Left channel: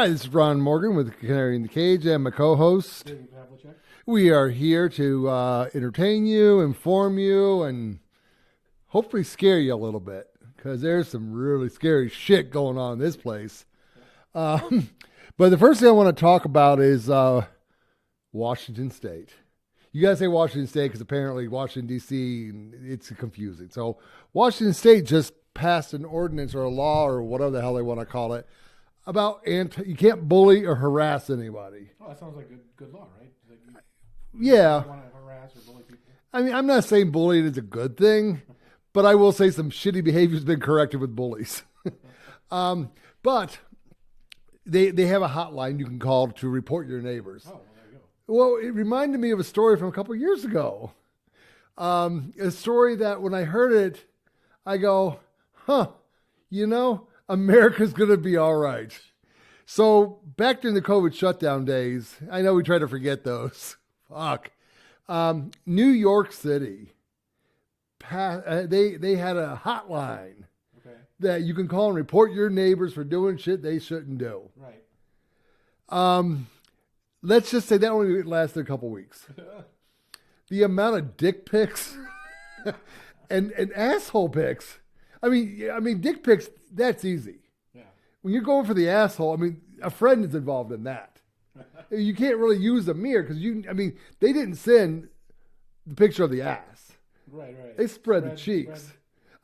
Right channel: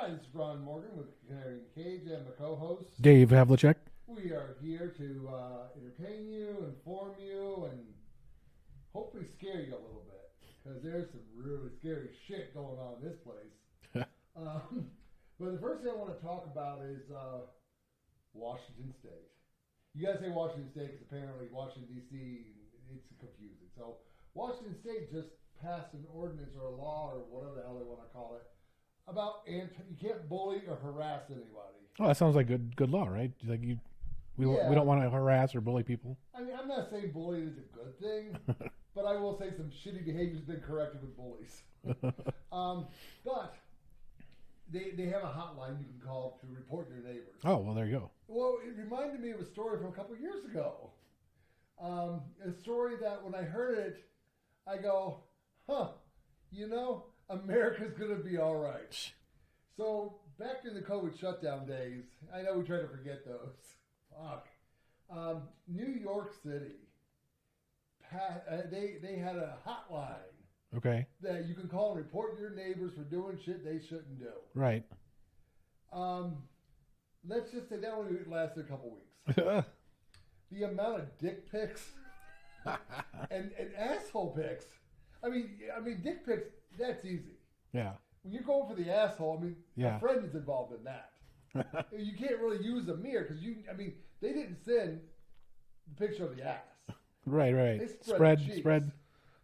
Hi, this is Ron Morgan with Canary in the Cage and my co-host Dave Havlicek. We are here to entertain you, inform you, and hopefully scare you a little bit because there's some really scary shit going on in this place. But the first thing I want to talk about is Washington State. You guys say Washington State because apparently Washington, D.C., it's confusing. So Washington State just passed an ordinance or a law or whatever the hell they want to call it about you can't bully or harass anybody. Oh, that sounds like good law, right? Like you don't want to harass or bully people. I mean, I'm not saying bullying is a good thing, but I will say some shitty behavior has been corrected with bullies. But they have a hotline you can call to report your neighbors. Oh, well, there you go. Well, it reminded me of a story from a couple of years ago. A story that when I heard it, I go, America's going to be all right. So back during the COVID shutdown days, I know we try to forget those. Fuck. New York City, they had a hotline. Okay. That you can call and report your neighbors for doing shit they shouldn't do. Right. Let's just say that only lasted a couple weeks. The amount of dick pics and asshole pics. I mean, dick pics, that's easy. Yeah. When you're going for the asshole, a friend is involved in that. You can't really use a mirror because they didn't send the picture of the ass. Right. They spread the cheeks.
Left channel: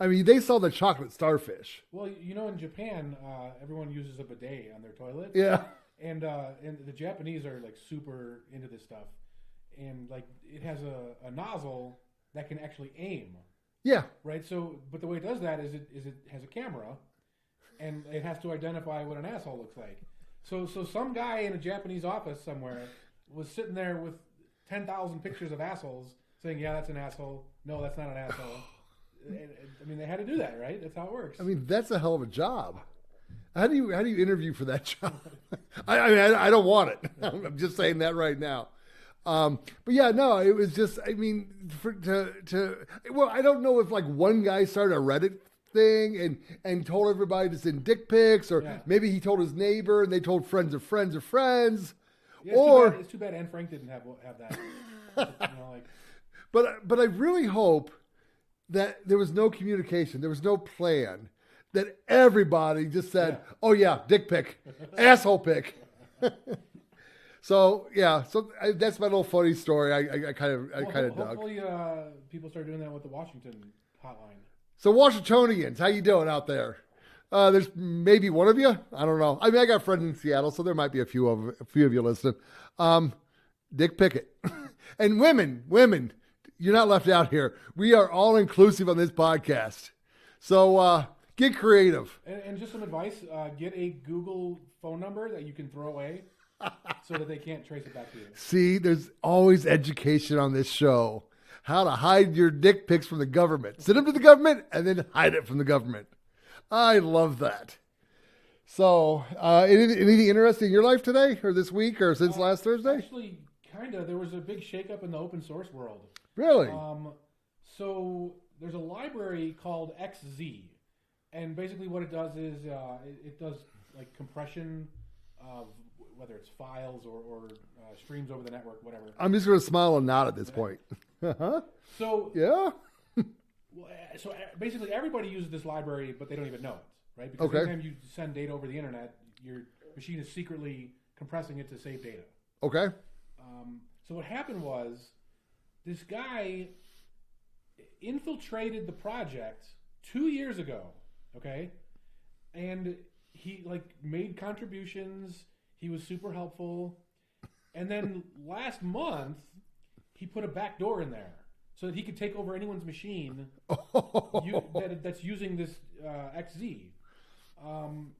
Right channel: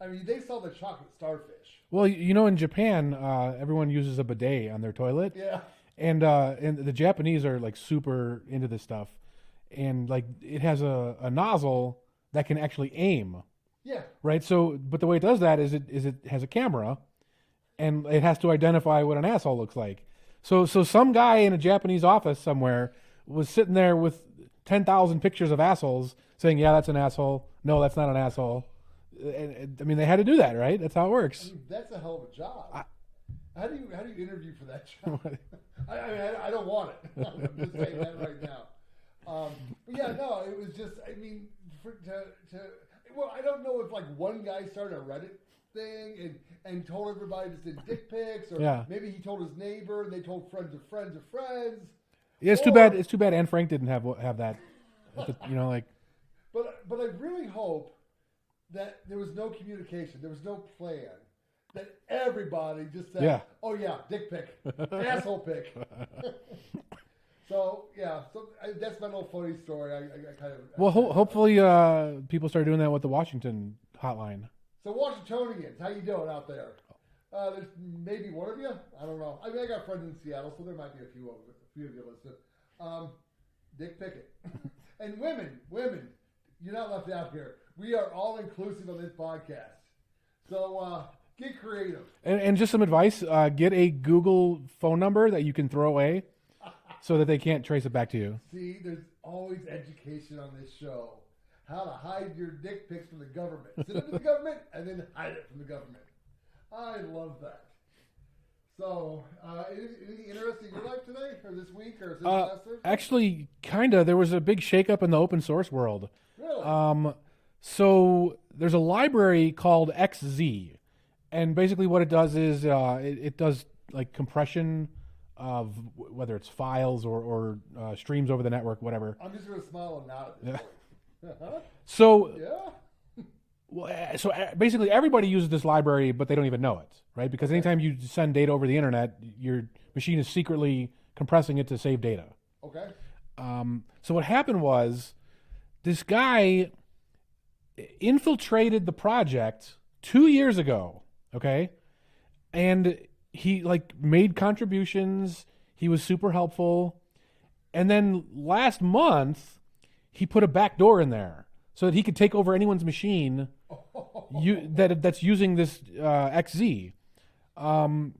They saw the chocolate starfish. Well, in Japan, everyone uses a bidet on their toilet. Yeah. And the Japanese are like super into this stuff. And like it has a nozzle that can actually aim. Yeah. Right. So, but the way it does that is it has a camera, and it has to identify what an asshole looks like. So some guy in a Japanese office somewhere was sitting there with 10,000 pictures of assholes, saying, "Yeah, that's an asshole. No, that's not an asshole." They had to do that, right? That's how it works. That's a hell of a job. How do you interview for that job? I don't want it. I'm just saying that right now. But yeah, no, it was just, I don't know if like one guy started a Reddit thing and told everybody to send dick pics, or maybe he told his neighbor and they told friends of friends of friends. Yeah, it's too bad Anne Frank didn't have that. But I really hope that there was no communication, there was no plan, that everybody just said, "Oh yeah, dick pic, asshole pic." So that's my little funny story. Hopefully people start doing that with the Washington hotline. So Washingtonians, how you doing out there? There's maybe one of you. I don't know. I got friends in Seattle, so there might be a few of you listening. Dick pic it, and women, you're not left out here. We are all inclusive on this podcast. So get creative. And just some advice: get a Google phone number that you can throw away, so that they can't trace it back to you. See, there's always education on this show. How to hide your dick pics from the government. Send them to the government and then hide it from the government. I love that. So, anything interesting in your life today or this week or since last Thursday? Actually, kind of. There was a big shakeup in the open source world. Really? So there's a library called XZ. And basically what it does is it does like compression of whether it's files or streams over the network, whatever. I'm just going to smile and nod at this point. Uh-huh. So yeah. So basically everybody uses this library, but they don't even know it, right? Because anytime you send data over the internet, your machine is secretly compressing it to save data. Okay. So what happened was this guy infiltrated the project 2 years ago, okay? And he made contributions. He was super helpful. And then last month, he put a back door in there so that he could take over anyone's machine that's using this XZ. And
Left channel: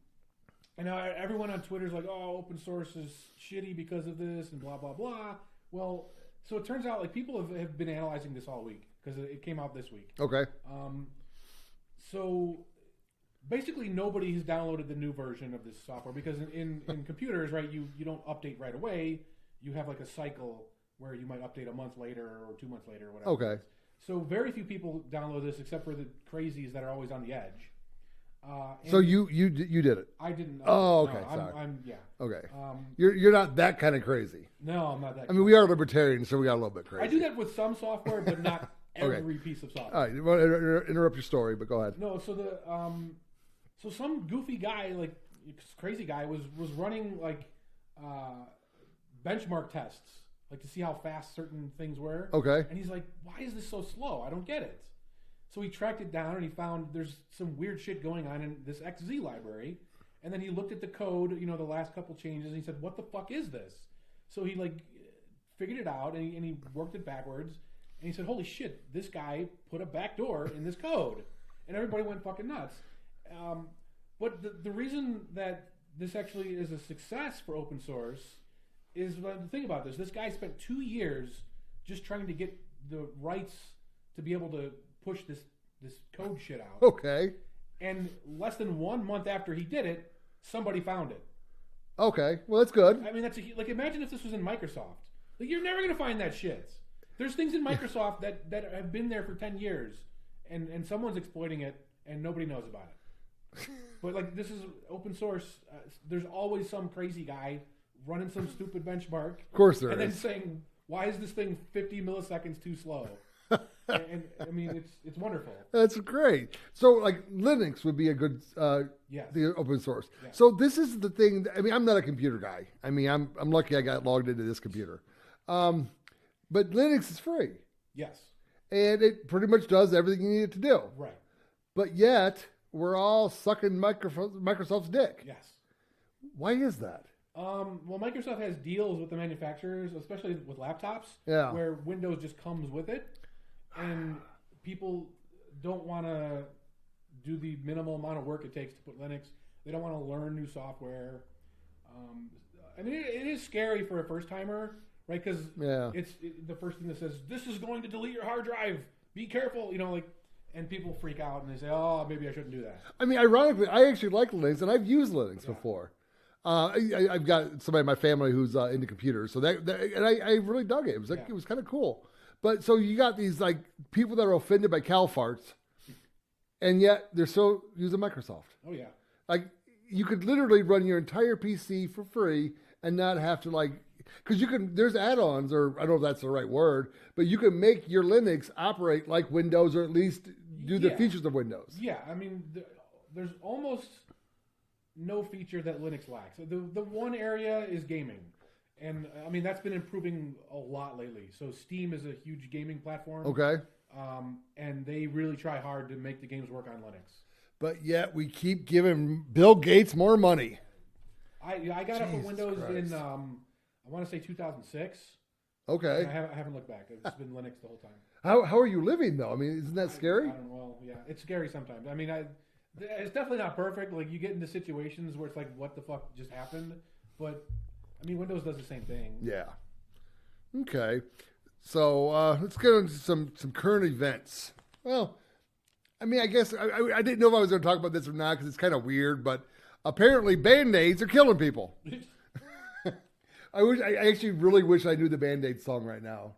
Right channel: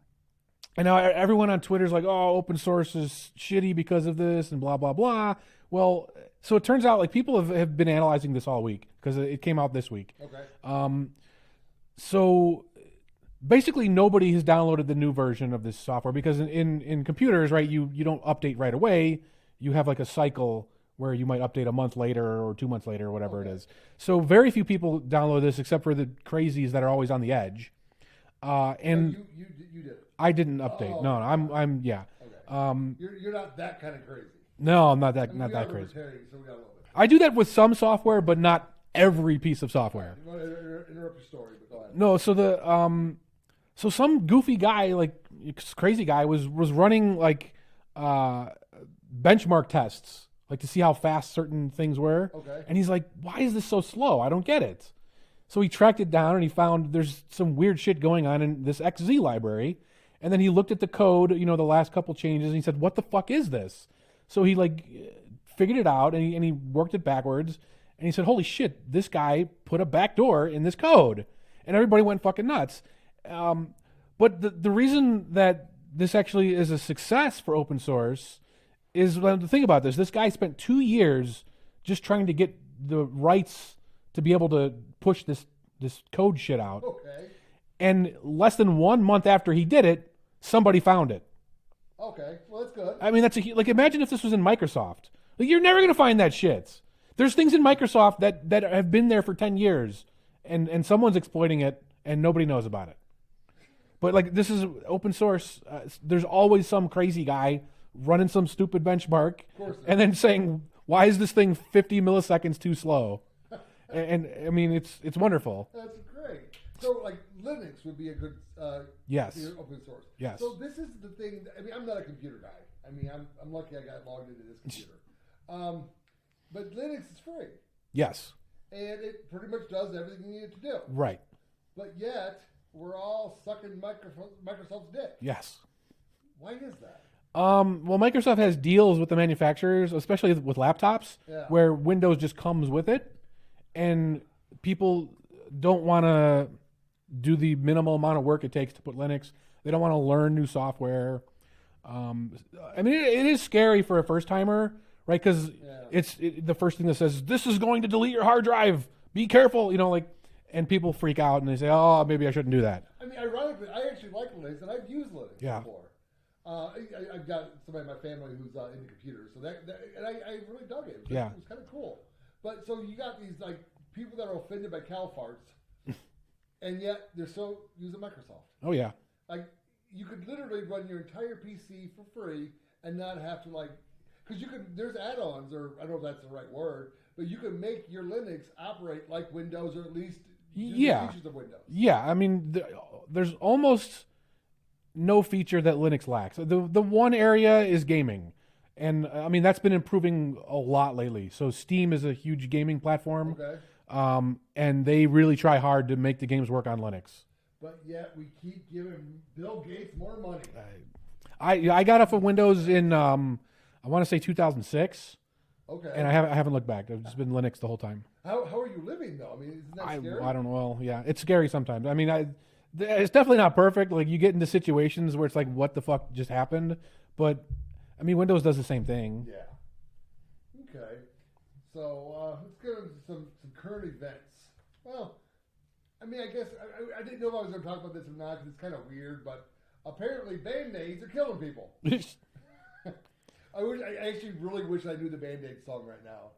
now everyone on Twitter is like, "Oh, open source is shitty because of this," and blah, blah, blah. Well, so it turns out people have been analyzing this all week because it came out this week. Okay. So basically nobody has downloaded the new version of this software because in computers, right, you don't update right away. You have like a cycle where you might update a month later or 2 months later or whatever it is. So very few people download this except for the crazies that are always on the edge. And so you did it. I didn't update. Oh, okay, no, I'm yeah. Okay. You're not that kind of crazy. No, I'm not that. I mean, we are libertarians, so we got a little bit crazy. I do that with some software, but not every piece of software. All right, you want to interrupt your story, but go ahead. No, so so some goofy guy, like crazy guy, was running like benchmark tests, like to see how fast certain things were. Okay. And he's like, "Why is this so slow? I don't get it." So he tracked it down and he found there's some weird shit going on in this XZ library. And then he looked at the code, the last couple changes, and he said, "What the fuck is this?" So he like figured it out and he worked it backwards. And he said, "Holy shit, this guy put a backdoor in this code." And everybody went fucking nuts. But the reason that this actually is a success for open source is, well, the thing about this guy spent 2 years just trying to get the rights to be able to push this code shit out. Okay. And less than 1 month after he did it, somebody found it. Okay. Well, that's good. I mean, like, imagine if this was in Microsoft. Like, you're never going to find that shit. There's things in Microsoft that have been there for 10 years, and someone's exploiting it, and nobody knows about it. But, like, this is open source. There's always some crazy guy running some stupid benchmark. Of course there and is. then saying, "Why is this thing 50 milliseconds too slow?" and I mean, it's wonderful. That's great. So, like, Linux would be a good Yes. the open source. Yes. So this is the thing. I mean, I'm not a computer guy. I mean, I'm lucky I got logged into this computer. But Linux is free, Yes. and it pretty much does everything you need it to do. Right. But yet, we're all sucking Microsoft's dick. Yes. Why is that? Well, Microsoft has deals with the manufacturers, especially with laptops, Yeah. where Windows just comes with it, and people don't want to do the minimal amount of work it takes to put Linux. They don't want to learn new software. I mean, it is scary for a first timer, right? Because it's the first thing that says, "This is going to delete your hard drive. Be careful," and people freak out and they say, "Oh, maybe I shouldn't do that." I mean, ironically, I actually like Linux, and I've used Linux before. I've got somebody in my family who's into computers, so and I really dug it. It was it was kind of cool. But so you got these like people that are offended by cow farts, and yet they're still using Microsoft. Oh yeah, like you could literally run your entire PC for free and not have to because there's add-ons, or I don't know if that's the right word, but you can make your Linux operate like Windows, or at least do the features of Windows. Yeah, I mean, there's almost no feature that Linux lacks. The one area is gaming. And I mean, that's been improving a lot lately. So Steam is a huge gaming platform. Okay. And they really try hard to make the games work on Linux. But yet we keep giving Bill Gates more money. I got off of Windows in, I want to say 2006. Okay. And I haven't looked back. I've just been Linux the whole time. How are you living, though? I mean, isn't that scary? I don't know. Well, yeah, it's scary sometimes. I mean, it's definitely not perfect. Like, you get into situations where it's like, what the fuck just happened? But I mean, Windows does the same thing. Yeah. Okay. So let's get into some current events. Well, I mean, I guess I didn't know if I was going to talk about this or not because it's kind of weird, but apparently Band-Aids are killing people. I actually really wish I knew the Band-Aid song right now.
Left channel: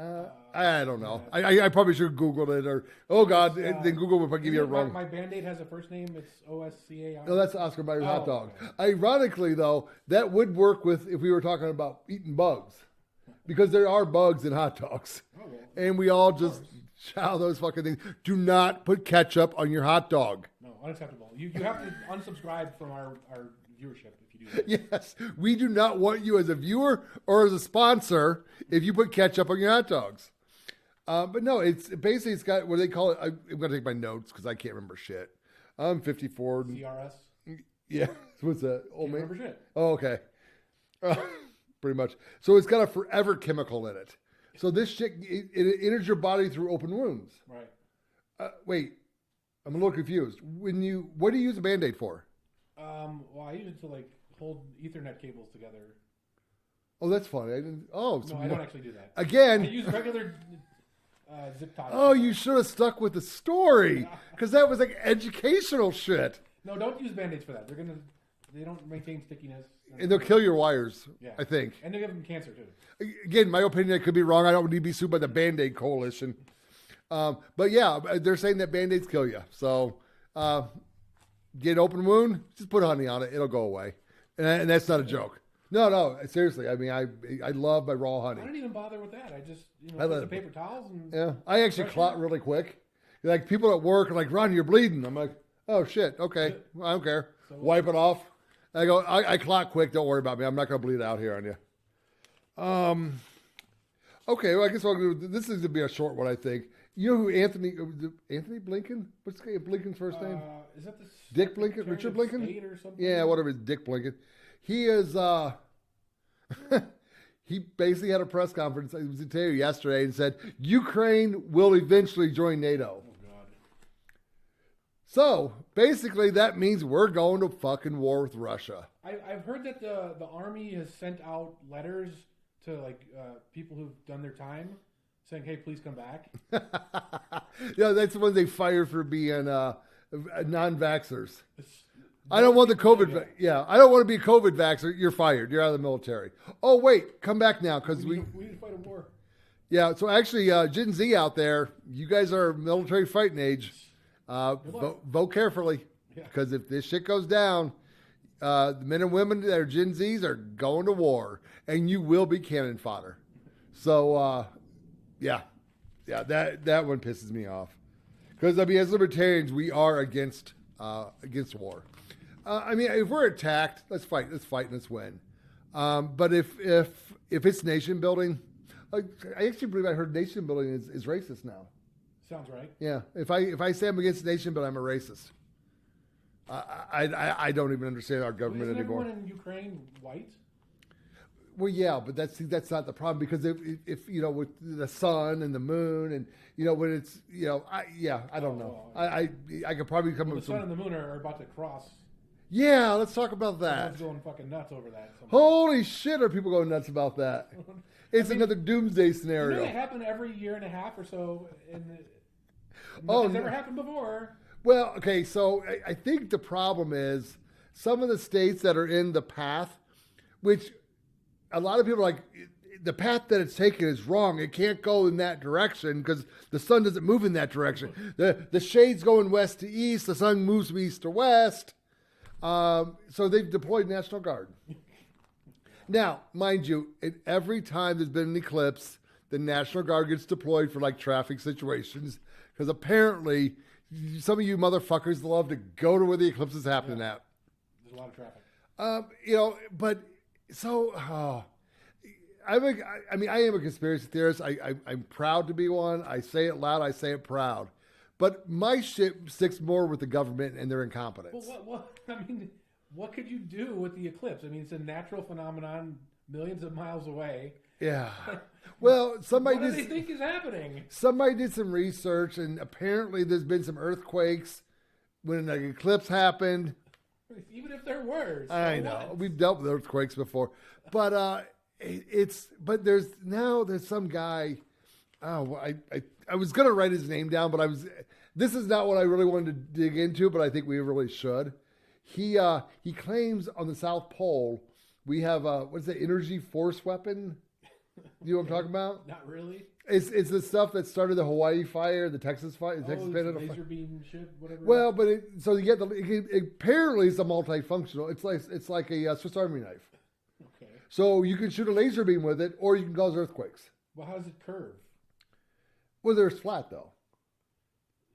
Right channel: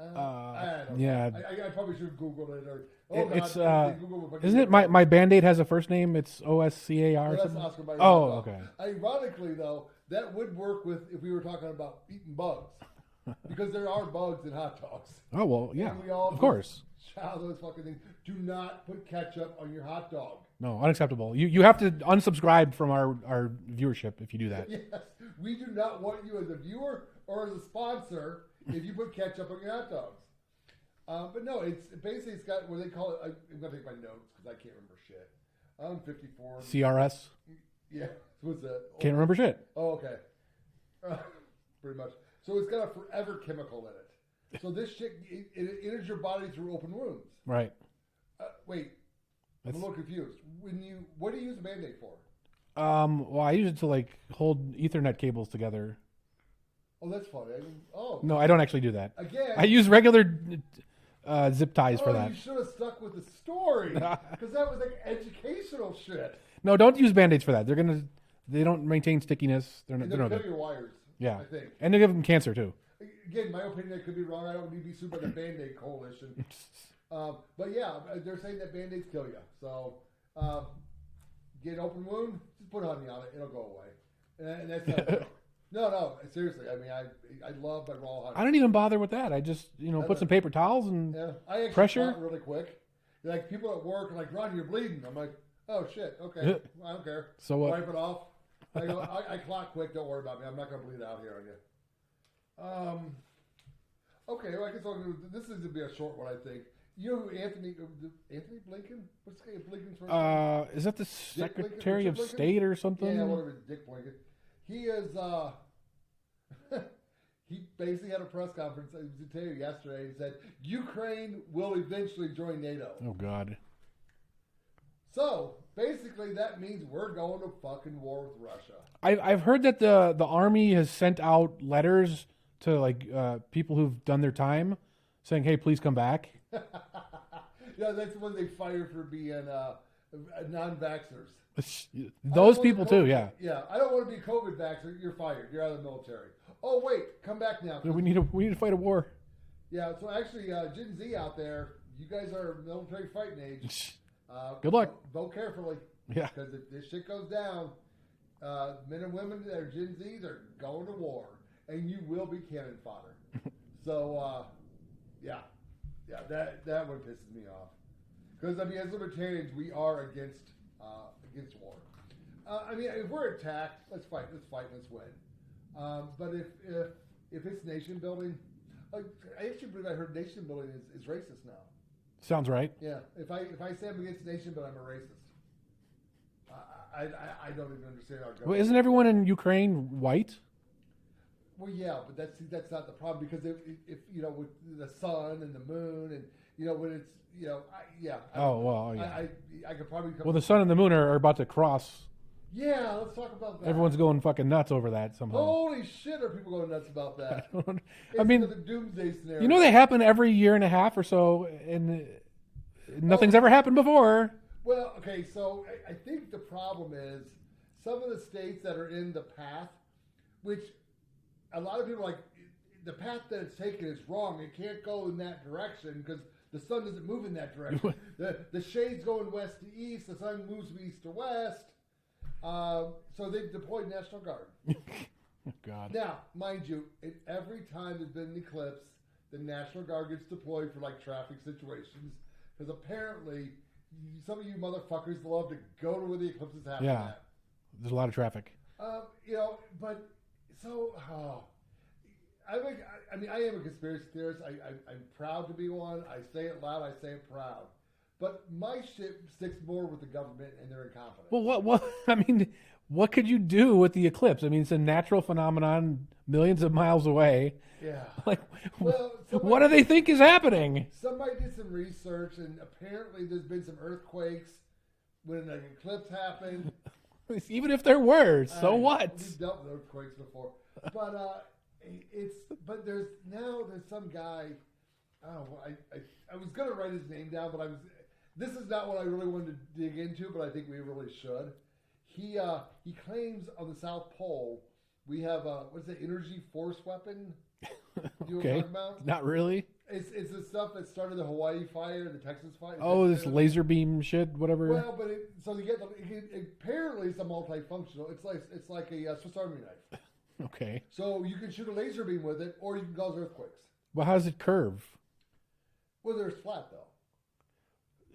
I don't know. Yeah. I probably should have Googled it or, then Google would isn't it my Band-Aid has a first name? It's OSCAR? No, that's Oscar Mayer hot dog. Okay. Ironically, though, that would work if we were talking about eating bugs. Because there are bugs in hot dogs. Oh, well, yeah, and we all just chow those fucking things. Do not put ketchup on your hot dog. No, unacceptable. You have to unsubscribe from our viewership if you do that. Yes. We do not want you as a viewer or as a sponsor if you put ketchup on your hot dogs. But no, it's got what they call it. I'm going to take my notes because I can't remember shit. I'm 54. CRS? Yeah. What's that? Can't remember shit. Oh, okay. Pretty much. So it's got a forever chemical in it. So this shit, it enters your body through open wounds. Right. Wait, I'm a little confused. What do you use a Band-Aid for? Well, I use it to hold Ethernet cables together. Oh, that's funny. I don't actually do that. Again, I use regular zip ties. Oh, you should have stuck with the story because that was educational shit. No, don't use Band-Aids for that. They don't maintain stickiness. They'll kill your wires. Yeah, I think. And they'll give them cancer too. Again, my opinion, I could be wrong. I don't need to be sued by the Band-Aid Coalition. But yeah, they're saying that Band-Aids kill you. So Get an open wound, just put honey on it. It'll go away. And that's not a joke. No, seriously. I mean, I love my raw honey. I don't even bother with that. I just, put some paper towels and I actually pressure. clot really quick. Like people at work are like, Ron, you're bleeding. I'm like, oh shit, okay, I don't care. So wipe it off. I go, I clot quick. Don't worry about me. I'm not going to bleed out here on you. Okay, well, I guess this is going to be a short one, I think. You know who Anthony Blinken? What's Blinken's first name? Is that the Dick Blinken? Secretary Richard of Blinken? State or something? Yeah, whatever. Dick Blinken. He is. He basically had a press conference. It was yesterday and said Ukraine will eventually join NATO. Oh God. So basically, that means we're going to fucking war with Russia. I've heard that the army has sent out letters to people who've done their time, saying, "Hey, please come back." Yeah, that's the ones they fired for being non-vaxxers. I Those don't want the people COVID. too, I don't want to be a COVID vaxxer. You're fired. You're out of the military. Oh wait, come back now because we need to fight a war. Yeah. So actually, Gen Z out there, you guys are military fighting age. Good luck. Vote carefully. Yeah. Because if this shit goes down, the men and women that are Gen Zs are going to war, and you will be cannon fodder. So, that one pisses me off. Because I mean, as libertarians, we are against war. I mean, if we're attacked, let's fight, and let's win. But if it's nation building, I actually believe I heard nation building is racist now. Sounds right. Yeah. If I say I'm against nation building, I'm a racist. I don't even understand our government. Well, isn't everyone in Ukraine white? Well, yeah, but that's not the problem because if with the sun and the moon and when it's I don't know. Well, I could probably come. Well, the sun and the moon are about to cross. Yeah, let's talk about that. Everyone's going fucking nuts over that somehow. Holy shit, are people going nuts about that? It's another doomsday scenario. They happen every year and a half or so, and nothing's ever happened before. Well, okay, so I think the problem is some of the states that are in the path, which a lot of people are like, the path that it's taken is wrong. It can't go in that direction because the sun doesn't move in that direction. The shade's going west to east. The sun moves from east to west. So they've deployed National Guard. God. Now, mind you, every time there's been an eclipse, the National Guard gets deployed for traffic situations because apparently some of you motherfuckers love to go to where the eclipse is happening at. There's a lot of traffic. But so I am a conspiracy theorist. I'm proud to be one. I say it loud. I say it proud. But my shit sticks more with the government and their incompetence. Well, what could you do with the eclipse? I mean, it's a natural phenomenon millions of miles away. Yeah. What do they think is happening? Somebody did some research, and apparently there's been some earthquakes when an eclipse happened. Even if there were, so what? We've dealt with earthquakes before, but there's some guy. Oh, I was gonna write his name down, but this is not what I really wanted to dig into, but I think we really should. He claims on the South Pole we have what's the energy force weapon? You know what I'm talking about? Not really. It's the stuff that started the Hawaii fire, the Texas fire. This laser beam shit, whatever. Well, but apparently it's a multifunctional. It's like a Swiss Army knife. Okay. So you can shoot a laser beam with it, or you can cause earthquakes. Well, how does it curve? Well, there's flat though.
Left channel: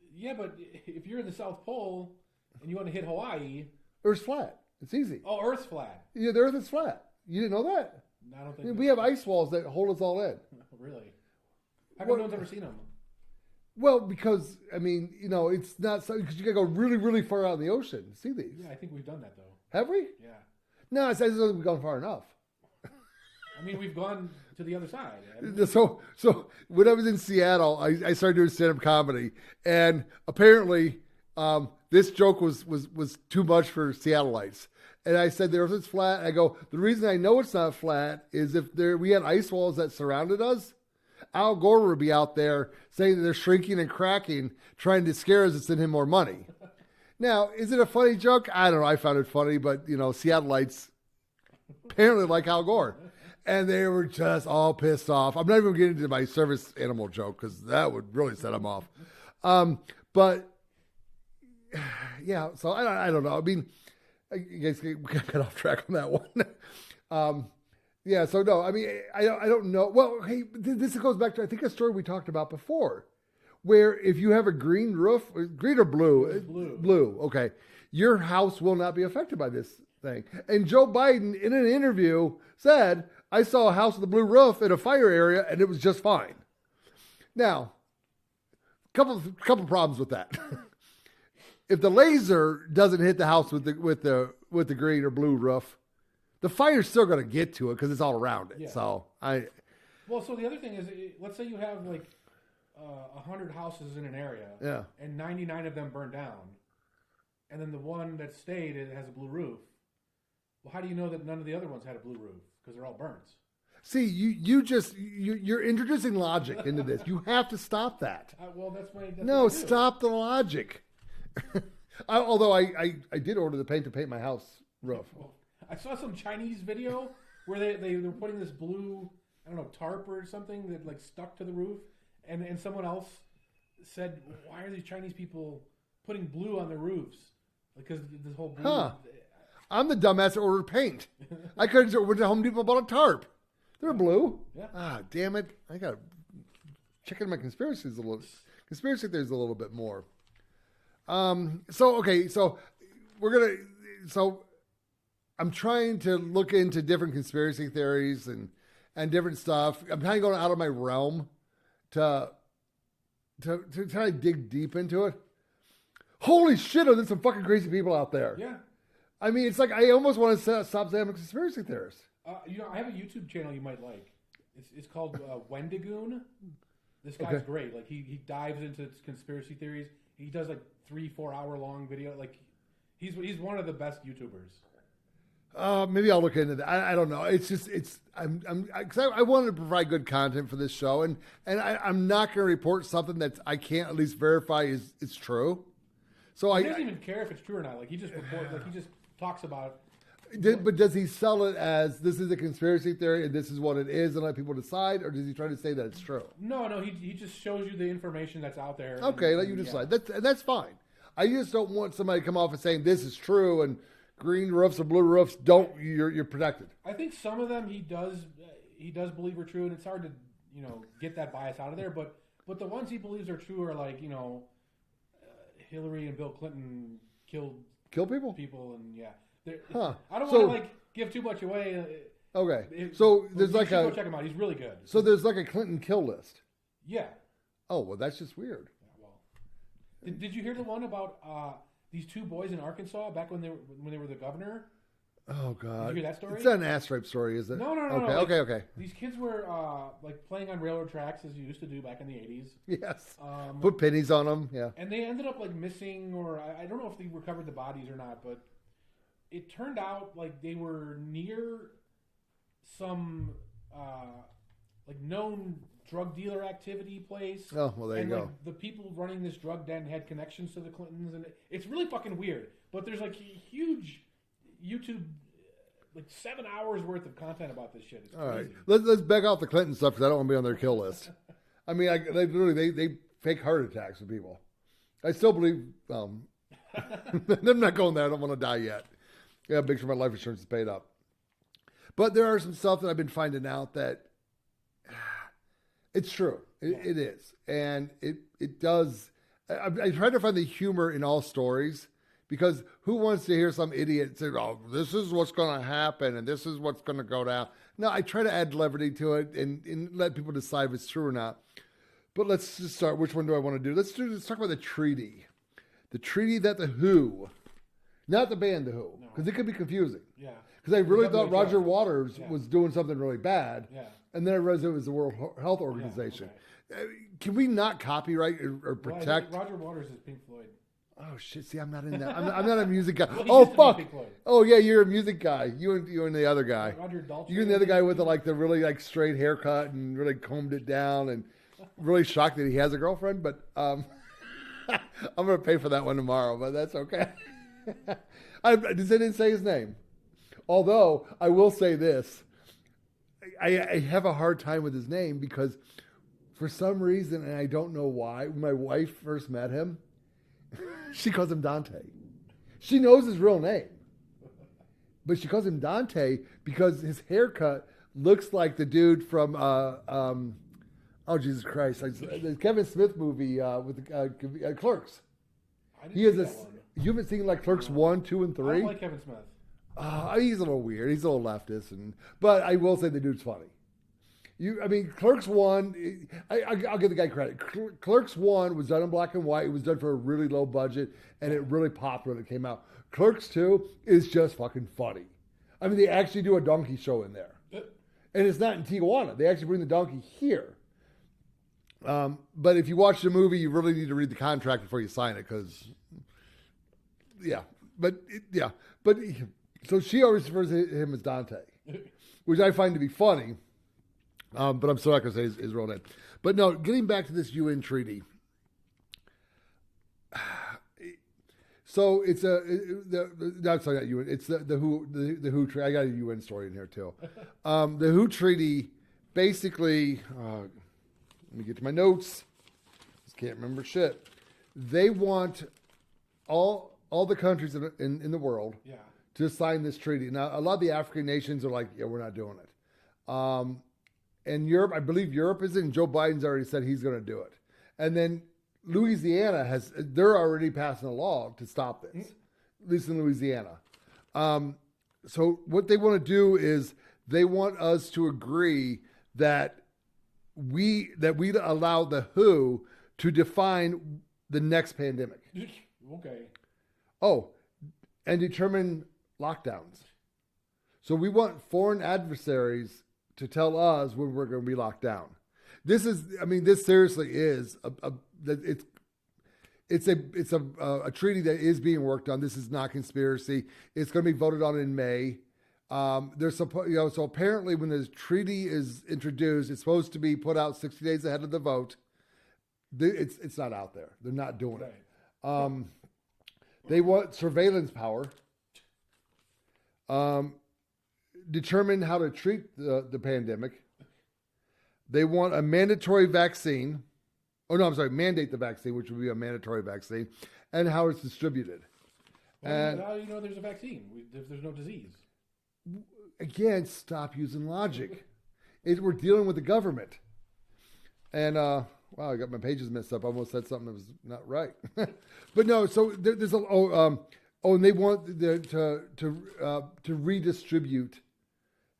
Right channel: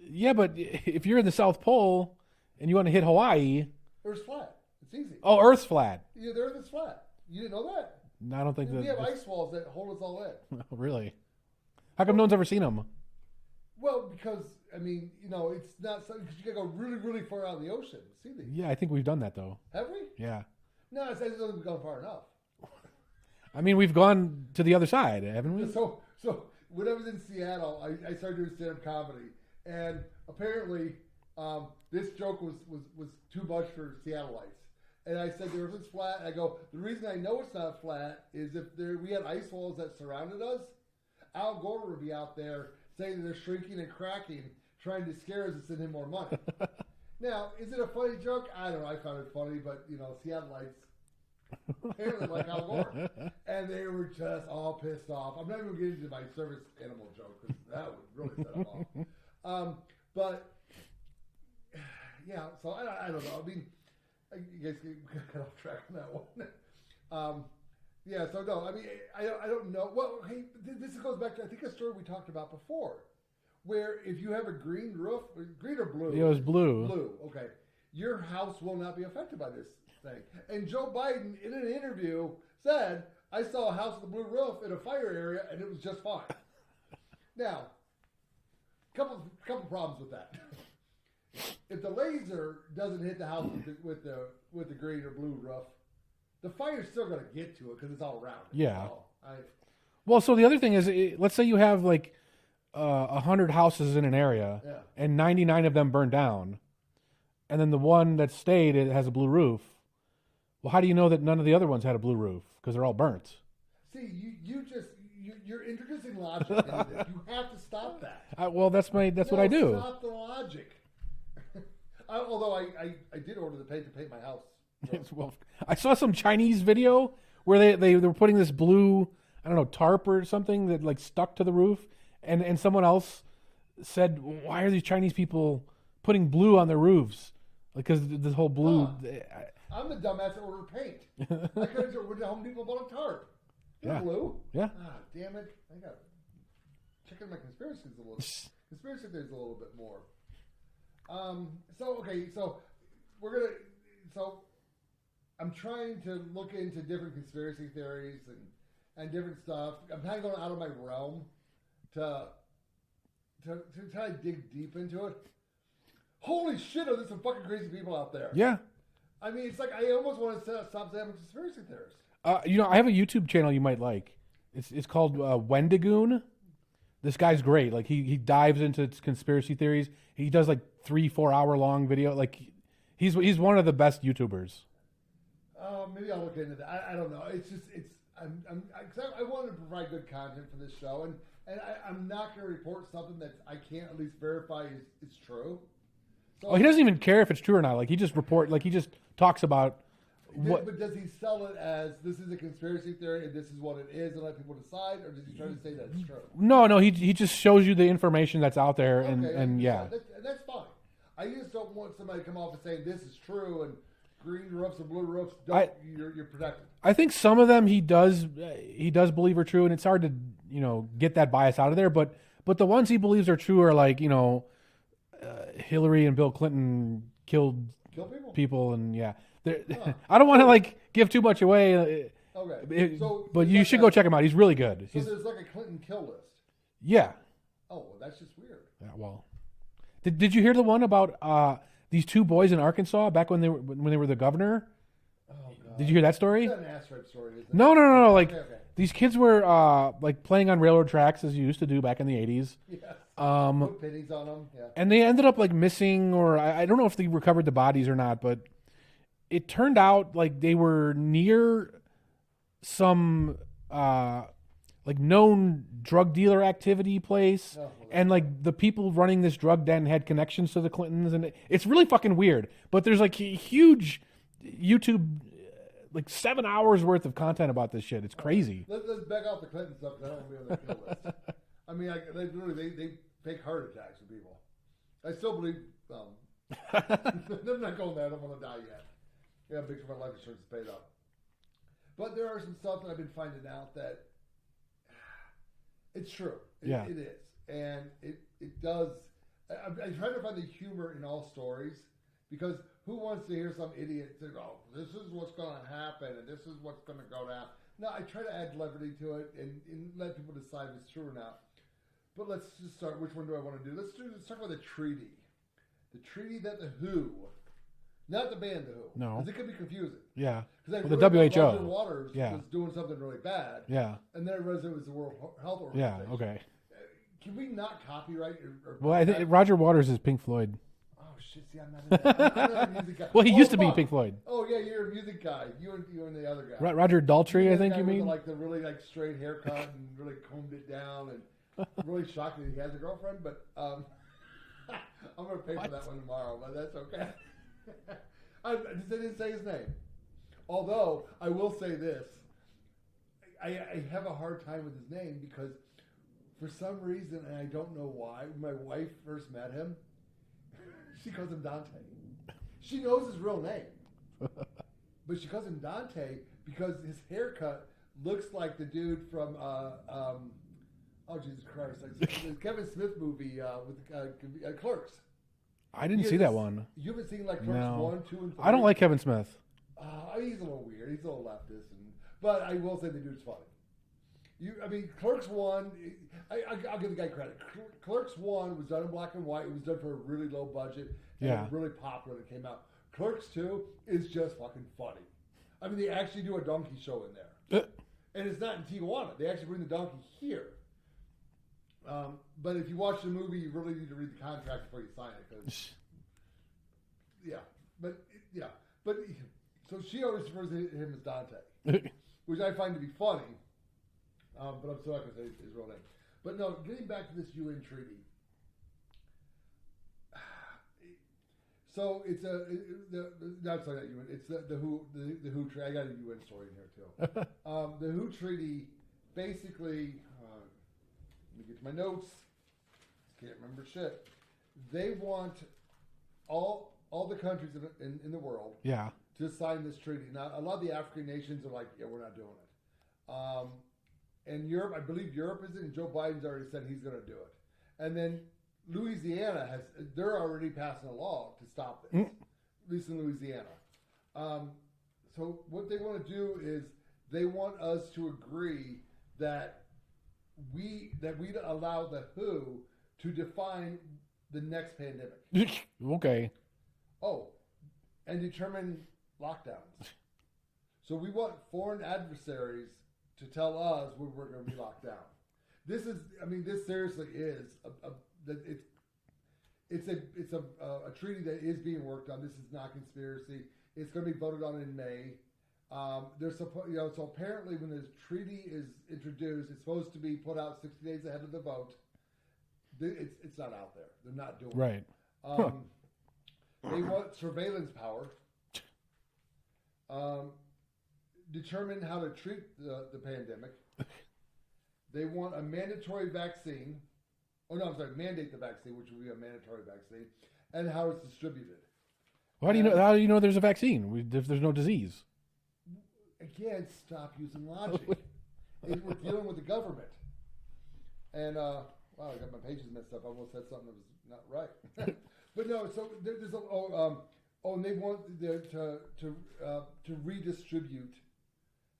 Yeah, but if you're in the South Pole and you want to hit Hawaii, Earth's flat. It's easy. Oh, Earth's flat. Yeah, the Earth is flat. You didn't know that? No, I don't think we have ice walls that hold us all in. Really? How come no one's ever seen them? Well, because it's not so because you gotta go really, really far out in the ocean to see these. Yeah, I think we've done that though. Have we? Yeah. No, it says we've gone far enough. I mean, we've gone to the other side, haven't we? So when I was in Seattle, I started doing stand-up comedy, and apparently this joke was too much for Seattleites. And I said, the Earth is flat. And I go, the reason I know it's not flat is if we had ice walls that surrounded us, Al Gore would be out there saying that they're shrinking and cracking, trying to scare us and send him more money. Now, is it a funny joke? I don't know. I found it funny, but, Seattleites apparently like Al Gore. And they were just all pissed off. I'm not even getting into my service animal joke because that would really set them off. But, yeah. So I don't know. I mean, you guys got off track on that one. Yeah. So no, I mean, I don't know. Well, hey, this goes back to I think a story we talked about before, where if you have a green roof, green or blue, It was blue. Blue. Okay, your house will not be affected by this thing. And Joe Biden, in an interview, said, "I saw a house with a blue roof in a fire area, and it was just fine." Now, couple problems with that. If the laser doesn't hit the house with the green or blue roof, the fire's still going to get to it because it's all around it. Yeah. So Well, so the other thing is, let's say you have like 100 houses in an area, Yeah. and 99 of them burned down, and then the one that stayed it has a blue roof. Well, how do you know that none of the other ones had a blue roof? Because they're all burnt. See, you're introducing logic into this. You have to stop that. Well, that's what I do. No, stop the logic. Although I did order the paint to paint my house roof. Well, I saw some Chinese video where they were putting this blue, I don't know, tarp or something that like stuck to the roof, and someone else said, "Why are these Chinese people putting blue on their roofs?" Because this whole blue. Huh. I'm the dumbass that ordered paint. I could have just went to Home Depot and bought a tarp. They're blue. Yeah. Ah, damn it! I got to check into my conspiracy theories a little bit more. So I'm trying to look into different conspiracy theories and different stuff. I'm kind of going out of my realm to try to dig deep into it. Holy shit, there's some fucking crazy people out there. Yeah. I mean, it's like I almost want to stop saying I'm a conspiracy theorist. I have a YouTube channel you might like. It's called Wendigoon. This guy's great. Like he dives into conspiracy theories. He does like 3-4 hour long video. Like he's one of the best YouTubers. Maybe I'll look into that. I don't know. It's just I wanted to provide good content for this show, and I'm not going to report something that I can't at least verify is true. So he doesn't even care if it's true or not. Like he just talks about. But does he sell it as this is a conspiracy theory and this is what it is and let people decide, or does he try to say that it's true? No. He just shows you the information that's out there. Okay, let you decide. That's fine. I just don't want somebody to come off and saying this is true and green roofs or blue roofs you're protected. I think some of them he does believe are true, and it's hard to get that bias out of there. But the ones he believes are true are like Hillary and Bill Clinton killed people and yeah. I don't want to give too much away. Okay, but you should go check him out. He's really good. There's like a Clinton kill list. Yeah. Oh well, that's just weird. Yeah, well, did you hear the one about these two boys in Arkansas back when they were the governor? Oh god. Did you hear that story? It's not an ass rape story, is it? No. Okay. These kids were playing on railroad tracks as you used to do back in the 80s. Yes. Put pennies on them. Yeah. And they ended up missing, or I don't know if they recovered the bodies or not, but it turned out like they were near some known drug dealer activity place. Oh, well, and the people running this drug den had connections to the Clintons, and it's really fucking weird. But there's a huge YouTube 7 hours worth of content about this shit. It's crazy. Right. Let's back off the Clinton stuff because I don't want to be on their kill list. I mean, they fake heart attacks with people. I still believe. I'm not going there. I don't want to die yet. Yeah, make sure my life insurance is paid up. But there are some stuff that I've been finding out that it's true. It is, and it does. I try to find the humor in all stories. Because who wants to hear some idiot say, "Oh, this is what's going to happen, and this is what's going to go down"? No, I try to add levity to it and let people decide if it's true or not. But let's just start. Which one do I want to do? Let's talk about the treaty that the Who, not the band the Who, because it could be confusing. Yeah, because I really thought Roger Waters was doing something really bad. Yeah, and then I realized it was the World Health Organization. Yeah, okay. Can we not copyright or protect? Well, I think Roger Waters is Pink Floyd. Oh shit! See, I'm not in that. I'm not a music guy. Well, he used to be Pink Floyd. Oh yeah, you're a music guy. You and the other guy. Roger Daltrey. You're the other guy with the really straight haircut and really combed it down, and really shocked that he has a girlfriend. But I'm gonna pay for that one tomorrow. But that's okay. I didn't say his name. Although I will say this, I have a hard time with his name because for some reason, and I don't know why, when my wife first met him. She calls him Dante. She knows his real name. But she calls him Dante because his haircut looks like the dude from, oh, Jesus Christ, the Kevin Smith movie with Clerks. I didn't see that one. You haven't seen like Clerks 1, 2, and 3? I don't like Kevin Smith. He's a little weird. He's a little leftist. But I will say the dude's funny. Clerks 1, I'll give the guy credit. Clerks 1 was done in black and white. It was done for a really low budget, and it really popped when it came out. Clerks 2 is just fucking funny. I mean, they actually do a donkey show in there. And it's not in Tijuana. They actually bring the donkey here. But if you watch the movie, you really need to read the contract before you sign it, because, so she always refers to him as Dante, which I find to be funny, but I'm still not going to say his real name. But no, getting back to this UN treaty. So it's not UN. It's the WHO treaty. I got a UN story in here too. The WHO treaty, basically, let me get to my notes. Just can't remember shit. They want all the countries in the world to sign this treaty. Now, a lot of the African nations are like, yeah, we're not doing it. And Europe, I believe Europe is in. Joe Biden's already said he's going to do it. And then Louisiana they're already passing a law to stop this, at least in Louisiana. So what they want to do is they want us to agree that we allow the WHO to define the next pandemic. Okay. Oh, and determine lockdowns. So we want foreign adversaries to tell us when we're going to be locked down. This seriously is it's a treaty that is being worked on. This is not conspiracy. It's going to be voted on in May. So apparently when the treaty is introduced, it's supposed to be put out 60 days ahead of the vote. It's not out there. They're not doing it. They want surveillance power. Determine how to treat the pandemic. They want a mandatory vaccine. Mandate the vaccine, which would be a mandatory vaccine, and how it's distributed. How do you know there's a vaccine if there's no disease? Again, stop using logic. We're dealing with the government. And, I got my pages messed up. I almost said something that was not right. But no, so there's and they want to redistribute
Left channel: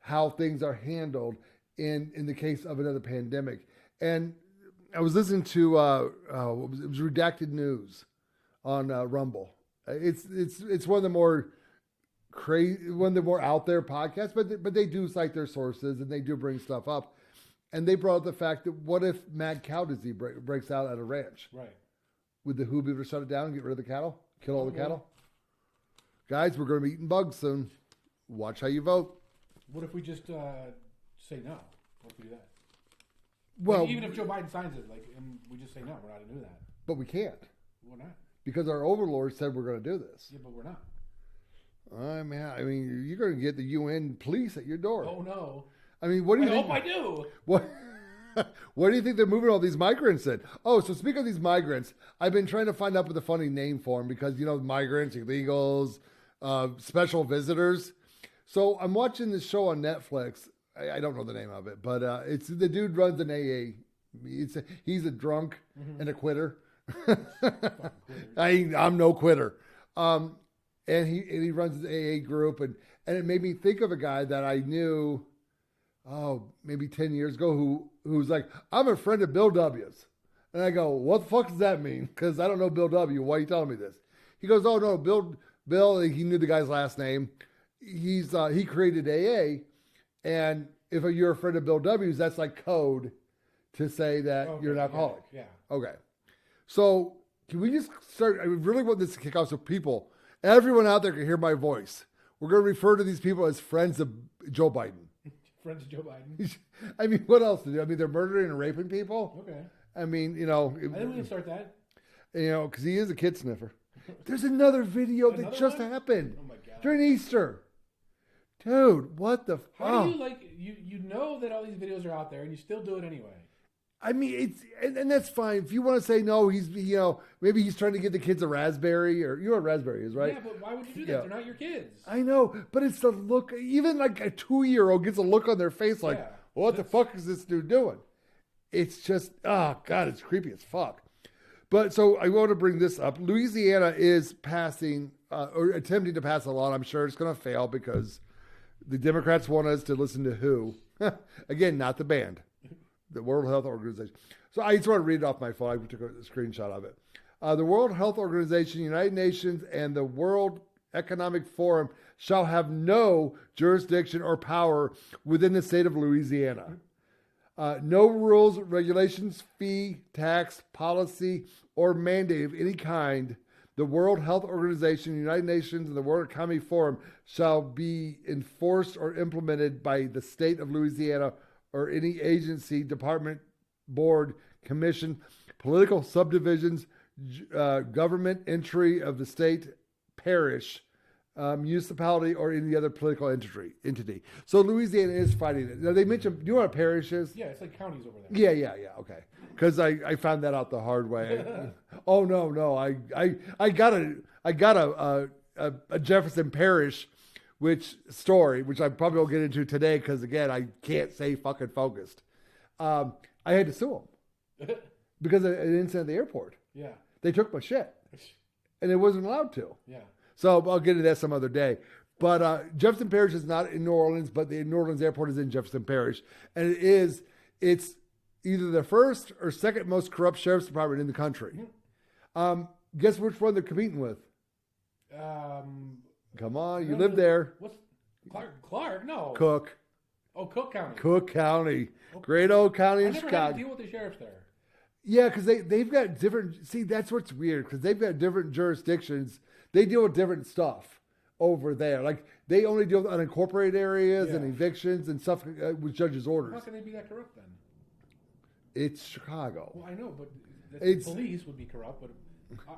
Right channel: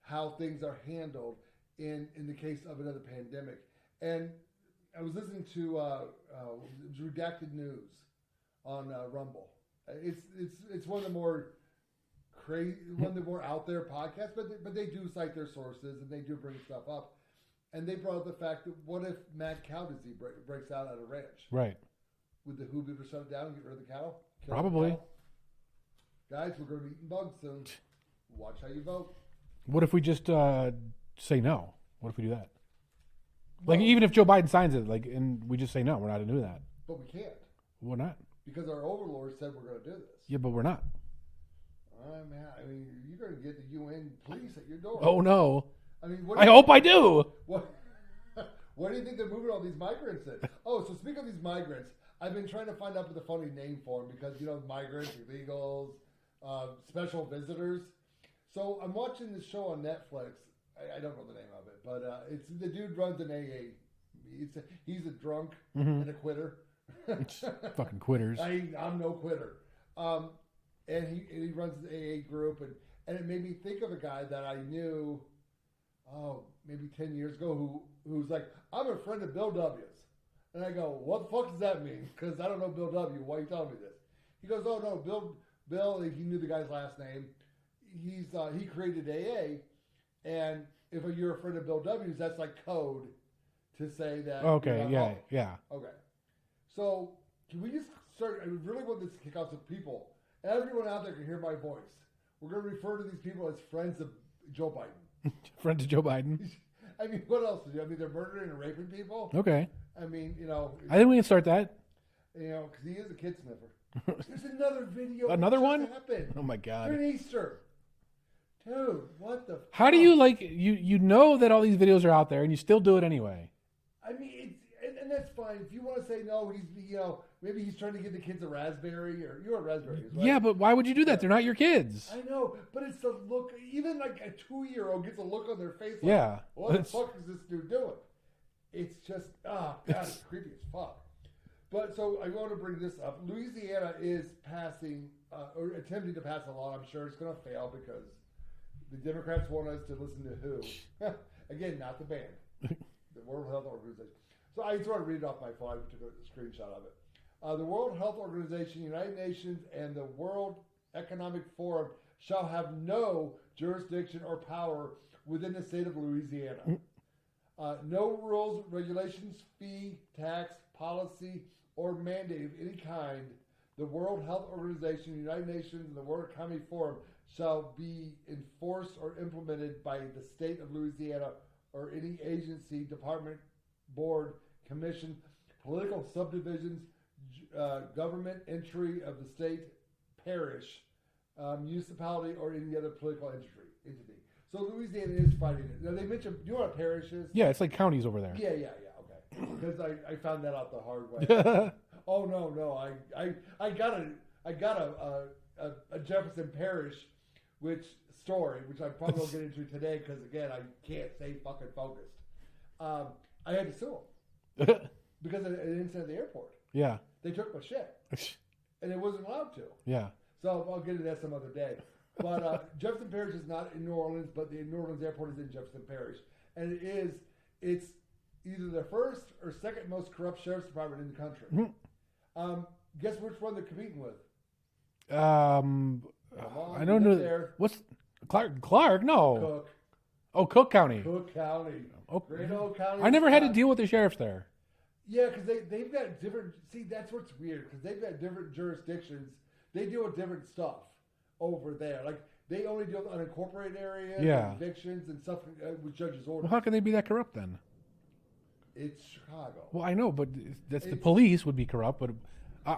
how things are handled in the case of another pandemic. And I was listening to it was Redacted News on Rumble. It's one of the more out there podcasts, but they do cite their sources and they do bring stuff up. And they brought up the fact that what if mad cow disease breaks out at a ranch? Right. Would the WHO be able to shut it down and get rid of the cattle? Kill Probably. all the cattle? Guys, we're going to be eating bugs soon. Watch how you vote. What if we just say no? What if we do that? Well, even if Joe Biden signs it, and we just say no, we're not going to do that. But we can't. We're not. Because our overlords said we're going to do this. Yeah, but we're not. You're going to get the UN police at your door. Oh, no. I hope I do. What do you think they're moving all these migrants in? Oh, so speaking of these migrants, I've been trying to find out with a funny name for them because, migrants, illegals, special visitors. So I'm watching this show on Netflix. I don't know the name of it, but it's the dude runs an AA. He's a drunk and a quitter. Fucking quitters. I'm no quitter. And he runs his AA group, and it made me think of a guy that I knew, maybe 10 years ago, who's like, I'm a friend of Bill W's. And I go, what the fuck does that mean? Because I don't know Bill W. Why are you telling me this? He goes, oh no, Bill, he knew the guy's last name. He created AA, and if you're a friend of Bill W's, that's like code to say that you're an alcoholic. Yeah. Okay. So can we just start? I really want this to kick off so everyone out there can hear my voice. We're going to refer to these people as friends of Joe Biden. Friends of Joe Biden. What else to do? They're murdering and raping people. Okay. I think we can start that. Because he is a kid sniffer. There's another video that just happened. Oh my God. During Easter. Dude, what the fuck? How do you you know that all these videos are out there and you still do it anyway? I mean, and that's fine. If you want to say no, maybe he's trying to get the kids a raspberry, or you know what raspberry is, right? Yeah, but why would you do that? Yeah. They're not your kids. I know, but it's the look. Even like a 2-year-old gets a look on their face like, what the fuck is this dude doing? It's just, oh God, it's creepy as fuck. But so I want to bring this up. Louisiana is passing or attempting to pass a law. I'm sure it's going to fail because the Democrats want us to listen to who? Again, not the band. The World Health Organization. So I just want to read it off my phone. I took a screenshot of it. The World Health Organization, United Nations, and the World Economic Forum shall have no jurisdiction or power within the state of Louisiana. No rules, regulations, fee, tax, policy, or mandate of any kind. The World Health Organization, the United Nations, and the World Economic Forum shall be enforced or implemented by the state of Louisiana or any agency, department, board, commission, political subdivisions, government entry of the state, parish, municipality, or any other political entity. So Louisiana is fighting it. Now they mentioned, do you know what a parish is? Yeah, it's like counties over there. Yeah, okay. Because I found that out the hard way. Oh no, I got a Jefferson Parish, which I probably won't get into today because again I can't stay fucking focused. I had to sue them because of an incident at the airport. Yeah, they took my shit, and it wasn't allowed to. Yeah. So I'll get into that some other day. But Jefferson Parish is not in New Orleans, but the New Orleans airport is in Jefferson Parish. And it's either the first or second most corrupt sheriff's department in the country. Mm-hmm. Guess which one they're competing with? Come on, you live there. What's Clark? No. Cook. Oh, Cook County. Cook County. Okay. Great old county. I never had to deal with the sheriffs there. Yeah, because they've got different... See, that's what's weird, because they've got different jurisdictions. They deal with different stuff over there. Like, they only deal with unincorporated areas and evictions and stuff with judges' orders. Well, how can they be that corrupt then? It's Chicago. Well, I know, but the police would be corrupt. But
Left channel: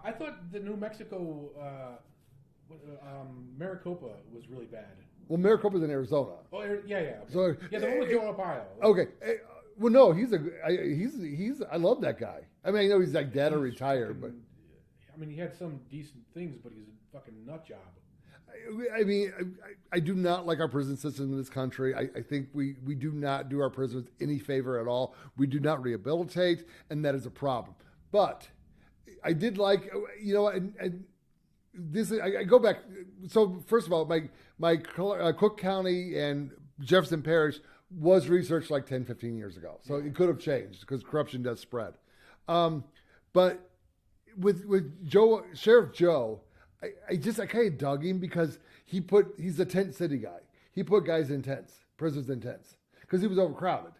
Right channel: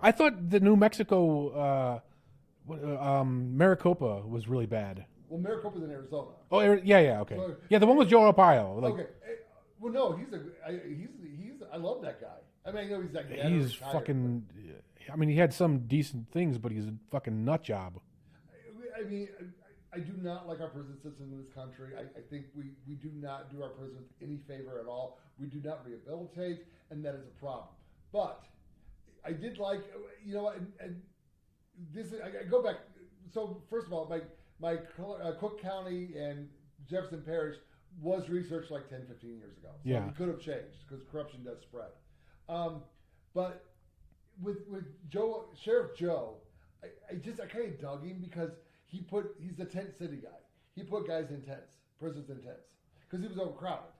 I thought the New Mexico Maricopa was really bad. Well, Maricopa's in Arizona. Oh, yeah, okay. So, yeah, the one with Joe Arpaio. Okay. Well, no, he's I love that guy. I mean, I know he's like dead or retired. I mean, he had some decent things, but he's a fucking nut job. I mean, I do not like our prison system in this country. I think we do not do our prisoners any favor at all. We do not rehabilitate, and that is a problem. But I did like, and this, I go back. So first of all, my Cook County and Jefferson Parish was researched like 10, 15 years ago. So it could have changed because corruption does spread. But with Sheriff Joe, I kind of dug him because he's a tent city guy. He put guys in tents, prisoners in tents, because he was overcrowded.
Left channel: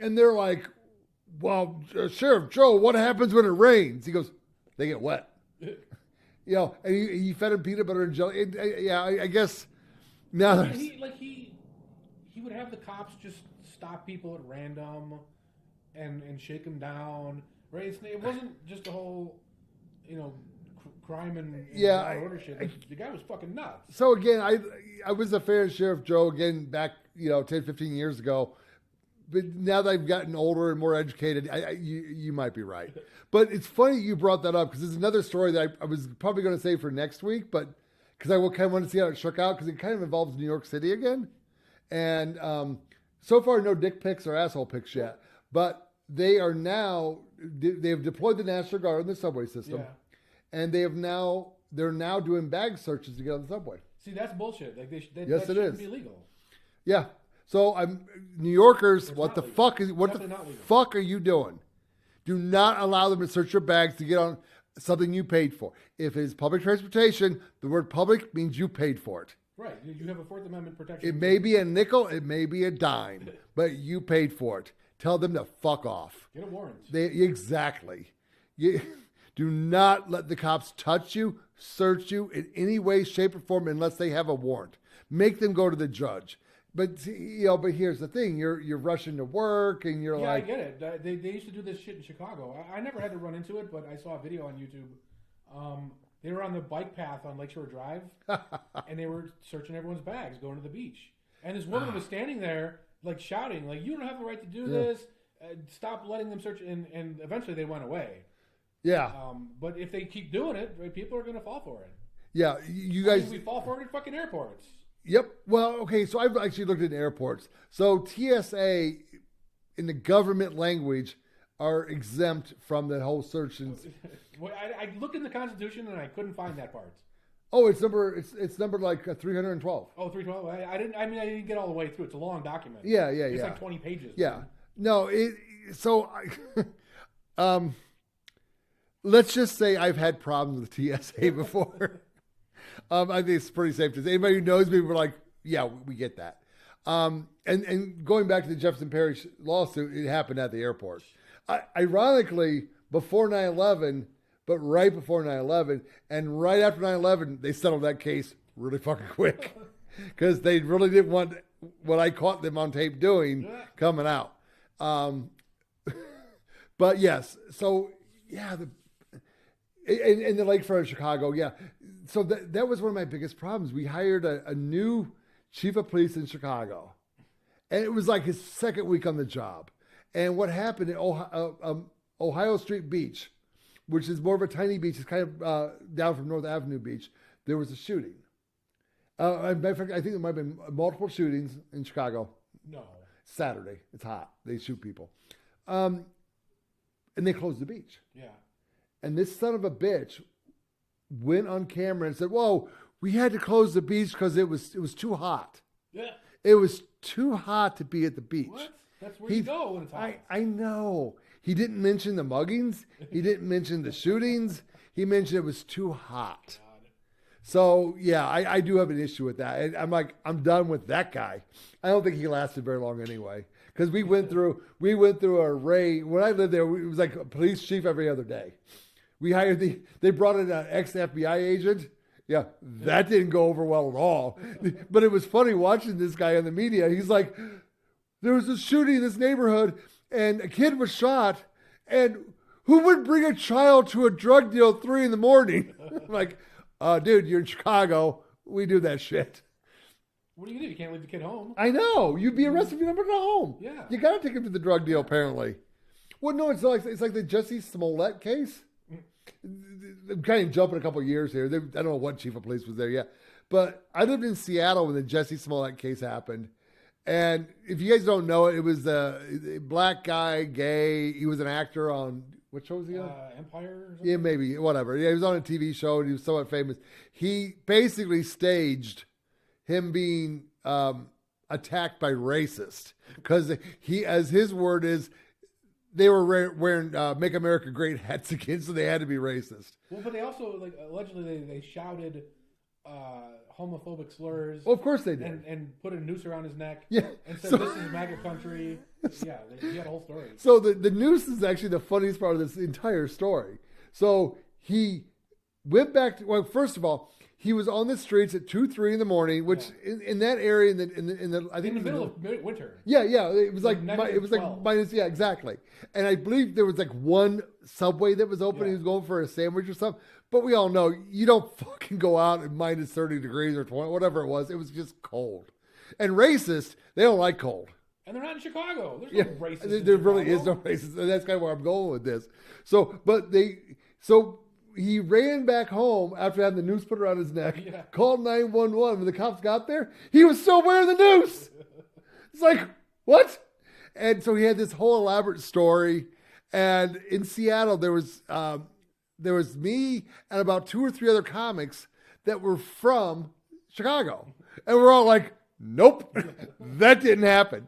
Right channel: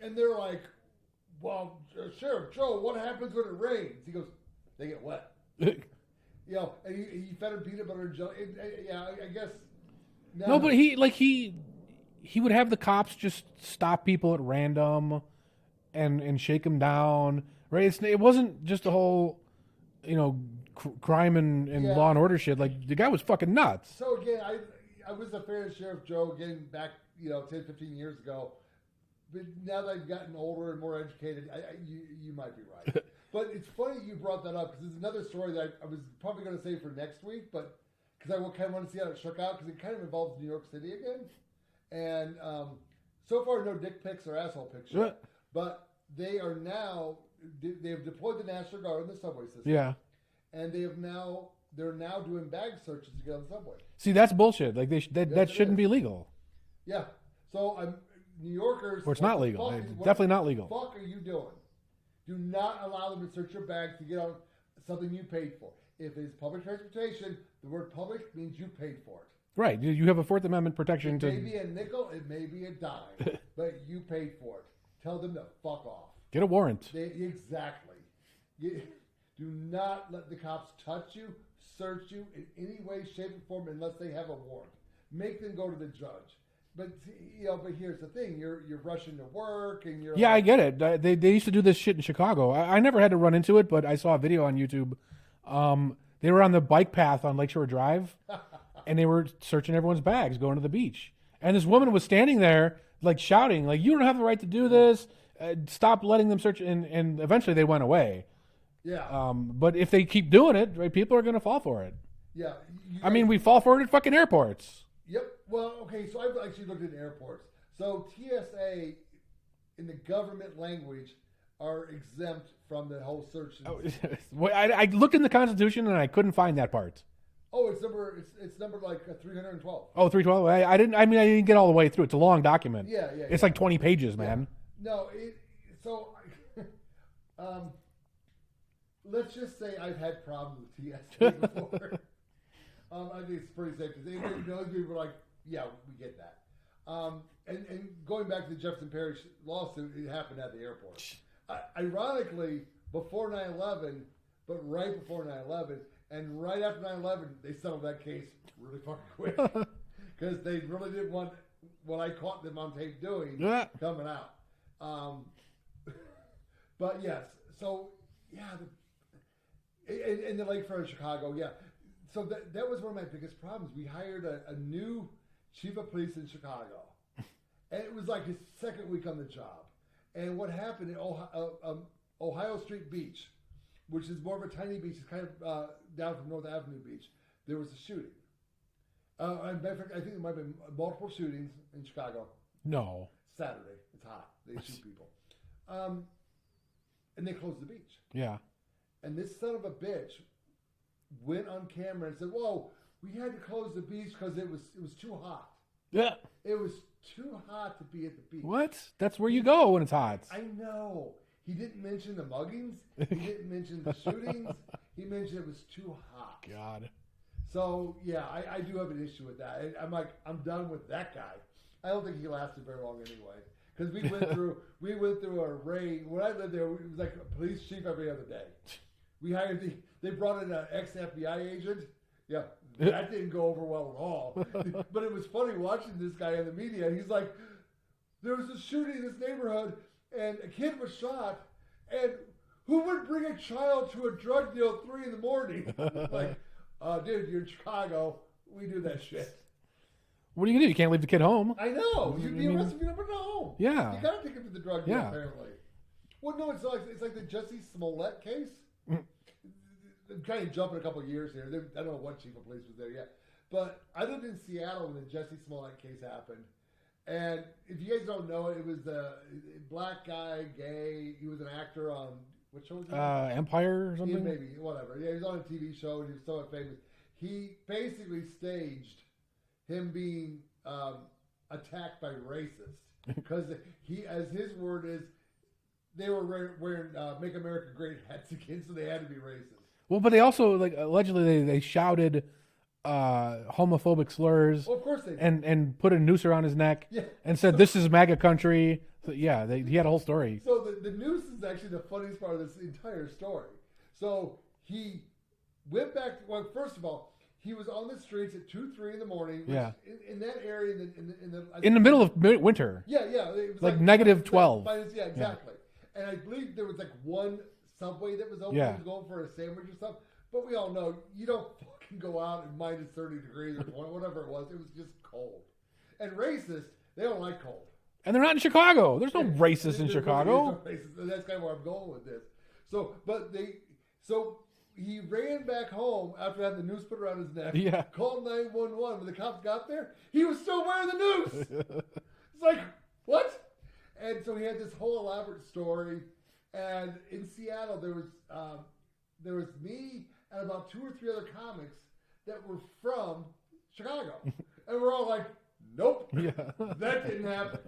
And they're like, well, Sheriff Joe, what happens when it rains? He goes, they get wet. And he fed him peanut butter and jelly. I guess. No, but he would have the cops just stop people at random and shake them down. Right? It wasn't just a whole, crime and law and order shit. Like, the guy was fucking nuts. So again, I was a fan of Sheriff Joe again back 10, 15 years ago. But now that I've gotten older and more educated, you might be right. But it's funny you brought that up because it's another story that I was probably going to say for next week, but because I kind of want to see how it shook out because it kind of involves New York City again. And so far, no dick pics or asshole pics yet. Right. But they are now, they've deployed the National Guard in the subway system. Yeah. And they're now doing bag searches to get on the subway. See, that's bullshit. Like that shouldn't be legal. Yeah. So New Yorkers, what the legal. fuck is definitely not legal. Fuck are you doing? Do not allow them to search your bags to get on something you paid for. If it's public transportation, the word public means you paid for it. Right. You have a Fourth Amendment protection. It may be a nickel, it may be a dime, but you paid for it. Tell them to fuck off. Get a warrant. Exactly. Do not let the cops touch you, search you in any way, shape, or form unless they have a warrant. Make them go to the judge. But here's the thing: you're rushing to work, and you're I get it. They used to do this shit in Chicago. I never had to run into it, but I saw a video on YouTube. They were on the bike path on Lakeshore Drive, and they were searching everyone's bags going to the beach. And this woman was standing there, like shouting, like, "You don't have the right to do this." stopped letting them search, and eventually they went away. Yeah. But if they keep doing it, right, people are going to fall for it. Yeah. You guys, I mean, we fall for it at fucking airports. Yep. Well, okay. So I've actually looked at airports. So TSA in the government language are exempt from the whole search. Well, I looked in the Constitution and I couldn't find that part. Oh, it's numbered like 312. Oh, 312. I didn't get all the way through. It's a long document. Yeah. It's like 20 pages, man. No. Let's just say I've had problems with TSA before. I think it's pretty safe to say. Anybody who knows me, we're like, yeah, we get that. And going back to the Jefferson Parish lawsuit, it happened at the airport. Ironically, before 9/11, but right before 9/11, and right after 9/11, they settled that case really fucking quick because they really didn't want what I caught them on tape doing coming out. But yes, so yeah, in the lakefront of Chicago, yeah. So that was one of my biggest problems. We hired a new chief of police in Chicago, and it was like his second week on the job. And what happened in Ohio Street Beach, which is more of a tiny beach, it's kind of down from North Avenue Beach, there was a shooting. Matter of fact, I think there might have been multiple shootings in Chicago. No. Saturday. It's hot. They shoot people. And they closed the beach. Yeah. And this son of a bitch went on camera and said, whoa, we had to close the beach because it was too hot. Yeah. It was too hot to be at the beach. What? That's where you go when it's hot. I know. He didn't mention the muggings. He didn't mention the shootings. He mentioned it was too hot. God. So, yeah, I do have an issue with that. And I'm like, I'm done with that guy. I don't think he lasted very long anyway. Because we went through a array. When I lived there, it was like a police chief every other day. We hired they brought in an ex-FBI agent. Yeah, that didn't go over well at all. But it was funny watching this guy in the media. He's like, there was a shooting in this neighborhood and a kid was shot. And who would bring a child to a drug deal at 3 a.m? I'm like, dude, you're in Chicago. We do that shit. What are you going to do? You can't leave the kid home. I know. You'd be arrested if you never go home. Yeah. You got to take him to the drug deal, apparently. Well, no, it's like the Jesse Smollett case. I'm kind of jumping a couple of years here. I don't know what chief of police was there yet. But I lived in Seattle when the Jesse Smollett case happened. And if you guys don't know it, it was the black guy, gay. He was an actor on, what show was he on? Empire or something? Yeah, maybe, whatever. Yeah, he was on a TV show and he was somewhat famous. He basically staged him being attacked by racists because he, as his word is, they were wearing "Make America Great" hats again, so they had to be racist. Well, but they also allegedly they shouted homophobic slurs. Well, of course they did, and put a noose around his neck. Yeah, and said this is MAGA country. So, yeah, he had a whole story. So the noose is actually the funniest part of this entire story. So he went back to, well, first of all, he was on the streets at 2-3 in the morning, which in that area in the middle of winter. Yeah, it was like negative 12. Like minus, yeah, exactly. Yeah. And I believe there was like one Subway that was open. Yeah. He was going for a sandwich or something. But we all know you don't fucking go out at minus 30 degrees or 20, whatever it was. It was just cold. And racist, they don't like cold. And they're not in Chicago. There's no racists in there Chicago. There really is no racist, and that's kind of where I'm going with this. So he ran back home after having the noose put around his neck, called 911. When the cops got there, he was still wearing the noose. It's like, what? And so he had this whole elaborate story. And in Seattle, there was me and about 2 or 3 other comics that were from Chicago. And we're all like, nope, that didn't happen.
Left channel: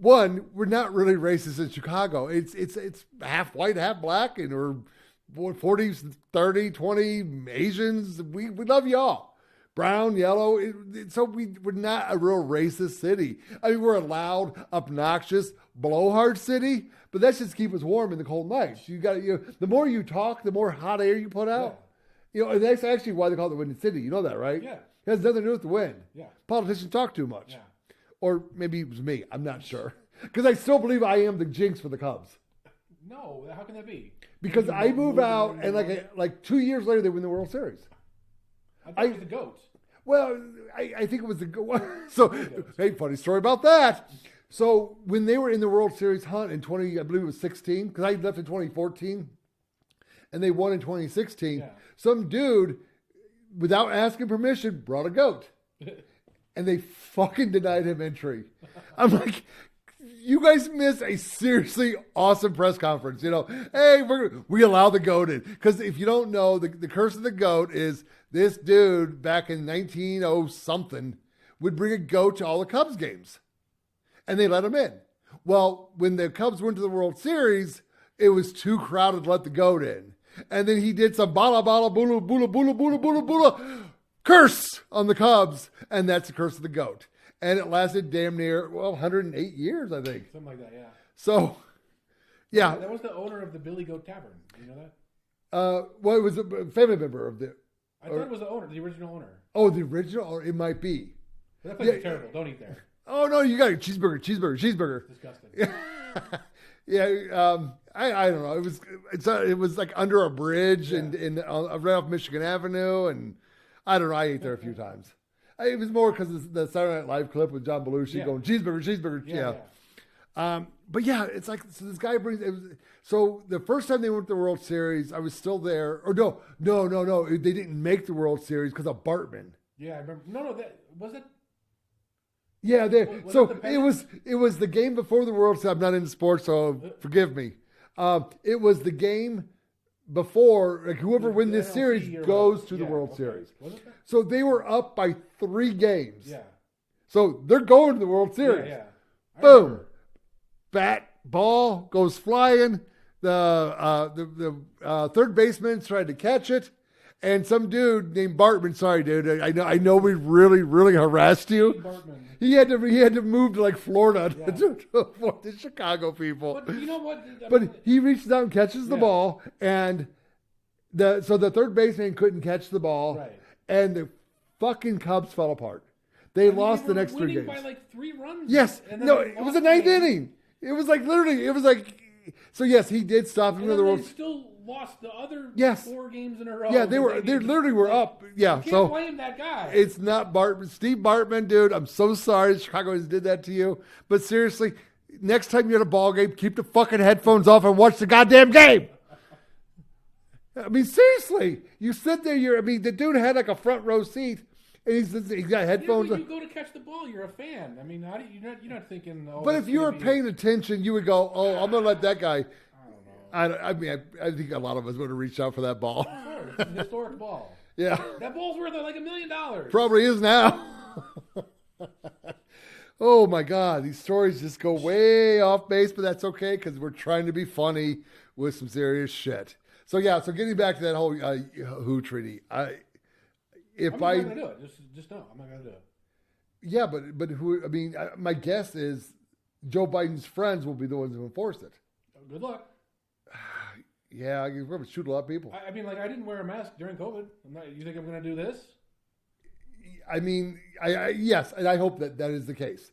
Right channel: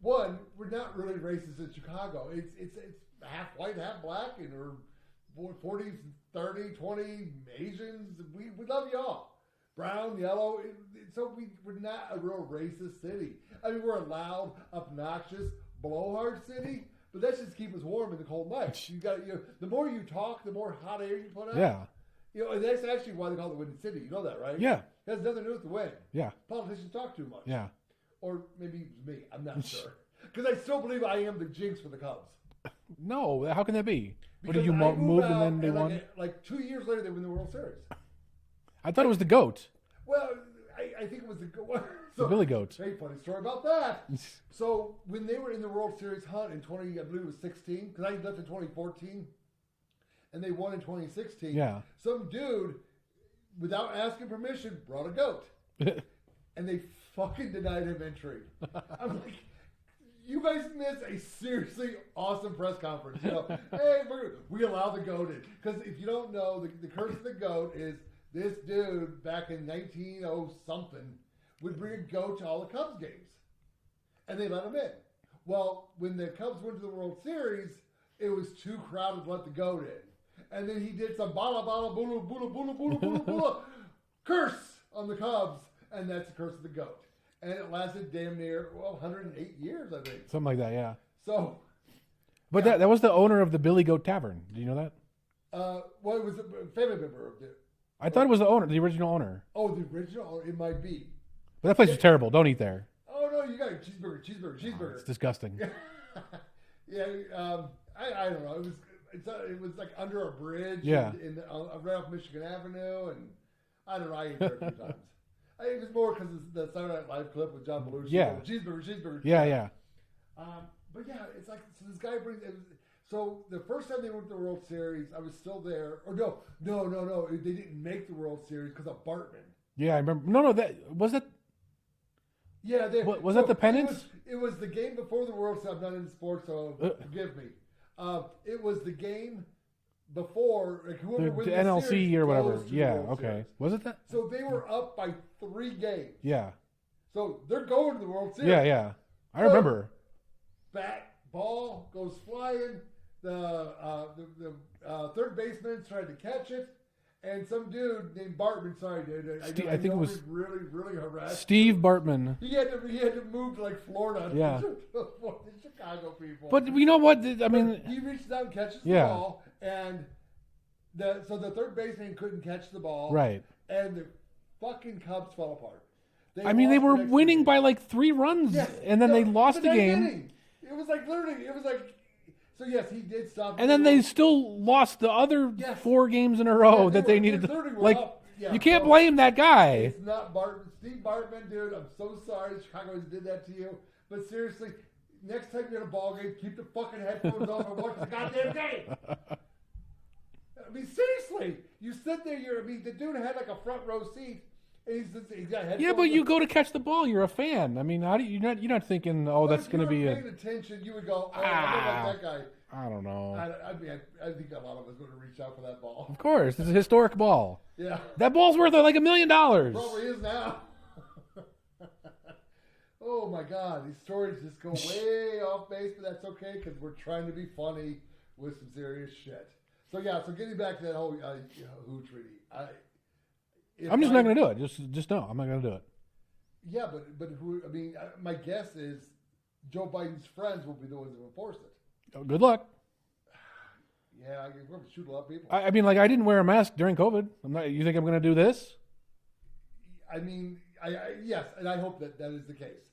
One, we're not really racist in Chicago. It's half white, half black, and we're 40, 30, 20 Asians. We love y'all. Brown, yellow. So we're not a real racist city. I mean, we're a loud, obnoxious, blowhard city, but that's just to keep us warm in the cold nights. The more you talk, the more hot air you put out. Yeah. And that's actually why they call it the Windy City. You know that, right? Yeah. It has nothing to do with the wind. Yeah. Politicians talk too much. Yeah. Or maybe it was me. I'm not sure. Because I still believe I am the jinx for the Cubs. No, how can that be? Because I move out and like 2 years later they win the World Series. I thought it was the GOAT. Well, I think it was the so Billy Goat. hey, funny story about that. So when they were in the World Series hunt in I believe it was 16, because I left in 2014, and they won in 2016. Yeah. Some dude, without asking permission, brought a goat, and they fucking denied him entry. I'm like, you guys missed a seriously awesome press conference. You know, hey, we allow the goat in, because if you don't know, the curse of the goat is this dude back in 1900 something would bring a goat to all the Cubs games, and they let him in. Well, when the Cubs went to the World Series, it was too crowded to let the goat in. And then he did some bala bala bula bula bula bula bula bula curse on the Cubs, and that's the curse of the goat. And it lasted damn near 108 years, I think. Something like that, yeah. So, But yeah, that was the owner of the Billy Goat Tavern. Do you know that? well, it was a family member of the. I thought it was the owner, the original owner. Oh, the original, or it might be. But that place is terrible. Don't eat there. Oh no, you got it. Cheeseburger. It's disgusting. Yeah, I don't know. It was like under a bridge Yeah. right off Michigan Avenue, and I don't know. I ate there a few times. It was more because the Saturday Night Live clip with John Belushi Yeah. going cheeseburger. Yeah. But yeah, it's like, so this guy brings. So the first time they went to the World Series, I was still there. Or no, they didn't make the World Series because of Bartman. Yeah, I remember. No, that was that. Yeah, Was that the pennant? It was the game before the World Series. I'm not into sports, so forgive me. It was the game before, like whoever wins this NLC series or goes whatever. to Yeah, the World okay. Series. Was it that? So they were up by 3 games. Yeah. So they're going to the World Series. Yeah. I Boom. remember. Bat ball goes flying. The third baseman tried to catch it, and some dude named Bartman. Sorry, dude. I know we really harassed you. Steve Bartman. He had to move to like Florida Yeah. to avoid the Chicago people. But you know what? I mean, But he reaches out and catches the Yeah. ball, and the third baseman couldn't catch the ball, right. and the fucking Cubs fell apart. They lost were the next winning 3 by games. like 3 runs. Yes, and then no, they lost it was the the ninth game. inning. It was like literally. It was like. So yes, he did stop. And then they still lost the other Yes. 4 games in a row. Yeah, that they needed to- literally were like, up. Yeah, you can't so blame that guy. It's not Bartman. Steve Bartman, dude. I'm so sorry Chicagoans did that to you. But seriously, next time you're at a ball game, keep the fucking headphones off and watch the goddamn game. I mean, seriously, you sit there. The dude had like a front row seat, and he's got headphones. Yeah, but you go to catch the ball. You're a fan. I mean, you're not thinking, oh, But that's if you going were to be. paying attention, you would go, "Oh, I'm gonna let that guy." I don't know. I think a lot of us would have reached out for that ball. Of course, it's a historic ball. Yeah, That ball's worth like $1 million. probably is now. Oh my God, these stories just go way off base, but that's okay because we're trying to be funny with some serious shit. So yeah, so getting back to that whole WHO treaty, I'm just not going to do it. Just no, I'm not going to do it. Yeah, but who? I mean, my guess is Joe Biden's friends will be the ones who enforce it. Good luck. Yeah, we're going to shoot a lot of people. I mean, like, I didn't wear a mask during COVID. You think I'm going to do this? I mean, yes, and I hope that is the case.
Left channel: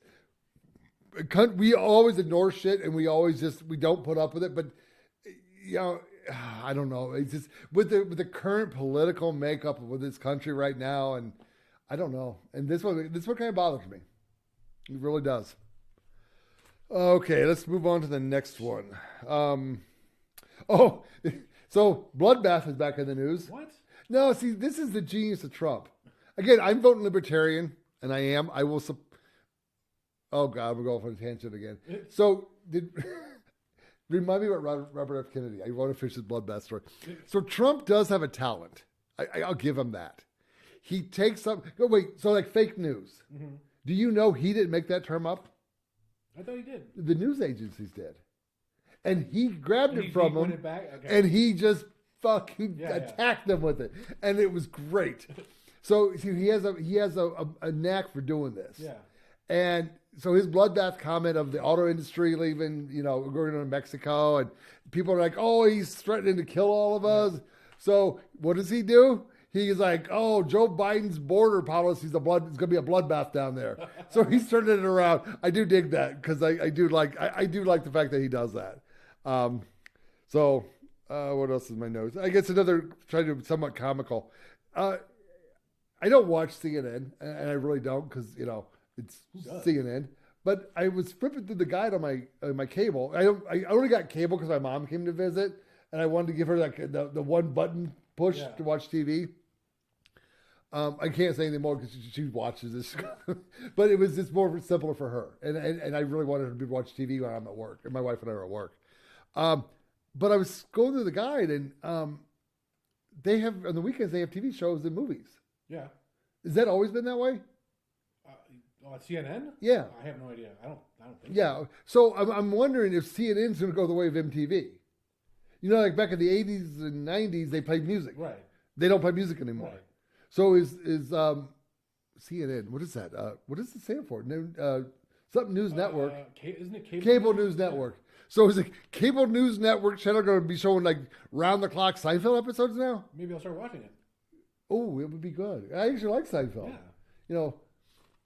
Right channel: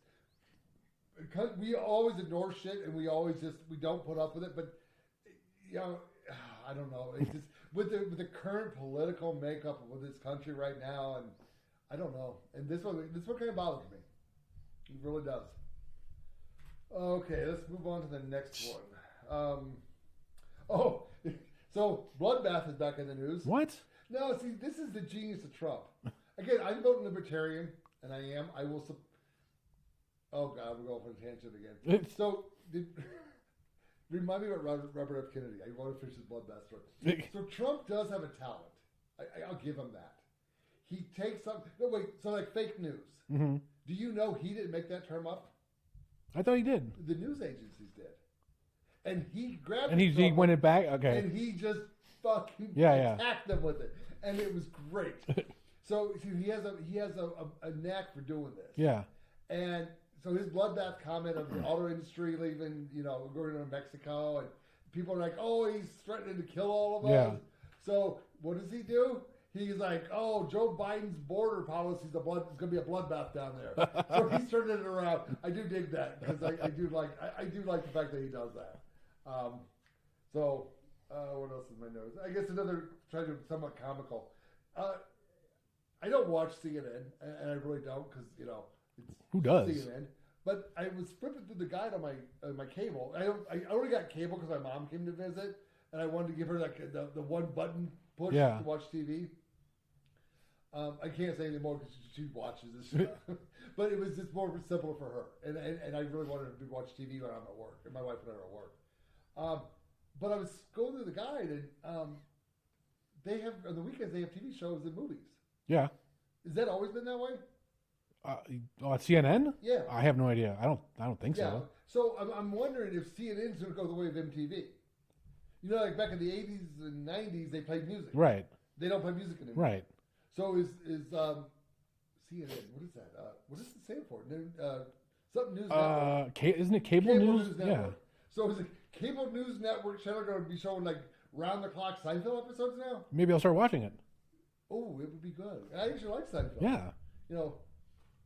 We always ignore shit, and we don't put up with it. But I don't know. It's just with the current political makeup of this country right now, and I don't know. And this one kind of bothers me. It really does. Okay, let's move on to the next one. So bloodbath is back in the news. What? No, see, this is the genius of Trump. Again, I'm voting libertarian, and I am. I will. Oh God, we're going for a tangent again. So, remind me about Robert F. Kennedy. I want to finish this bloodbath story. So Trump does have a talent. I'll give him that. He takes up. Oh, wait, so like fake news. Mm-hmm. Do you know he didn't make that term up? I thought he did. The news agencies did, and he grabbed And it he from went them, it back. Okay. and he just fucking attacked them with it, and it was great. So see, he has a knack for doing this. Yeah. And so his bloodbath comment of the auto industry leaving, going to Mexico, and people are like, "Oh, he's threatening to kill all of us." Yeah. So what does he do? He's like, "Oh, Joe Biden's border policy is it's going to be a bloodbath down there." So he's turning it around. I do dig that because I do like the fact that he does that. What else is my notes? I guess another trying to be somewhat comical. I don't watch CNN, and I really don't because it's Who does? CNN. But I was flipping through the guide on my cable. I only got cable because my mom came to visit, and I wanted to give her like the one button push to watch TV. I can't say anymore because she watches this, but it was just more simpler for her, and I really wanted her to watch TV when I'm at work, and my wife and I are at work. But I was going through the guide, and they have on the weekends they have TV shows and movies. Yeah. Has that always been that way? At CNN? Yeah. I have no idea. I don't think Yeah. so. So I'm wondering if CNN's going to go the way of MTV. Like back in the 80s and 90s, they played music. Right. They don't play music anymore. Right. So is CNN? What is that? What does it stand for? Something News Network. Isn't it cable? Cable News Network. Yeah. So is the Cable News Network channel going to be showing like round the clock Seinfeld episodes now? Maybe I'll start watching it. Oh, it would be good. I actually like Seinfeld. Yeah.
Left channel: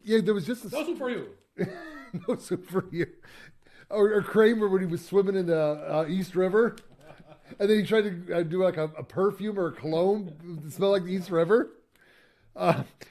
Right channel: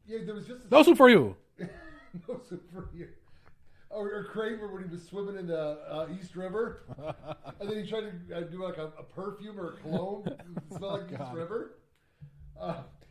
Yeah, there was just no soup for you. No soup for you. Or Kramer when he was swimming in the East River, and then he tried to do like a perfume or a cologne that smelled like the East River.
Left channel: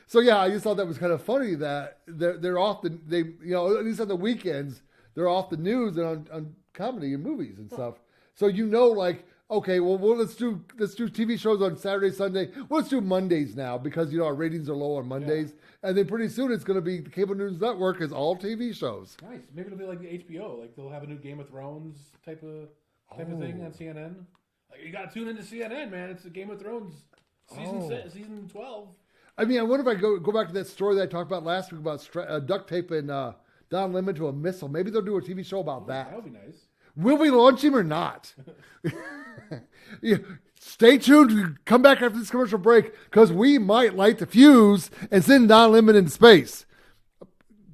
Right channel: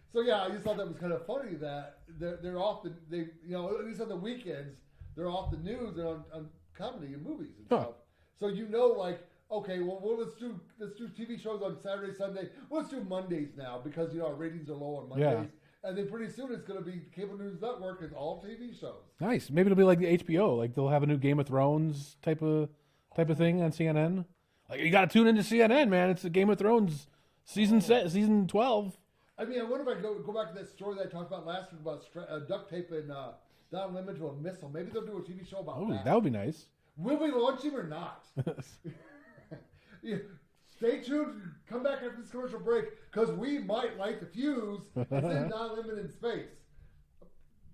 So yeah, I just thought that was kind of funny that they're often at least on the weekends they're off the news and on comedy and movies and stuff. So like okay, well let's do TV shows on Saturday, Sunday. Well, let's do Mondays now because our ratings are low on Mondays. Yeah. And then pretty soon it's going to be the Cable News Network is all TV shows. Nice. Maybe it'll be like the HBO. Like they'll have a new Game of Thrones type of thing on CNN. Like you got to tune into CNN, man. It's the Game of Thrones season 12. I mean, I wonder if I go back to that story that I talked about last week about duct tape and Don Lemon to a missile. Maybe they'll do a TV show about that. That would be nice. Will we launch him or not? Yeah. Stay tuned. Come back after this commercial break because we might light the fuse and send Don Lemon into space.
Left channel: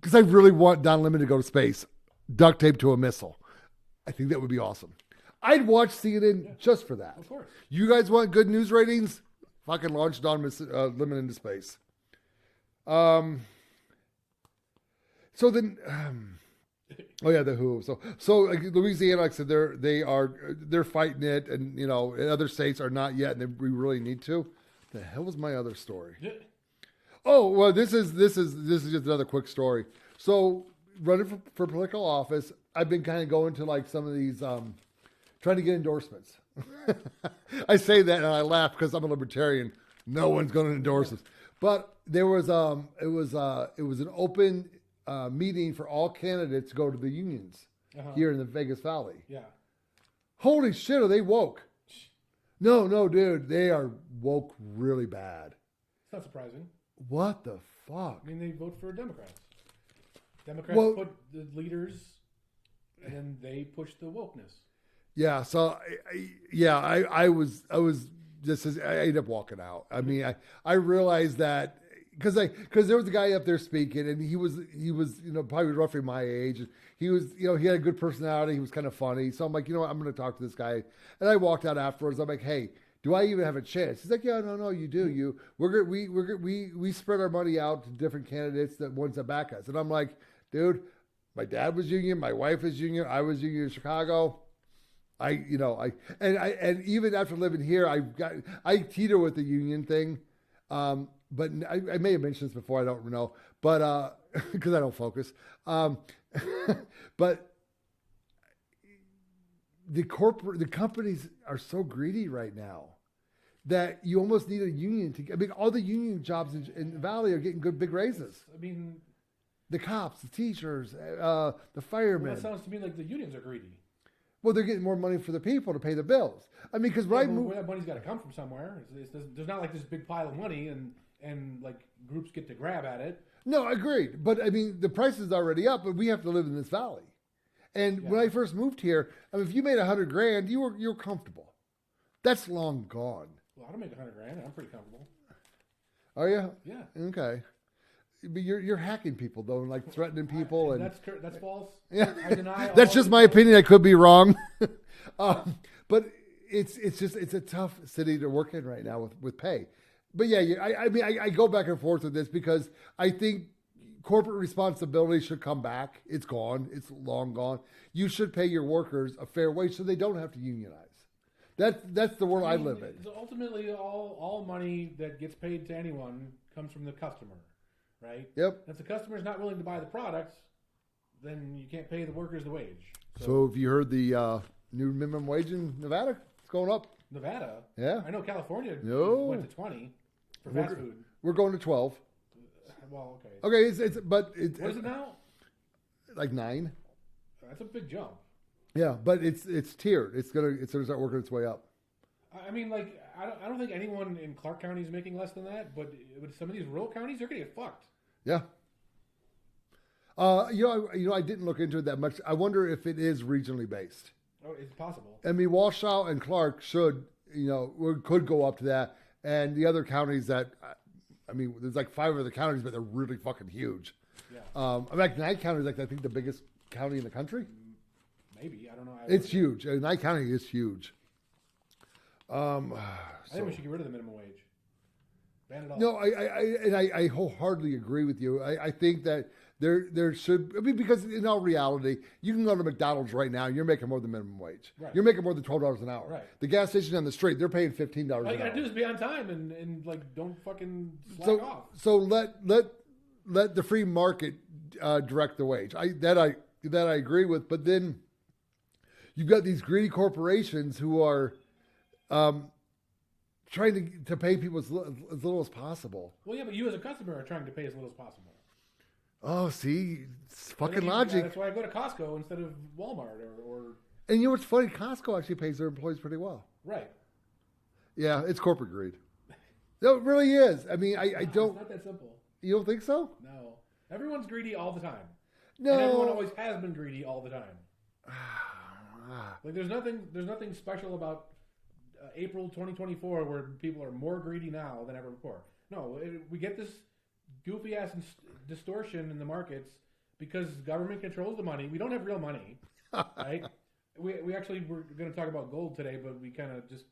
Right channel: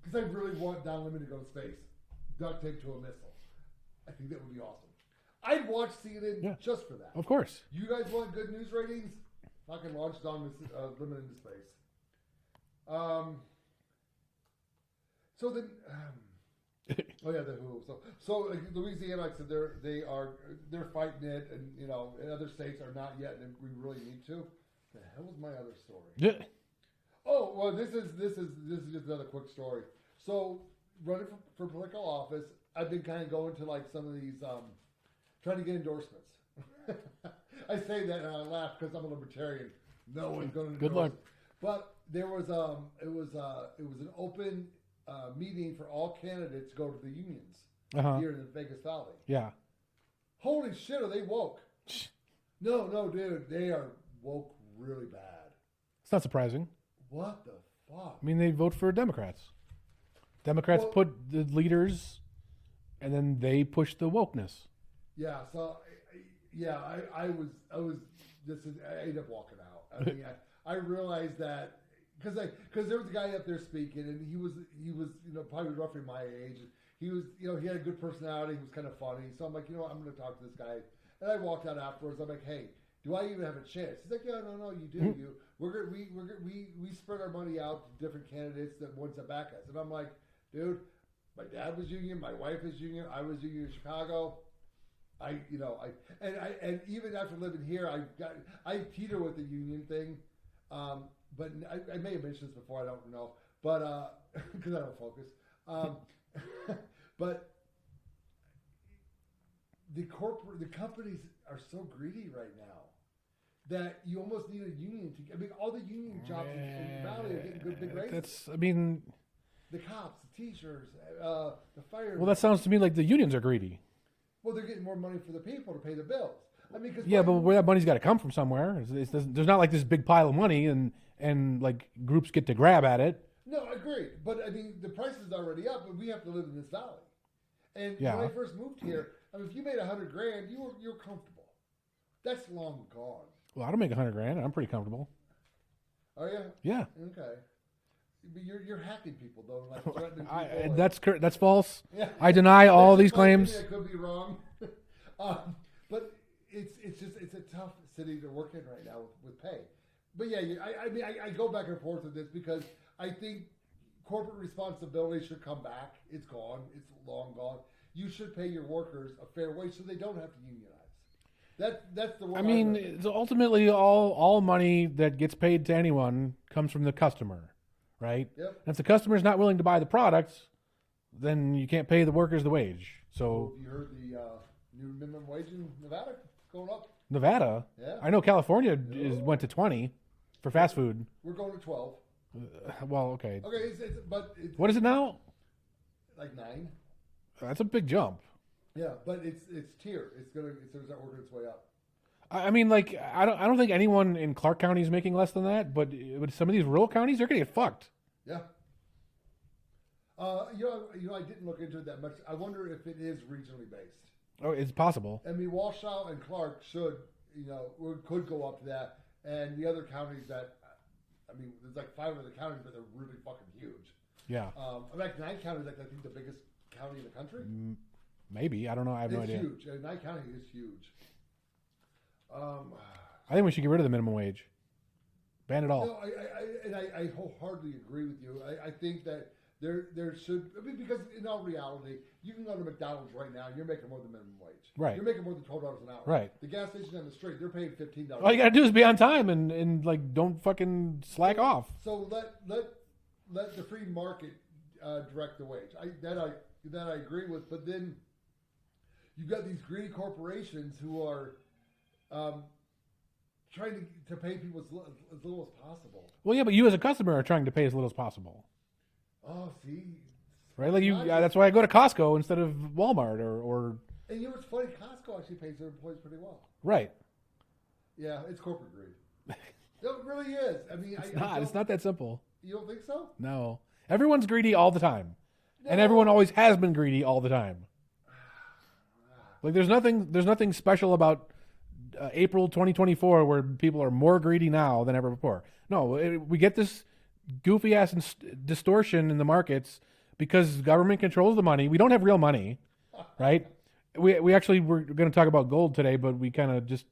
Because I really want Don Lemon to go to space. Duct tape to a missile. I think that would be awesome. I'd watch CNN just for that. Of course. You guys want good news ratings? Fucking launch Don Lemon into space. So then... oh yeah, the Who. So like Louisiana, like I said, they're fighting it, and other states are not yet, and we really need to. The hell was my other story? Yeah. Oh well, this is just another quick story. So running for political office, I've been kind of going to like some of these, trying to get endorsements. I say that and I laugh because I'm a libertarian. No one's going to endorse us. But there was it was an open meeting for all candidates to go to the unions here in the Vegas Valley. Yeah. Holy shit, are they woke? No, dude, they are woke really bad. It's not surprising. What the fuck? I mean, they vote for Democrats. Democrats put the leaders, and then they push the wokeness. Yeah. So, I was just I ended up walking out. I mean, I realized that. Because there was a guy up there speaking, and he was probably roughly my age. He was he had a good personality. He was kind of funny. So I'm like, what, I'm going to talk to this guy. And I walked out afterwards. I'm like, hey, do I even have a chance? He's like, yeah, no, you do. Mm-hmm. We spread our money out to different candidates, that ones that back us. And I'm like, dude, my dad was union, my wife is union, I was union in Chicago. And even after living here, I teeter with the union thing. But I may have mentioned this before. I don't know, but because I don't focus. But the companies are so greedy right now that you almost need a union to. I mean, all the union jobs in the Valley are getting good big raises. I mean, the cops, the teachers, the firemen. Well, that sounds to me like the unions are greedy. Well, they're getting more money for the people to pay the bills. I mean, because but where that money's got to come from somewhere. There's not like this big pile of money and like groups get to grab at it. No, agreed. But I mean, the price is already up, but we have to live in this valley. And when I first moved here, I mean, if you made $100,000, you were comfortable. That's long gone. Well, I don't make $100,000. I'm pretty comfortable. Are you? Yeah. Okay. But you're hacking people though, and like threatening people. That's false. Yeah. I deny all. That's just these my claims. opinion. I could be wrong. But it's a tough city to work in right now with pay. But yeah, I mean, I go back and forth with this because I think corporate responsibility should come back. It's gone. It's long gone. You should pay your workers a fair wage so they don't have to unionize. That's the world I I mean, live in. so ultimately, all money that gets paid to anyone comes from the customer, right? Yep. And if the customer is not willing to buy the product, then you can't pay the workers the wage. So have you heard the new minimum wage in Nevada? It's going up. Nevada, Yeah. I know California No. went to 20 for fast food. We're going to 12. Well, okay. Okay, it's What is it now? like 9. That's a big jump. Yeah, but it's tiered. It's gonna start working its way up. I mean, like, I don't think anyone in Clark County is making less than that, but with some of these rural counties, they're gonna get fucked. Yeah. I didn't look into it that much. I wonder if it is regionally based. Oh, it's possible. I mean, Washoe and Clark could go up to that, and the other counties that, I mean, there's like 5 other counties, but they're really fucking huge. Yeah. Like Nye County is like I think the biggest county in the country. Maybe, I don't know. I have It's no idea. huge. Nye County is huge. I think we should get rid of the minimum wage. Ban it all. No, I wholeheartedly agree with you. I think that there should. I mean, because in all reality, you can go to McDonald's right now, and you're making more than minimum wage. Right. You're making more than $12 an hour. Right. The gas station down the street, they're paying $15. All you gotta do is be on time and like don't fucking slack off. So let the free market direct the wage. That I agree with. But then you've got these greedy corporations who are trying to pay people as little as possible. Well, yeah, but you as a customer are trying to pay as little as possible. Oh, see, it's Right? fucking logic. That's why I go to Costco instead of Walmart or And you know what's funny? Costco actually pays their employees pretty well. right. Yeah, it's corporate greed. No, it really is. I mean, I don't. It's not that simple. You don't think so? No, everyone's greedy all the time, No. and everyone always has been greedy all the time. Like there's nothing special about April 2024 where people are more greedy now than ever before. No, we get this goofy ass distortion in the markets because government controls the money. We don't have real money, right? We actually were going to talk about gold today, but we kind of just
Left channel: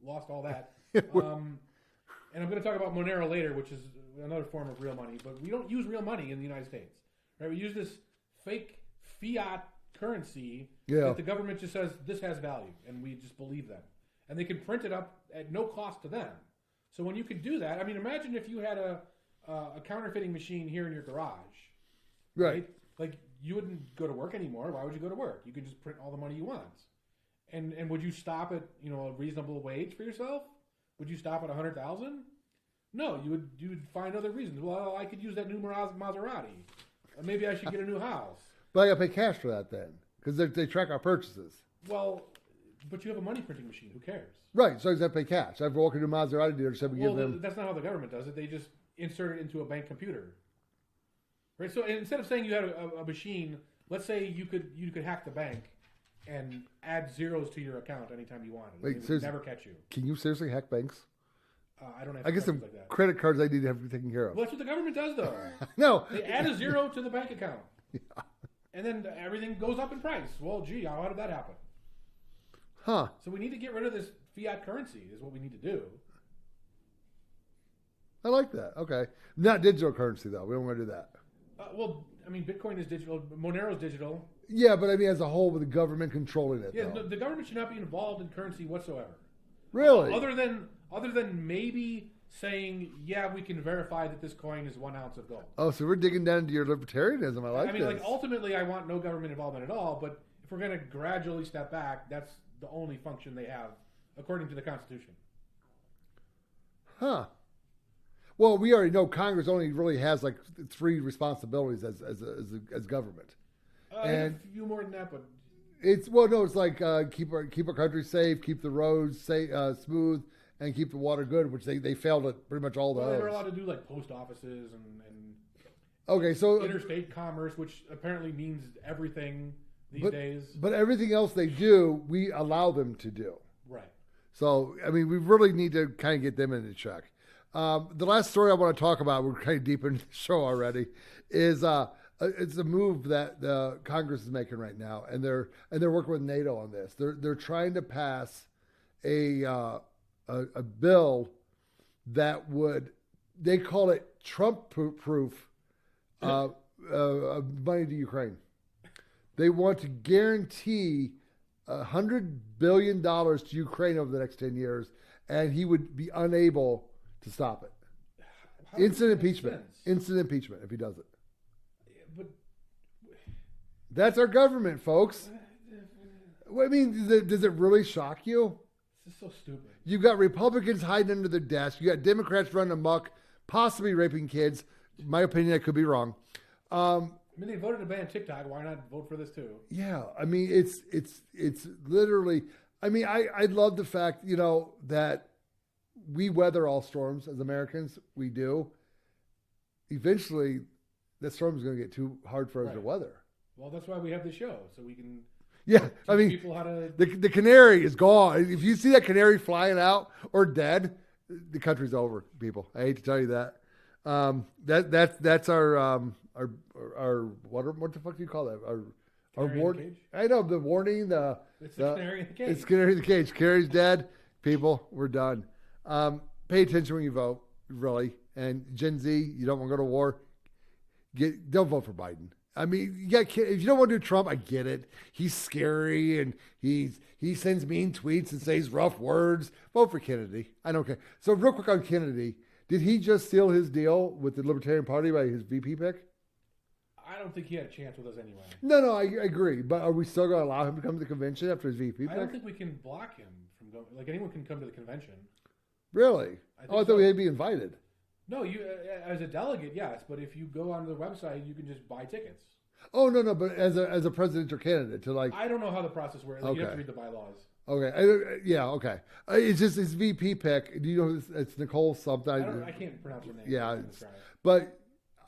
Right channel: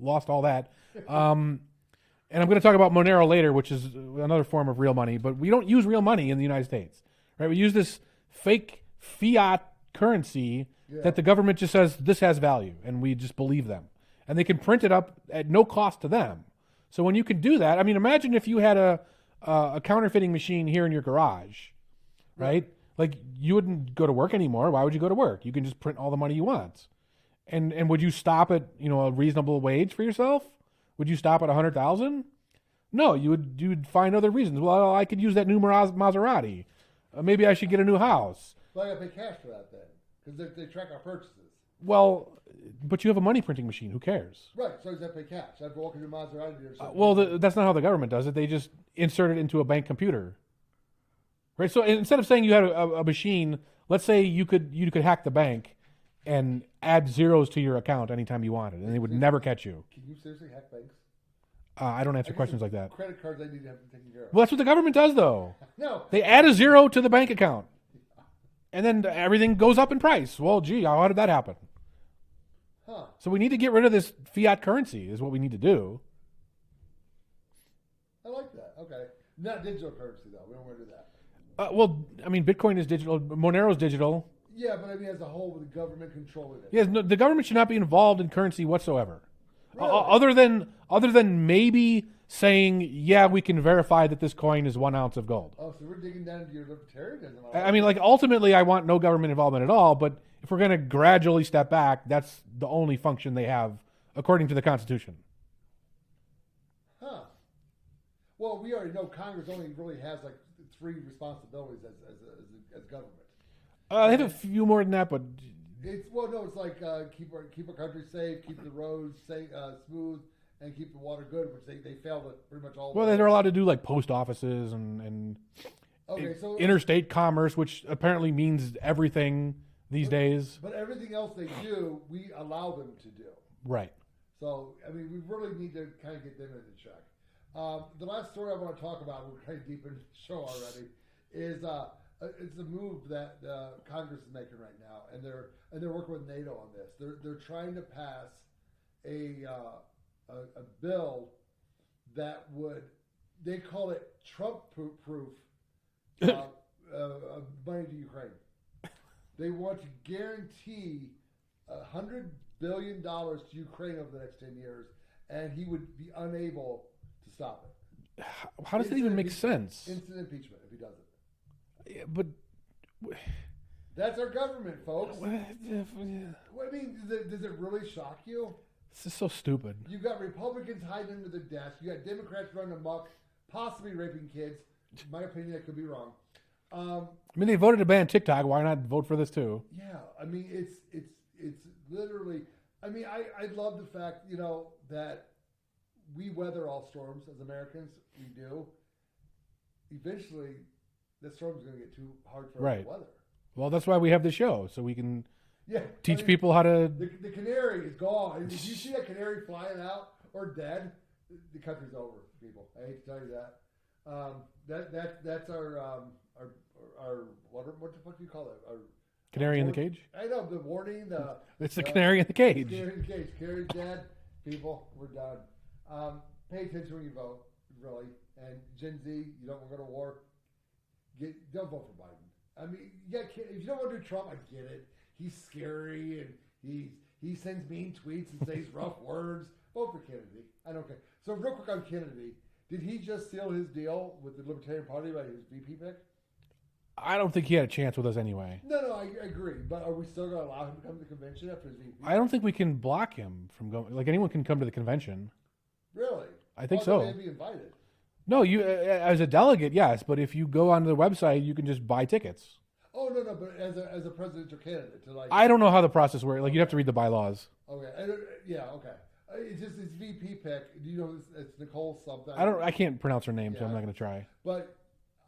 lost all that. And I'm going to talk about Monero later, which is another form of real money. But we don't use real money in the United States, right? We use this fake fiat currency that the government just says this has value, and we just believe them. And they can print it up at no cost to them. So when you can do that, I mean, imagine if you had a counterfeiting machine here in your garage, right? Like you wouldn't go to work anymore. Why would you go to work? You can just print all the money you want. And would you stop at a reasonable wage for yourself? Would you stop at 100,000? No, you'd find other reasons. Well, I could use that new Maserati. Maybe I should get a new house. But I got to pay cash for that then, because they track our purchases. Well, but you have a money printing machine. Who cares? Right, so I got to pay cash. I've walked into a Maserati dealership. Well, that's not how the government does it. They just insert it into a bank computer. Right. So instead of saying you had a machine, let's say you could hack the bank and add zeros to your account anytime you wanted, and they would never catch you. Can you seriously hack banks? I don't answer questions like that. Credit cards I need to have to be taken care of. Well, that's what the government does, though. No. They add a zero to the bank account. Yeah. And then everything goes up in price. Well, gee, how did that happen? Huh. So we need to get rid of this fiat currency is what we need to do. I like that. Okay. Not digital currency, though. We don't want to do that. Well, I mean, Bitcoin is digital. Monero is digital. Yeah, but I mean, as a whole, with the government controlling it. Yes, no, the government should not be involved in currency whatsoever. Really? Other than maybe saying, yeah, we can verify that this coin is 1 ounce of gold. Oh, so we're digging down into your libertarianism. I mean, like, ultimately, I want no government involvement at all, but if we're going to gradually step back, that's the only function they have, according to the Constitution. Huh. Well, we already know Congress only really has, like, 3 responsibilities as government. They have a few more than that, but... It's like keep our country safe, keep the roads safe, smooth, and keep the water good, which they failed at pretty much all the. Well, they're allowed to do like post offices and so interstate commerce, which apparently means everything these days. But everything else they do, we allow them to do. Right. So I mean, we really need to kind of get them into check. The last story I want to talk about, we're kind of deep in the show already, is it's a move that the Congress is making right now, and they're working with NATO on this. They're trying to pass a bill that would, they call it Trump-proof money to Ukraine. They want to guarantee $100 billion to Ukraine over the next 10 years, and he would be unable to stop it. How does that even make sense? Instant impeachment if he does it. Yeah, but that's our government, folks. I mean, does it really shock you? This is so stupid. You've got Republicans hiding under their desk. You got Democrats running amok, possibly raping kids. In my opinion, I could be wrong. I mean, they voted to ban TikTok. Why not vote for this too? Yeah, I mean, it's literally. I mean, I love the fact that we weather all storms as Americans. We do. Eventually, the storm is going to get too hard for us to weather. Well, that's why we have the show, so we can teach people how to. The canary is gone. If you see that canary flying out or dead, the country's over. People, I hate to tell you that. That's our what the fuck do you call that? Our canary in the cage. I know the warning. It's the canary in the cage. It's canary in the cage. Canary's dead. People, we're done. Pay attention when you vote, really. And Gen Z, you don't want to go to war. Don't vote for Biden. I mean, if you don't want to do Trump, I get it. He's scary and he sends mean tweets and says rough words. Vote for Kennedy. I don't care. So real quick on Kennedy, did he just seal his deal with the Libertarian Party by his VP pick? I don't think he had a chance with us anyway. No, I agree. But are we still going to allow him to come to the convention after his VP pick? I don't think we can block him from going. Like, anyone can come to the convention. Really? I think so. I thought he'd be invited. No, you as a delegate, yes, but if you go onto the website, you can just buy tickets. Oh no, but as a presidential candidate to like. I don't know how the process works. Like, you have to read the bylaws. Okay, okay. It's just his VP pick. Do you know it's Nicole something? I can't pronounce her name. Yeah, so I'm not going to try. But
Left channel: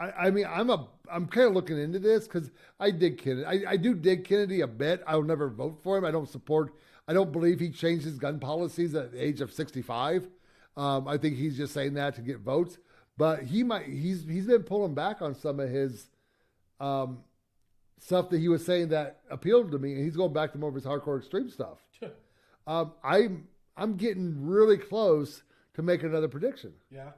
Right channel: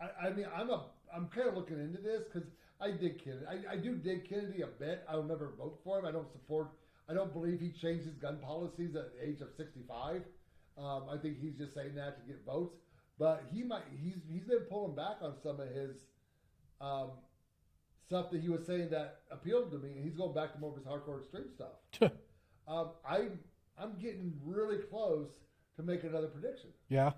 I mean, I'm kind of looking into this because I dig Kennedy. I do dig Kennedy a bit. I will never vote for him. I don't believe he changed his gun policies at the age of 65. I think he's just saying that to get votes. But he's been pulling back on some of his stuff that he was saying that appealed to me, and he's going back to more of his hardcore extreme stuff. I'm getting really close to making another prediction. Yeah,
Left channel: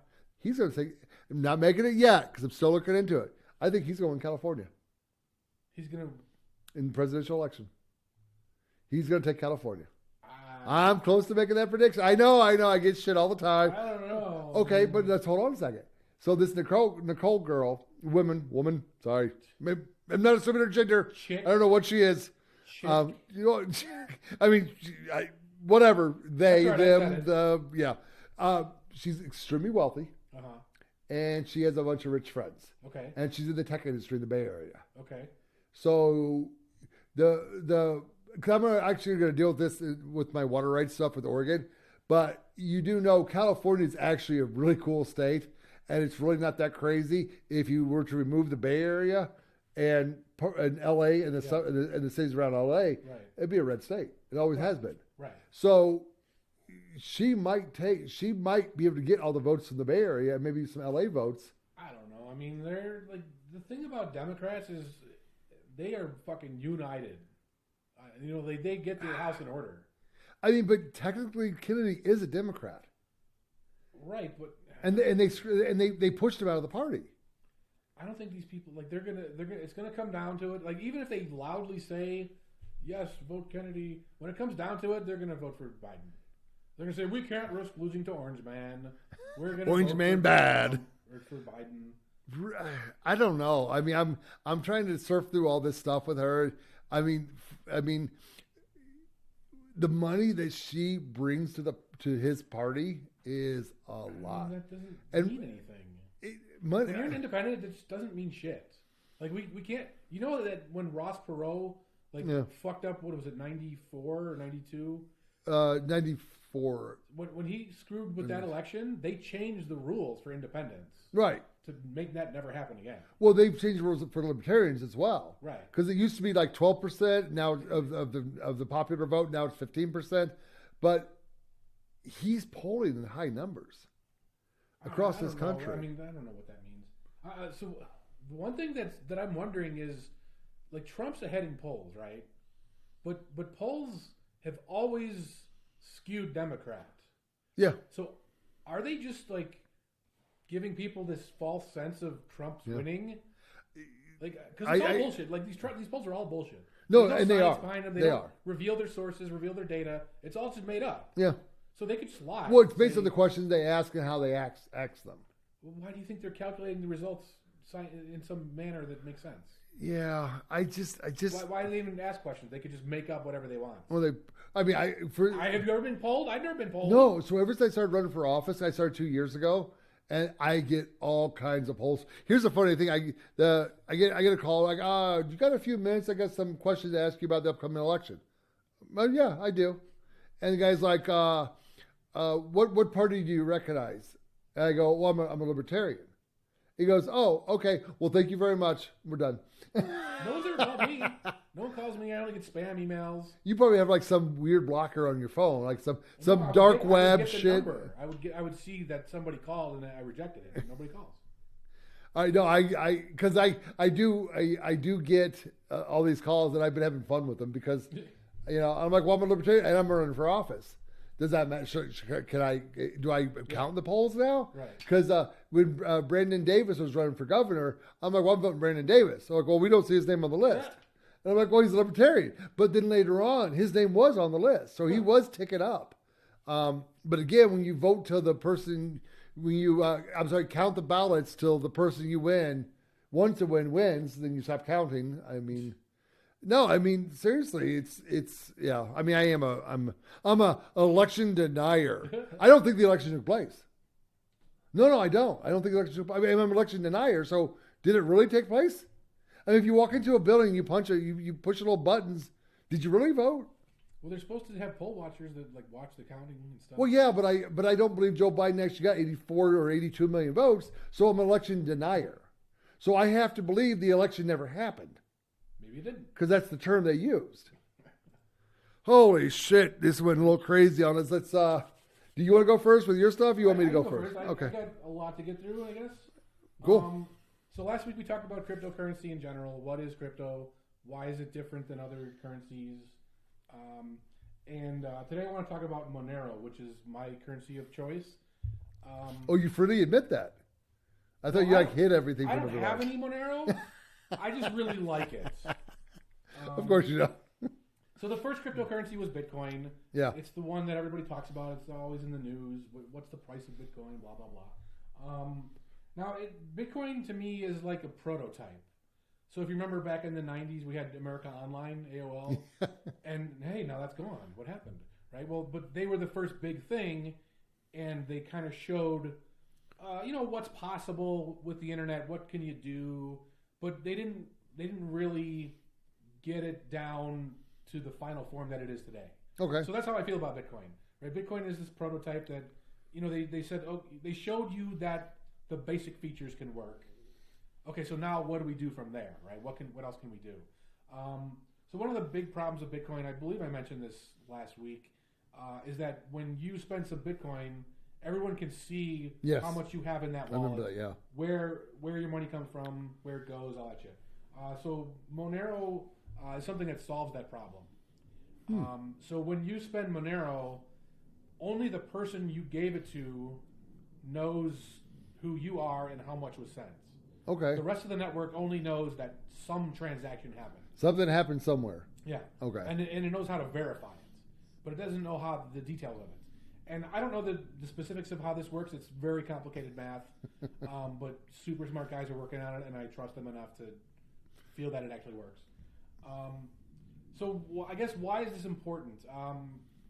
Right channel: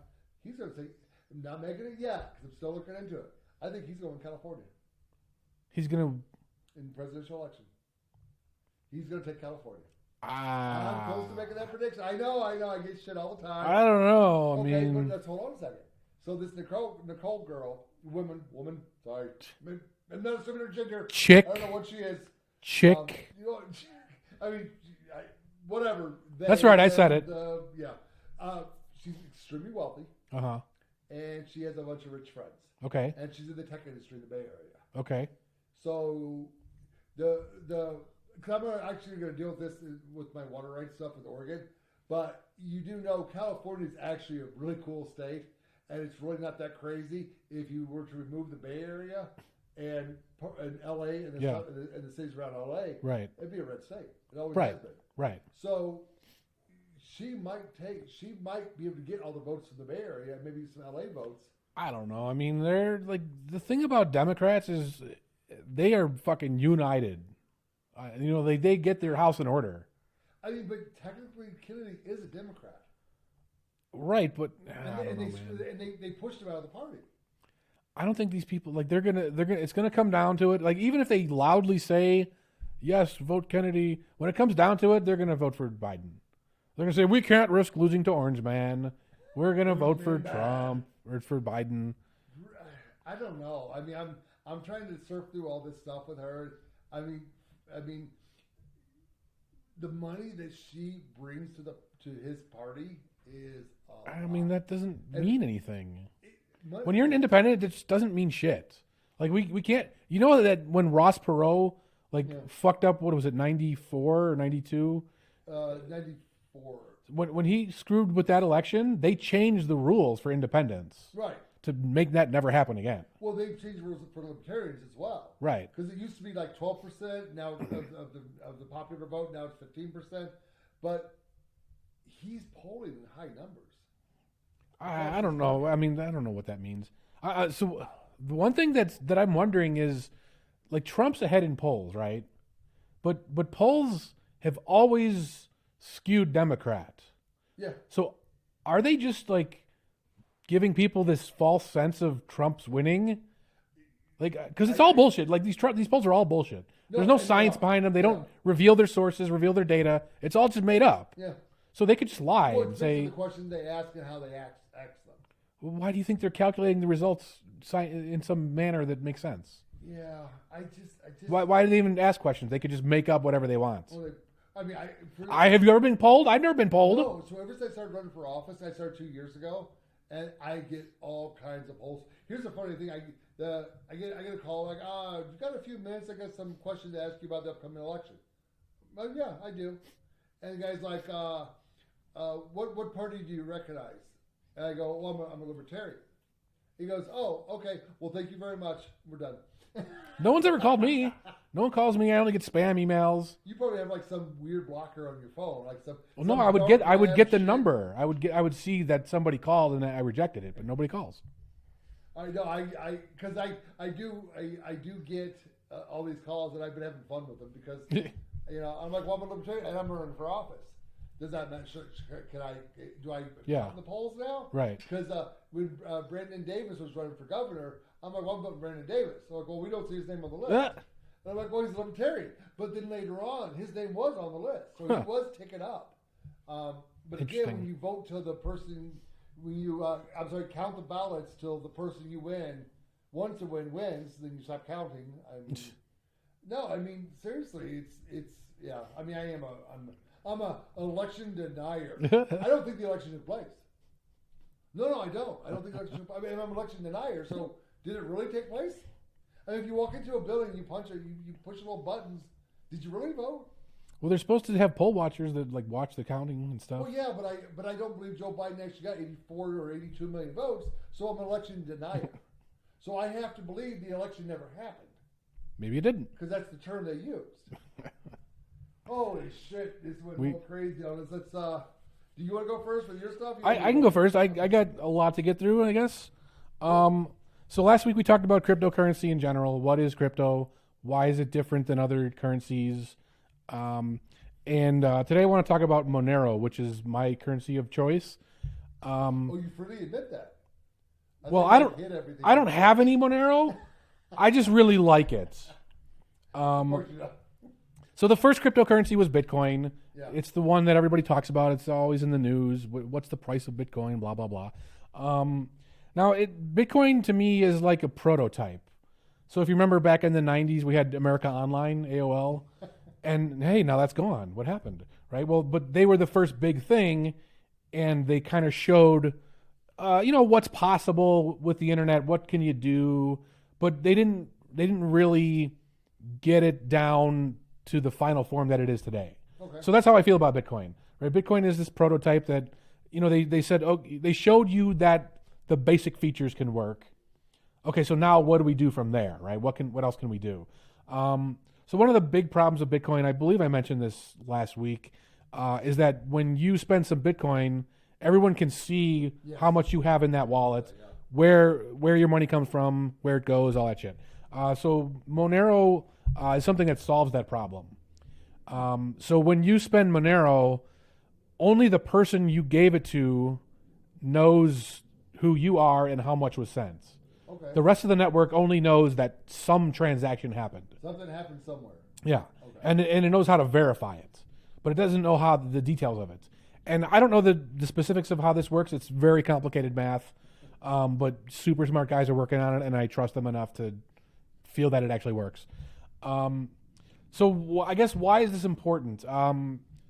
he's going to say, I'm not making it yet because I'm still looking into it. I think he's going to California. He's going to in the presidential election. He's going to take California. I'm close to making that prediction. I know. I get shit all the time. I don't know. Okay, but let's hold on a second. So this Nicole girl, woman. Sorry, I'm not assuming her gender. Chick. I don't know what she is. Chick. I mean, whatever. That's right. I said it. Yeah. She's extremely wealthy. And she has a bunch of rich friends. Okay. And she's in the tech industry in the Bay Area. Okay. So because I'm actually going to deal with this with my water rights stuff with Oregon, but you do know California is actually a really cool state, and it's really not that crazy if you were to remove the Bay Area and LA and the cities around LA. Right. It'd be a red state. It always has been. Right. So she might be able to get all the votes from the Bay Area and maybe some LA votes. I don't know. I mean, they're like, the thing about Democrats is they are fucking united. They get their house in order. I mean, but technically Kennedy is a Democrat. Right, but they pushed him out of the party. I don't think these people, like, they're gonna it's gonna come down to it. Like, even if they loudly say yes, vote Kennedy, when it comes down to it, they're gonna vote for Biden. They're gonna say we can't risk losing to Orange Man. We're gonna vote for bad or for Biden. I don't know. I mean, I'm trying to surf through all this stuff with her. I mean, the money that she brings to his party is a lot. I mean, that doesn't mean anything. When you're an independent, it just doesn't mean shit. Like, we can't. You know that when Ross Perot fucked up, what was it, 94 or 92? 94. When he screwed with that election, they changed the rules for independents. Right. To make that never happen again. Well, they've changed rules for libertarians as well. Right. Because it used to be like 12% now of the popular vote. Now it's 15%. But he's polling in high numbers. I don't know. I mean, I don't know what that means. So the one thing that I'm wondering is, like, Trump's ahead in polls, right? But polls have always skewed Democrat. Yeah. So are they just like giving people this false sense of Trump's winning? Like, because it's all bullshit. Like, these polls are all bullshit. There's no and science behind them. They don't reveal their sources, reveal their data. It's all just made up. Yeah. So they could just lie. Well, it's based on the questions they ask and how they ask them. Why do you think they're calculating the results in some manner that makes sense? Yeah, I just. Why do they even ask questions? They could just make up whatever they want. Well, have you ever been polled? I've never been polled. No. So ever since I started running for office, I started 2 years ago, and I get all kinds of polls. Here's the funny thing: I get a call like, you got a few minutes? I got some questions to ask you about the upcoming election. Well, yeah, I do. And the guy's like, what party do you recognize? And I go, well, I'm a libertarian. He goes, oh, okay. Well, thank you very much. We're done. No one's ever called me. No one calls me. I only get spam emails. You probably have like some weird blocker on your phone, like some I would get the shit. number. I would see that somebody called and I rejected it, but nobody calls. I know. Because I do get all these calls, and I've been having fun with them because I'm like, well, I'm a libertarian and I'm running for office. Does that matter? Do I count the polls now? Right. Because when Brandon Davis was running for governor, I'm like, well, I'm voting Brandon Davis. So I'm like, well, we don't see his name on the list. And I'm like, well, he's a libertarian. But then later on, his name was on the list. So he was ticking up. But again, when you vote till the person, count the ballots till the person you win, once the win wins, then you stop counting. Seriously, it's I'm a election denier. I don't think the election took place. No, I don't. I don't think the election took place. I'm an election denier. So did it really take place? I mean, if you walk into a building, you push little buttons. Did you really vote? Well, they're supposed to have poll watchers that watch the counting and stuff. Well, yeah, but I don't believe Joe Biden actually got 84 or 82 million votes. So I'm an election denier. So I have to believe the election never happened. Maybe it didn't, because that's the term they used. Holy shit, this went a little crazy on us. Let's. Do you want to go first with your stuff? I can go first. Okay. I got a lot to get through, I guess. Cool. So last week we talked about cryptocurrency in general. What is crypto? Why is it different than other currencies? And today I want to talk about Monero, which is my currency of choice. You freely admit that? I don't hit everything. I don't have any Monero. I just really like it. Of course you don't. So the first cryptocurrency was Bitcoin. Yeah. It's the one that everybody talks about. It's always in the news. What's the price of Bitcoin? Blah, blah, blah. Now, Bitcoin to me is like a prototype. So if you remember back in the 90s, we had America Online, AOL. And hey, now that's gone. What happened? Right? Well, but they were the first big thing. And they kind of showed, what's possible with the internet. What can you do? But they didn't really get it down to the final form that it is today. Okay. So that's how I feel about Bitcoin. Right? Bitcoin is this prototype that, they said, they showed you that the basic features can work. Okay, so now what do we do from there, right? What else can we do? So one of the big problems with Bitcoin, I believe I mentioned this last week, is that when you spend some Bitcoin, everyone can see how much you have in that wallet, where your money comes from, where it goes, all that shit. So Monero is something that solves that problem. So when you spend Monero, only the person you gave it to knows who you are and how much was sent. Okay. The rest of the network only knows that some transaction happened. Something happened somewhere. Yeah. Okay. And it knows how to verify it, but it doesn't know how the details of it. And I don't know the specifics of how this works. It's very complicated math, but super smart guys are working on it, and I trust them enough to feel that it actually works. So I guess why is this important?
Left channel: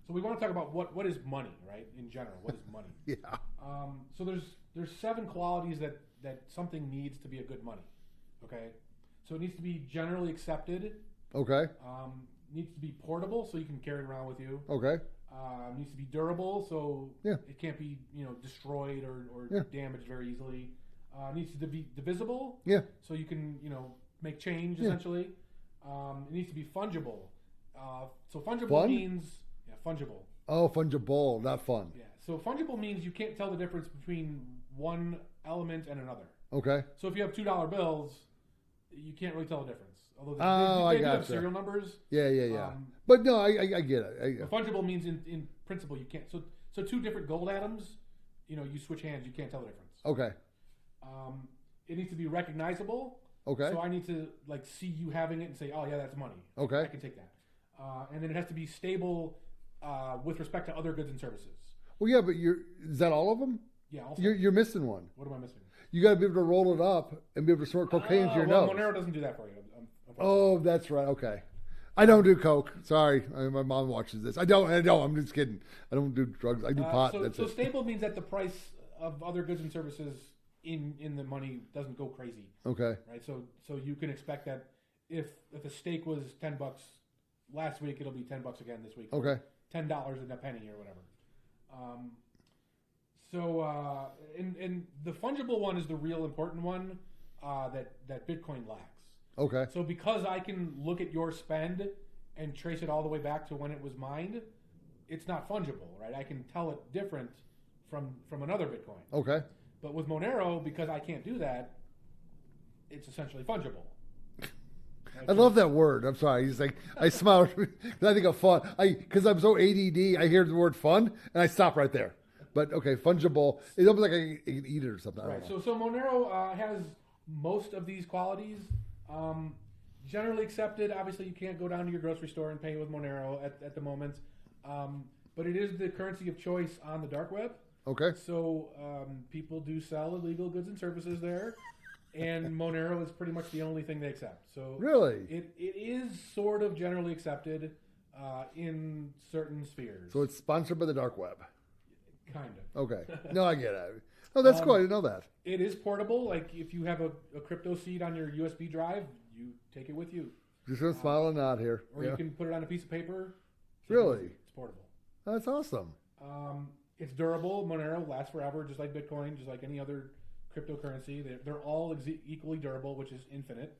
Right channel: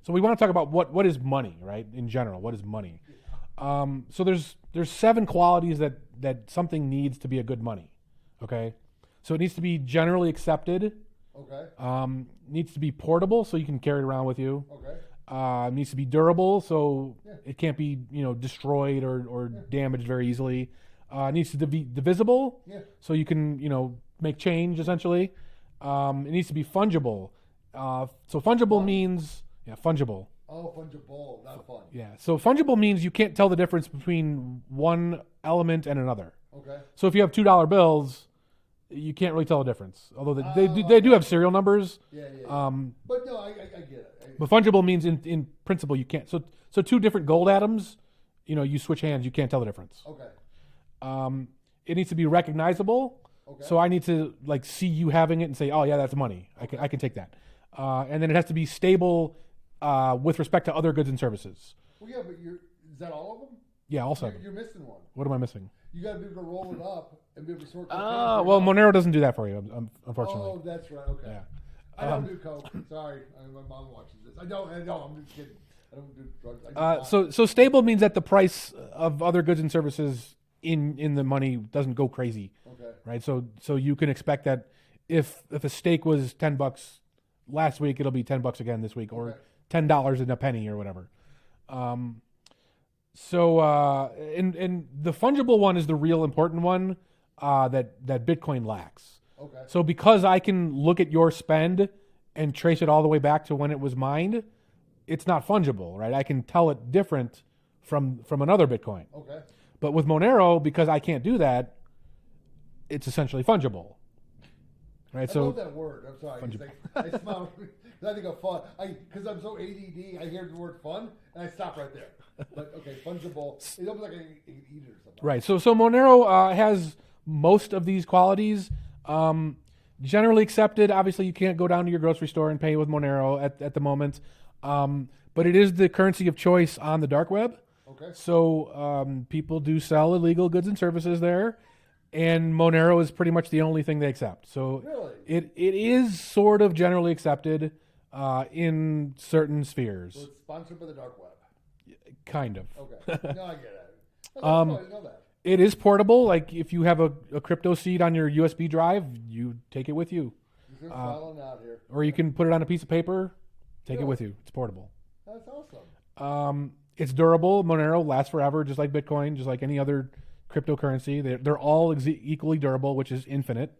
So we want to talk about what is money, right? In general, what is money? Yeah. So there's 7 qualities that something needs to be a good money. Okay. So it needs to be generally accepted. Okay. Needs to be portable, so you can carry it around with you. Okay. Needs to be durable, so it can't be destroyed or damaged very easily. Needs to be divisible. Yeah. So you can make change essentially. It needs to be fungible. So fungible means fungible. Oh, fungible, not fun. Yeah. So fungible means you can't tell the difference between one element and another. Okay. So if you have $2 bills, you can't really tell the difference. Although they do have serial numbers. Yeah. But no, I get it. But fungible means in principle you can't. So 2 different gold atoms, you switch hands, you can't tell the difference. Okay. It needs to be recognizable. Okay. So I need to like see you having it and say, oh yeah, that's money. Okay. I can take that. And then it has to be stable with respect to other goods and services. Well, yeah, but is that all of them? Yeah, also. You're missing one. What am I missing? You got to be able to roll it up and be able to snort cocaine. Well, Monero doesn't do that for you, unfortunately. Oh, that's right. Okay. I don't do coke. Sorry, my mom watches this. I don't. I'm just kidding. I don't do drugs. I do pot. So stable means that the price of other goods and services in the money doesn't go crazy. Okay. Right. So you can expect that if a steak was $10 last week, it'll be $10 again this week, or $10 and a penny or whatever. And the fungible one is the real important one that Bitcoin lacks. Okay. So because I can look at your spend and trace it all the way back to when it was mined, it's not fungible, right? I can tell it different from another Bitcoin. Okay. But with Monero, because I can't do that, it's essentially fungible. Right? I love that word. I'm sorry. He's like, I smile. I think of fun. Because I'm so ADD, I hear the word fun, and I stop right there. But okay, fungible. It's almost like I can eat it or something. Right. So Monero has most of these qualities. Generally accepted. Obviously, you can't go down to your grocery store and pay with Monero at the moment. But it is the currency of choice on the dark web. Okay. So people do sell illegal goods and services there, and Monero is pretty much the only thing they accept. So really, it is sort of generally accepted in certain spheres. So it's sponsored by the dark web. Kind of. Okay. No, I get it. Oh, that's cool. I didn't know that. It is portable. Like if you have a crypto seed on your USB drive, you take it with you. Just gonna smile and nod here. Or you can put it on a piece of paper, take it with you. It's portable. That's awesome. It's durable. Monero lasts forever, just like Bitcoin, just like any other cryptocurrency. They're all equally durable, which is infinite.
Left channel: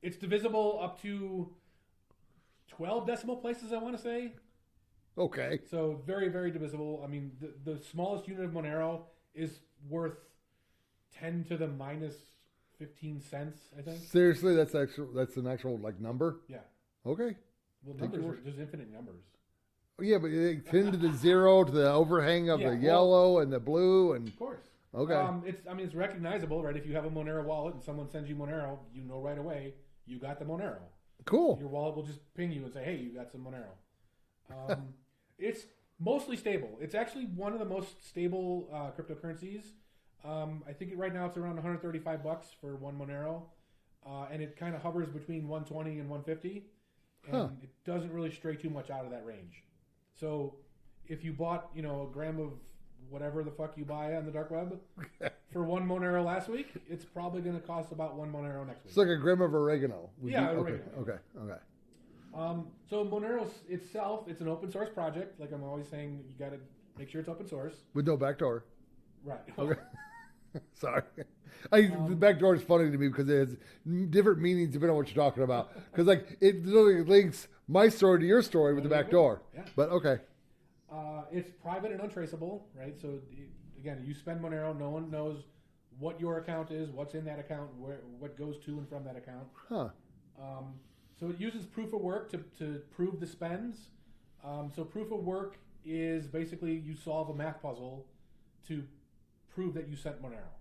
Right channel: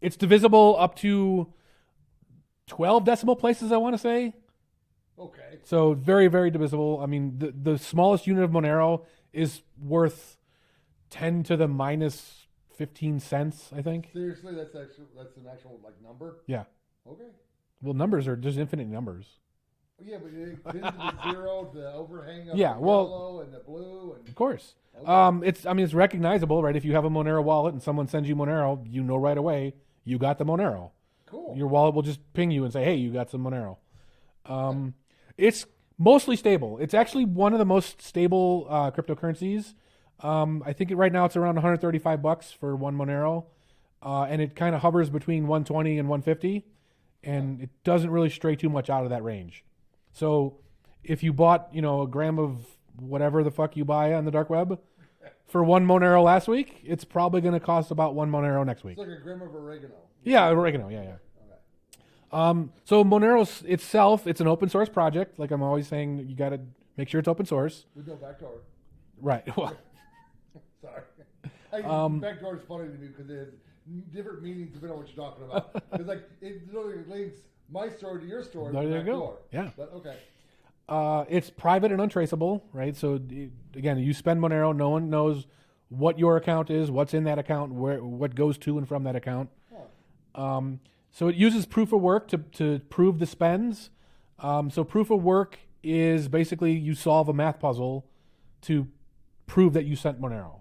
It's divisible up to 12 decimal places, I want to say. Okay. So very, very divisible. I mean, the smallest unit of Monero is worth 10 to the minus 15 cents, I think. Seriously, that's an actual like number? Yeah. Okay. Well, numbers are just infinite numbers. Yeah, but 10 to the 0 to the overhang of the yellow and the blue, and of course. Okay. It's recognizable, right? If you have a Monero wallet and someone sends you Monero, you know right away you got the Monero. Cool. Your wallet will just ping you and say, "Hey, you got some Monero." It's mostly stable. It's actually one of the most stable cryptocurrencies. I think right now it's around $135 for one Monero, and it kind of hovers between 120 and 150, and it doesn't really stray too much out of that range. So if you bought, a gram of whatever the fuck you buy on the dark web for one Monero last week, it's probably going to cost about one Monero next week. It's like a gram of oregano. Yeah, oregano. Yeah. Okay. So Monero itself, it's an open source project. Like I'm always saying, you got to make sure it's open source. With no backdoor. Right. Well, sorry. The backdoor is funny to me because it has different meanings depending on what you're talking about. Because it literally links my story to your story with the backdoor. Yeah. But okay. It's private and untraceable, right? So again, you spend Monero, no one knows what your account is, what's in that account, what goes to and from that account. So it uses proof of work to prove the spends. So proof of work is basically you solve a math puzzle to prove that you sent Monero.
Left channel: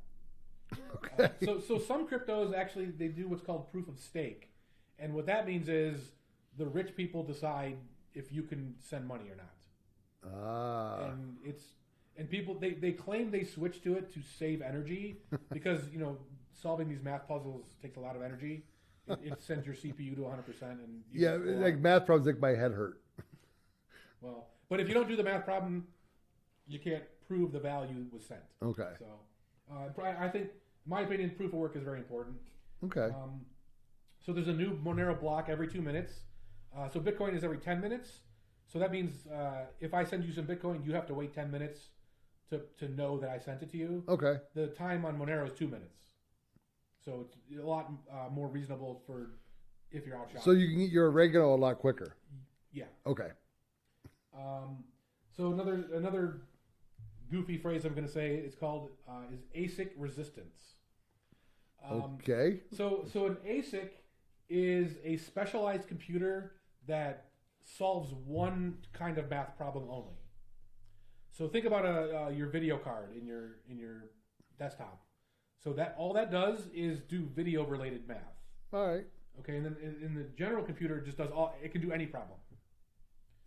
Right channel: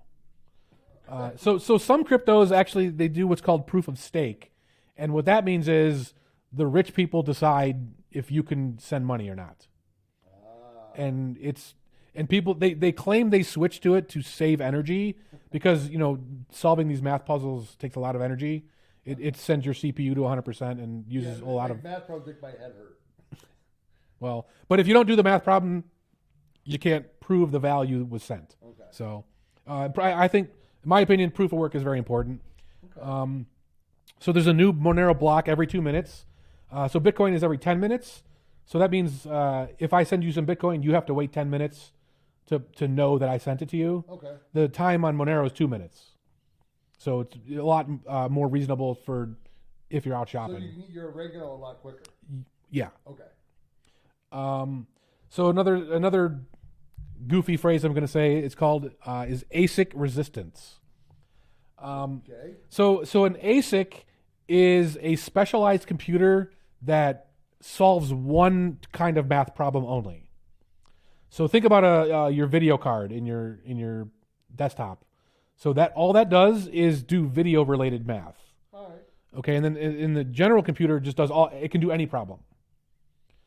Okay. So some cryptos actually, they do what's called proof of stake. And what that means is the rich people decide if you can send money or not. And people, they claim they switched to it to save energy because, solving these math puzzles takes a lot of energy. It sends your CPU to 100% and uses a lot of math problems make my head hurt. Well, but if you don't do the math problem, you can't prove the value was sent. Okay. So I think, in my opinion, proof of work is very important. Okay. So there's a new Monero block every 2 minutes. So Bitcoin is every 10 minutes. So that means if I send you some Bitcoin, you have to wait 10 minutes to know that I sent it to you. Okay. The time on Monero is 2 minutes. So it's a lot more reasonable for if you're out shopping. So you can get your oregano a lot quicker. Yeah. Okay. So another goofy phrase I'm going to say is called is ASIC resistance. Okay. So an ASIC is a specialized computer that solves one kind of math problem only. So think about your video card in your desktop. So that all that does is do video related math. All right. Okay, and then in the general computer, it just does all. It can do any problem.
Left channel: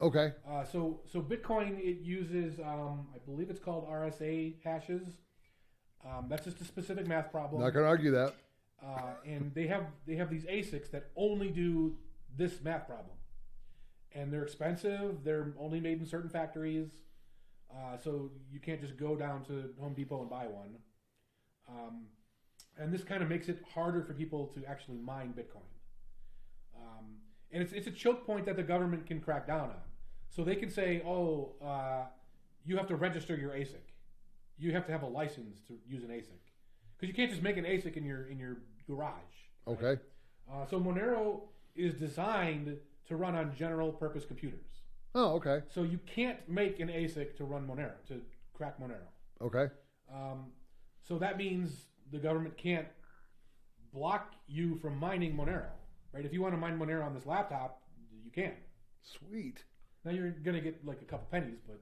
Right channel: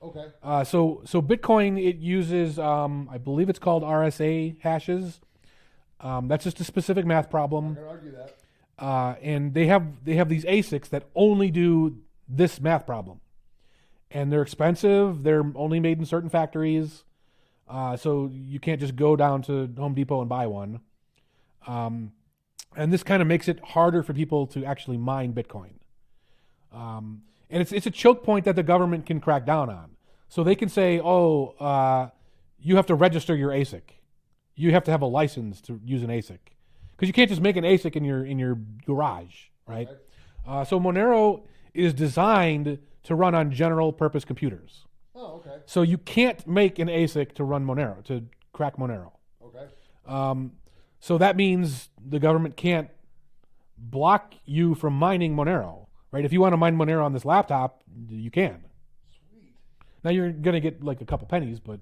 Okay. So Bitcoin, it uses I believe it's called RSA hashes. That's just a specific math problem. Not gonna argue that. And they have these ASICs that only do this math problem, and they're expensive. They're only made in certain factories, so you can't just go down to Home Depot and buy one. And this kind of makes it harder for people to actually mine Bitcoin. And it's a choke point that the government can crack down on. So they can say, you have to register your ASIC. You have to have a license to use an ASIC. Because you can't just make an ASIC in your garage, right? Okay. So Monero is designed to run on general purpose computers. Oh, okay. So you can't make an ASIC to run Monero, to crack Monero. Okay. So that means the government can't block you from mining Monero, right? If you want to mine Monero on this laptop, you can. Sweet. Now you're going to get like a couple pennies, but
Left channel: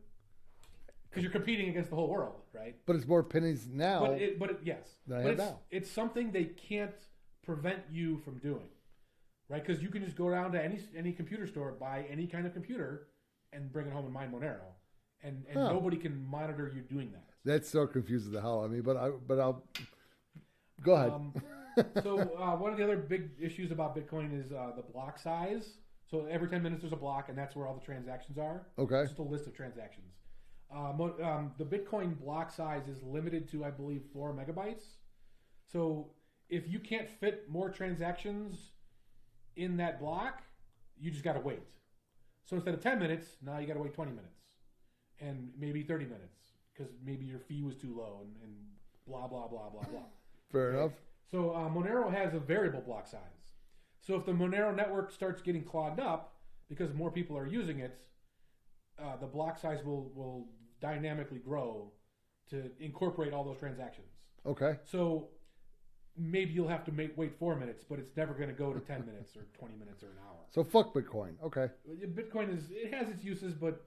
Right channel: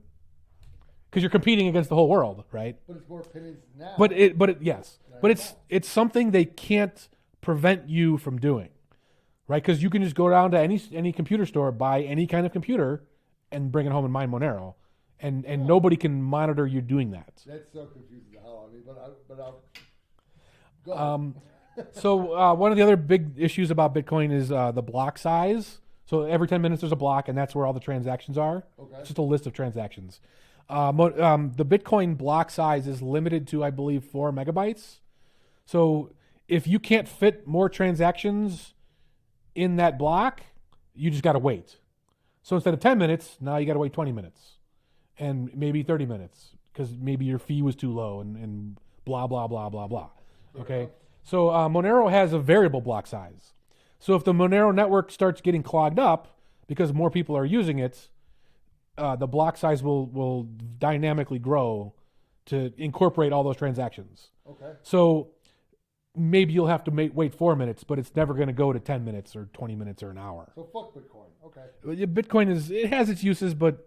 because you're competing against the whole world, right? But it's more pennies now. Yes. But it's something they can't prevent you from doing, right? Because you can just go down to any computer store, buy any kind of computer, and bring it home and mine Monero. And nobody can monitor you doing that. That so confuses the hell out of me. But I'll go ahead. So one of the other big issues about Bitcoin is the block size. So every 10 minutes there's a block, and that's where all the transactions are. Okay. It's just a list of transactions. The Bitcoin block size is limited to, I believe, 4 megabytes. So if you can't fit more transactions in that block, you just got to wait. So instead of 10 minutes, now you got to wait 20 minutes. And maybe 30 minutes because maybe your fee was too low and blah, blah, blah, blah, blah. Fair enough. So Monero has a variable block size. So if the Monero network starts getting clogged up because more people are using it, the block size will dynamically grow to incorporate all those transactions. Okay. So maybe you'll have to wait 4 minutes, but it's never going to go to 10 minutes or 20 minutes or an hour. So fuck Bitcoin. Okay. Bitcoin it has its uses, but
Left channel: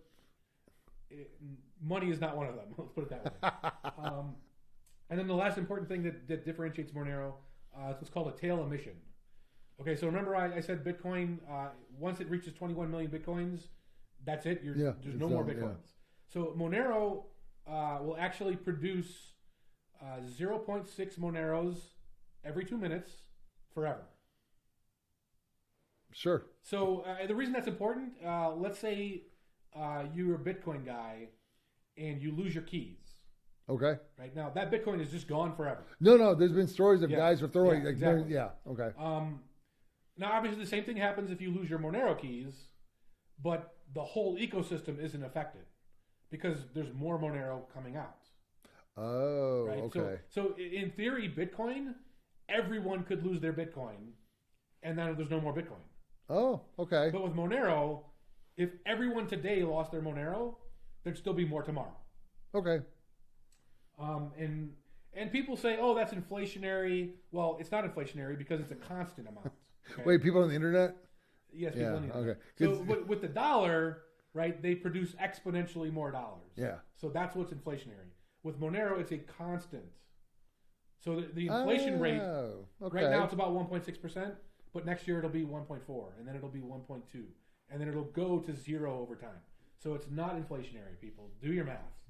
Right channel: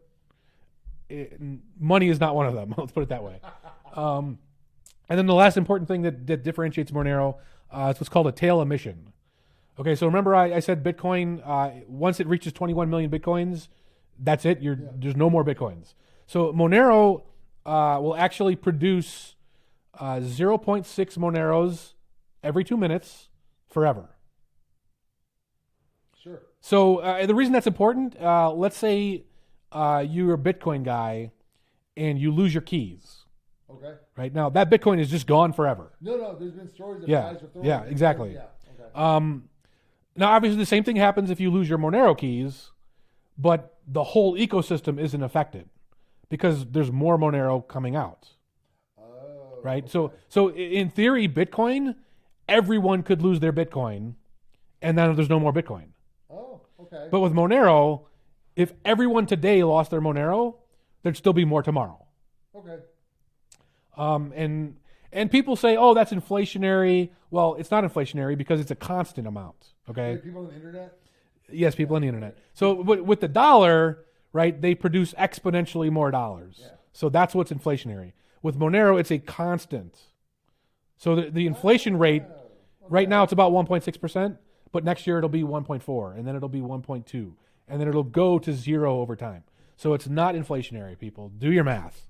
money is not one of them. Let's put it that way. And then the last important thing that differentiates Monero is what's called a tail emission. Okay, so remember I said Bitcoin, once it reaches 21 million Bitcoins, that's it. There's no more Bitcoins. Yeah. So Monero will actually produce 0.6 Moneros every 2 minutes forever. Sure. So the reason that's important, let's say you're a Bitcoin guy and you lose your keys. Okay. Right now, that Bitcoin is just gone forever. No. There's been stories of guys with throwing. Yeah, exactly. Yeah. Okay. Now, obviously, the same thing happens if you lose your Monero keys, but the whole ecosystem isn't affected because there's more Monero coming out. Oh. Right. Okay. So in theory, Bitcoin, everyone could lose their Bitcoin, and then there's no more Bitcoin. Oh. Okay. But with Monero, if everyone today lost their Monero, there'd still be more tomorrow. Okay. And people say, oh, that's inflationary. Well, it's not inflationary because it's a constant amount. Okay. Wait, people on the internet? Yes, people on the internet. Okay. So with the dollar, right, they produce exponentially more dollars. Yeah. So that's what's inflationary. With Monero, it's a constant. So the inflation rate, right now it's about 1.6%, but next year it'll be 1.4, and then it'll be 1.2, and then it'll go to 0 over time. So it's not inflationary, people. Do your math.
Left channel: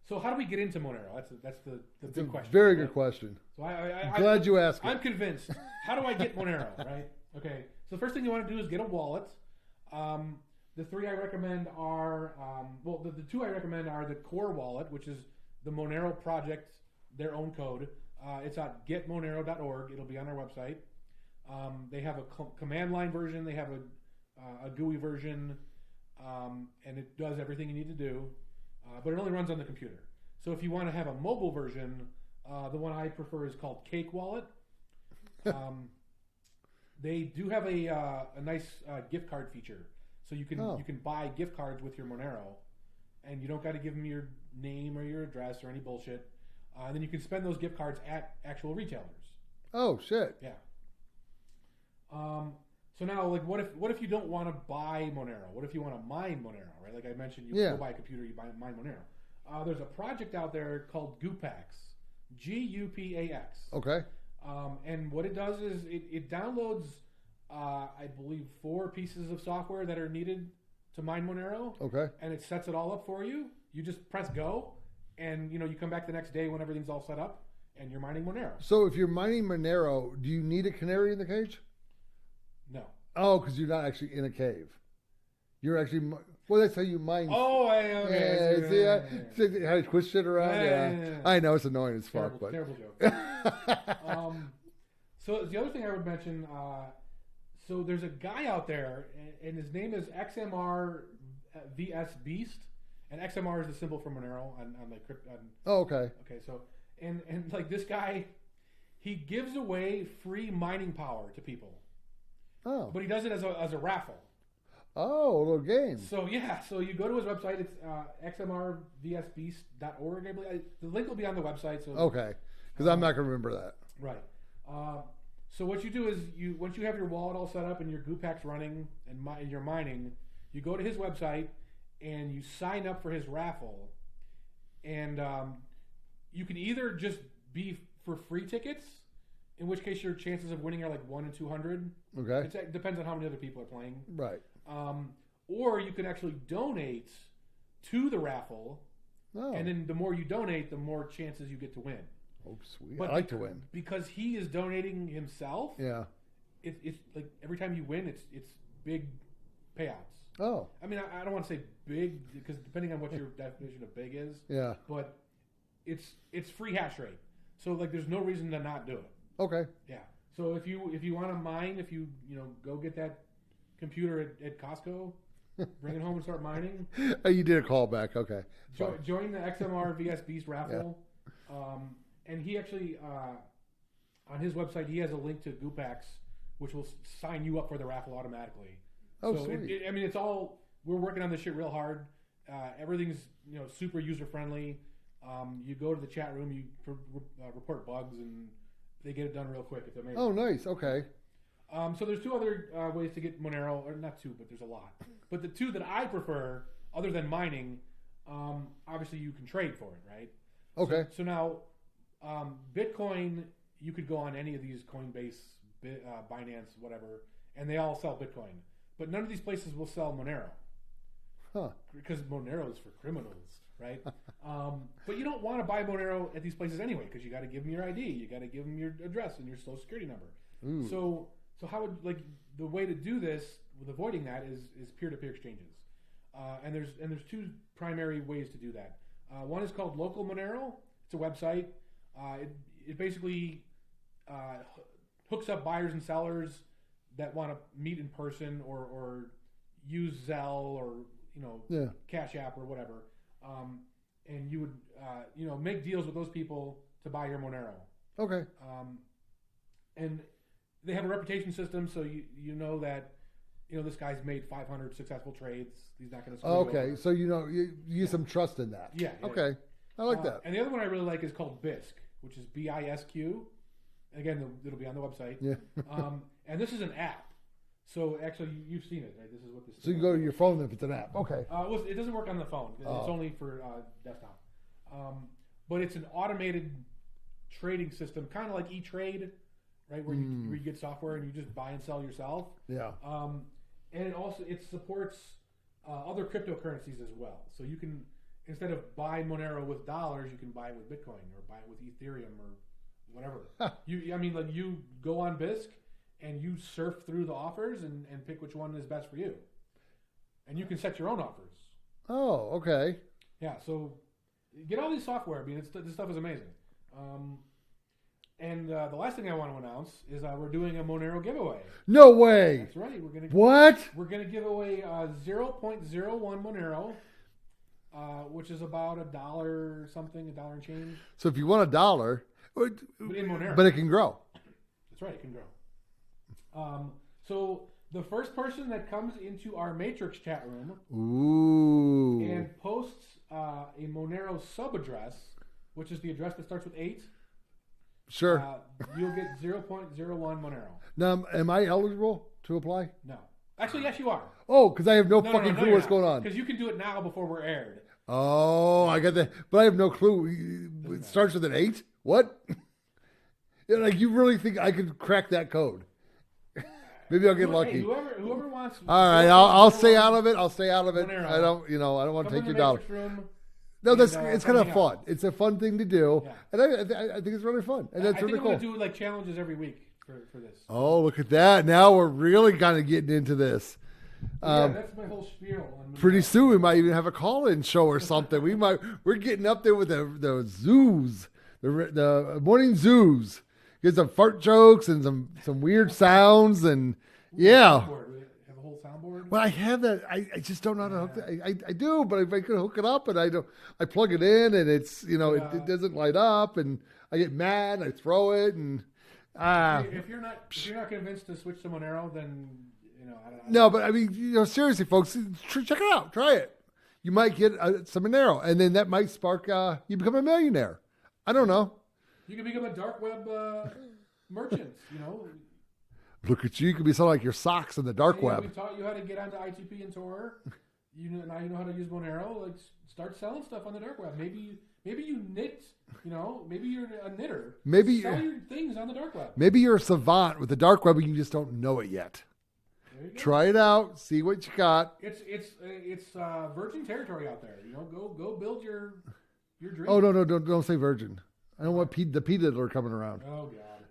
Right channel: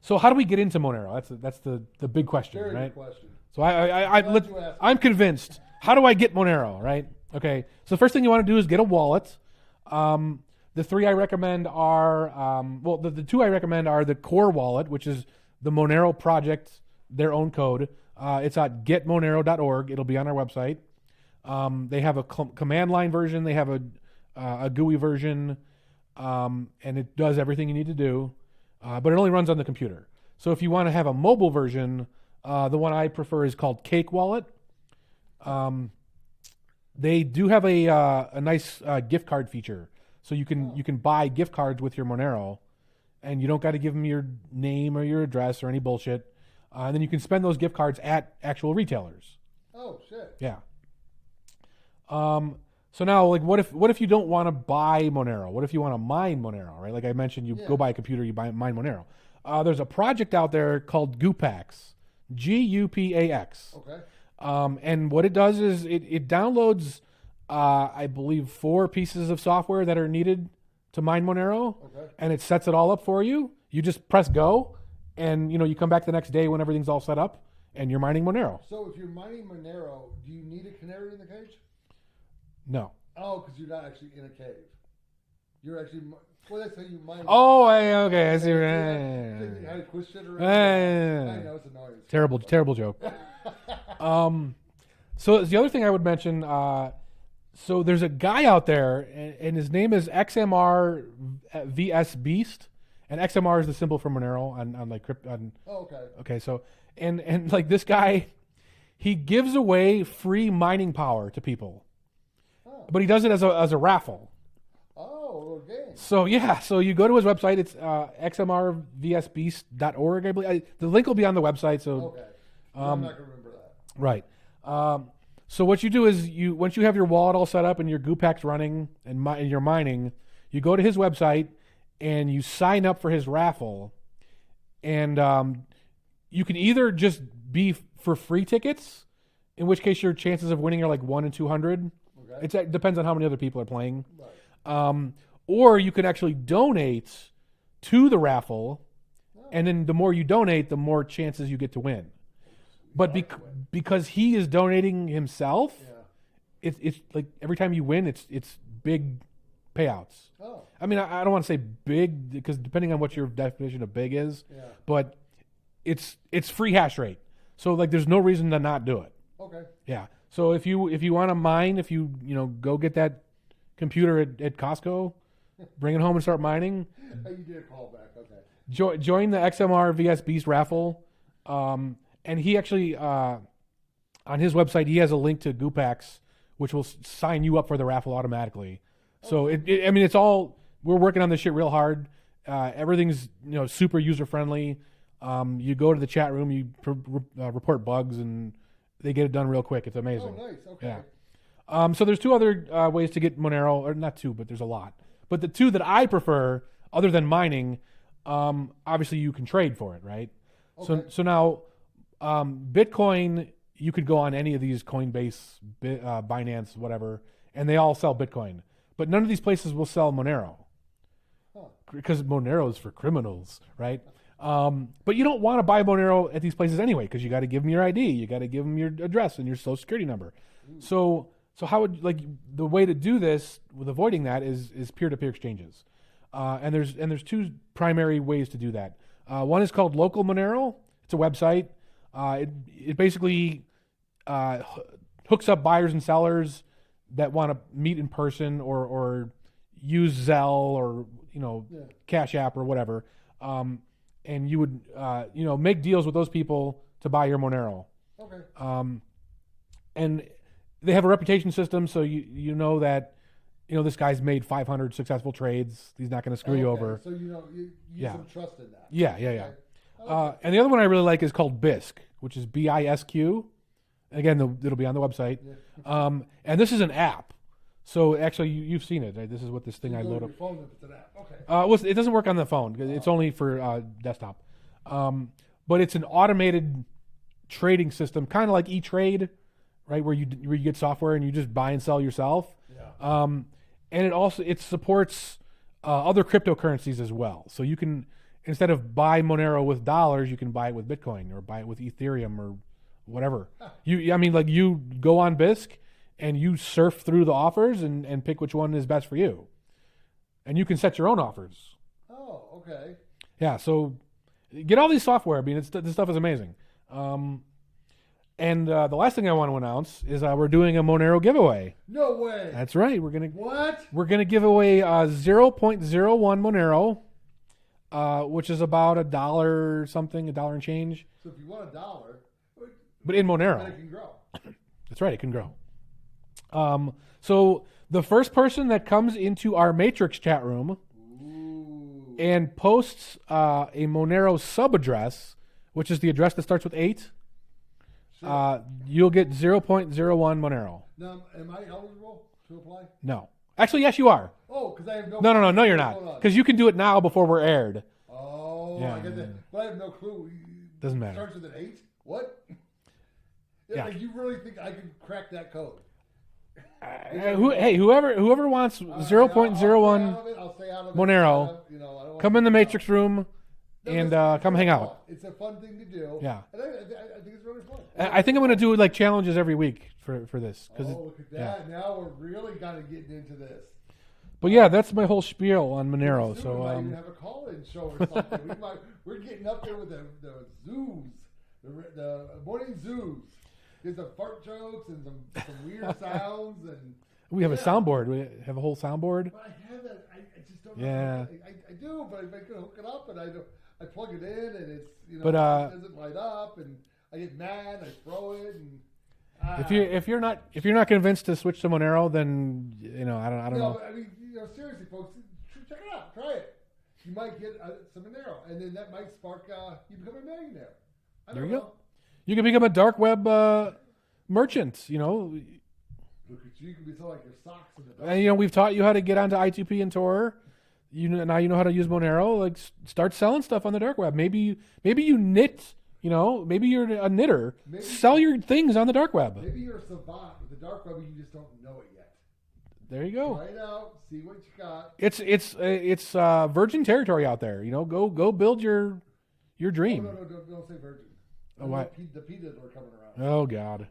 So how do we get into Monero? That's the big question. Very right? good question. So I'm glad you asked. I'm convinced. How do I get Monero? Right? Okay. So the first thing you want to do is get a wallet. The three I recommend are the two I recommend are the core wallet, which is the Monero project, their own code. It's at getmonero.org. It'll be on our website. They have a command line version. They have a GUI version, and it does everything you need to do. But it only runs on the computer. So if you want to have a mobile version, the one I prefer is called Cake Wallet. They do have a nice gift card feature, so you can buy gift cards with your Monero, and you don't got to give them your name or your address or any bullshit. And then you can spend those gift cards at actual retailers. Oh shit! Yeah. So now, like, what if you don't want to buy Monero? What if you want to mine Monero, right? Like I mentioned, you go buy a computer, you mine Monero. there's a project out there called Gupax, Gupax. Okay. And what it does is it downloads, I believe, 4 pieces of software that are needed to mine Monero. Okay. And it sets it all up for you. You just press go, and you come back the next day when everything's all set up, and you're mining Monero. So if you're mining Monero, do you need a canary in the cage? No. Oh, because you're not actually in a cave. You're actually. Well, that's how you mine. Oh, okay. I see. See how you twist it around. Yeah. I know it's annoying. It's Terrible, fun, terrible joke. So the other thing I would mention. So there's a guy out there, and his name is XMR VS Beast, and XMR is the symbol for Monero on like crypto. Oh, okay. Okay, so and like this guy, he gives away free mining power to people. Oh. But he does it as a raffle. Oh, a little game. So yeah, so you go to his website. It's xmrvsbeast.org, I believe. The link will be on the website. So okay, because I'm not going to remember that. Right. So what you do is once you have your wallet all set up and your Gupax running and you're mining, you go to his website and you sign up for his raffle, and you can either just be for free tickets, in which case your chances of winning are like 1 in 200. Okay. It depends on how many other people are playing. Right. Or you can actually donate to the raffle, Oh. and then the more you donate, the more chances you get to win. Oh, sweet. But I like to win. because he is donating himself, Yeah. it's like every time you win, it's big payouts. Oh. I mean, I don't want to say big because depending on what your definition of big is, Yeah. but it's free hash rate. So like, there's no reason to not do it. Okay. Yeah. So if you want to mine, if you go get that computer at Costco, bring it home and start mining. Oh, you did a callback. Okay. Join the XMR VS Beast raffle. Yeah. And he actually, on his website, he has a link to Gupax, which will sign you up for the raffle automatically. Oh, so it's all, we're working on this shit real hard. Everything's super user friendly. You go to the chat room, you report bugs, and they get it done real quick. It's amazing. Oh, nice. Okay. Yeah. So there's 2 other ways to get Monero, or not 2, but there's a lot. But the 2 that I prefer, other than mining, obviously you can trade for it, right? Okay. So now, Bitcoin, you could go on any of these Coinbase, Binance, whatever, and they all sell Bitcoin. But none of these places will sell Monero. Huh. Because Monero is for criminals, right? But you don't want to buy Monero at these places anyway, because you got to give them your ID, you got to give them your address and your social security number. Ooh. So how would the way to do this with avoiding that is peer-to-peer exchanges, and there's 2 primary ways to do that. One is called Local Monero. It's a website. It basically hooks up buyers and sellers that want to meet in person or use Zelle or Cash App or whatever. And you would make deals with those people to buy your Monero. Okay. And they have a reputation system, so you know that this guy's made 500 successful trades. He's not going to screw you over. So you use some trust in that. Yeah. Okay. Yeah. I like that. And the other one I really like is called BISC, which is BISQ. Again, it'll be on the website. Yeah. And this is an app. So actually, you've seen it. Right? This is what this thing. So you go to your phone if it's an app. Okay. Well, it doesn't work on the phone. It's only for desktop. But it's an automated trading system, kind of like E-Trade, right? Where you get software and you just buy and sell yourself. Yeah. And it supports other cryptocurrencies as well. So you can, instead of buy Monero with dollars, you can buy it with Bitcoin or buy it with Ethereum or whatever. You go on BISC and you surf through the offers and pick which one is best for you. And you can set your own offers. Oh, okay. Yeah, so get all these software. I mean, this stuff is amazing. And the last thing I want to announce is we're doing a Monero giveaway. No way. That's right. We're gonna give away 0.01 Monero, which is about $1 something, $1 and change. So if you want $1, but in Monero, but it can grow. That's right. It can grow. So the first person that comes into our Matrix chat room and posts a Monero sub address, which is the address that starts with 8. Sure. You'll get 0.01 Monero. Now, am I eligible to apply? No. Actually, yes, you are. Oh, because I have no No, clue you're what's not. going on. Because you can do it now before we're aired. Oh, Yeah. I got that, but I have no clue. Doesn't It matter. starts with an 8. What? Yeah. Like you really think I could crack that code? Maybe I'll get lucky. Hey, whoever wants All right, I'll stay 0.01 out of it. I'll stay out of it. Monero. I don't want come to in the take it Matrix out. room. No, and, it's come kind hang of out. fun. It's a fun thing to do. Yeah. And I think it's really fun. And I think I'm really going to do like challenges every week for this. Oh, look at that! Now we're really kind of getting into this. But yeah, that's my whole spiel on Monero. Pretty soon we so, might even have a call-in show or something. We're getting up there with the zoos, the morning zoos. Get some fart jokes and some weird sounds and we have a soundboard. We have a whole soundboard. Well, I have that. I just don't know how to hook it. I do, but if I could hook it up and I plug it in and it's it doesn't light up and I get mad. I throw it and. If you're not convinced to switch to Monero, then I don't No, know. but I mean, seriously, folks, check it out. Try it. You might get some Monero, and then that might spark you become a millionaire. I don't know. You can become a dark web merchant. Look at you. You could be selling like your socks in the dark And, web. we've taught you how to get onto I2P and Tor. Now you know how to use Monero. Like, start selling stuff on the dark web. Maybe you knit. Maybe you're a knitter. Maybe sell your things on the dark web. Maybe you're a savant with the dark web, and you just don't know it yet. There you go. Try it out. See what you got. It's virgin territory out there. Go build your dream. Oh no, don't say virgin. I don't want the P diddler coming around. Oh God.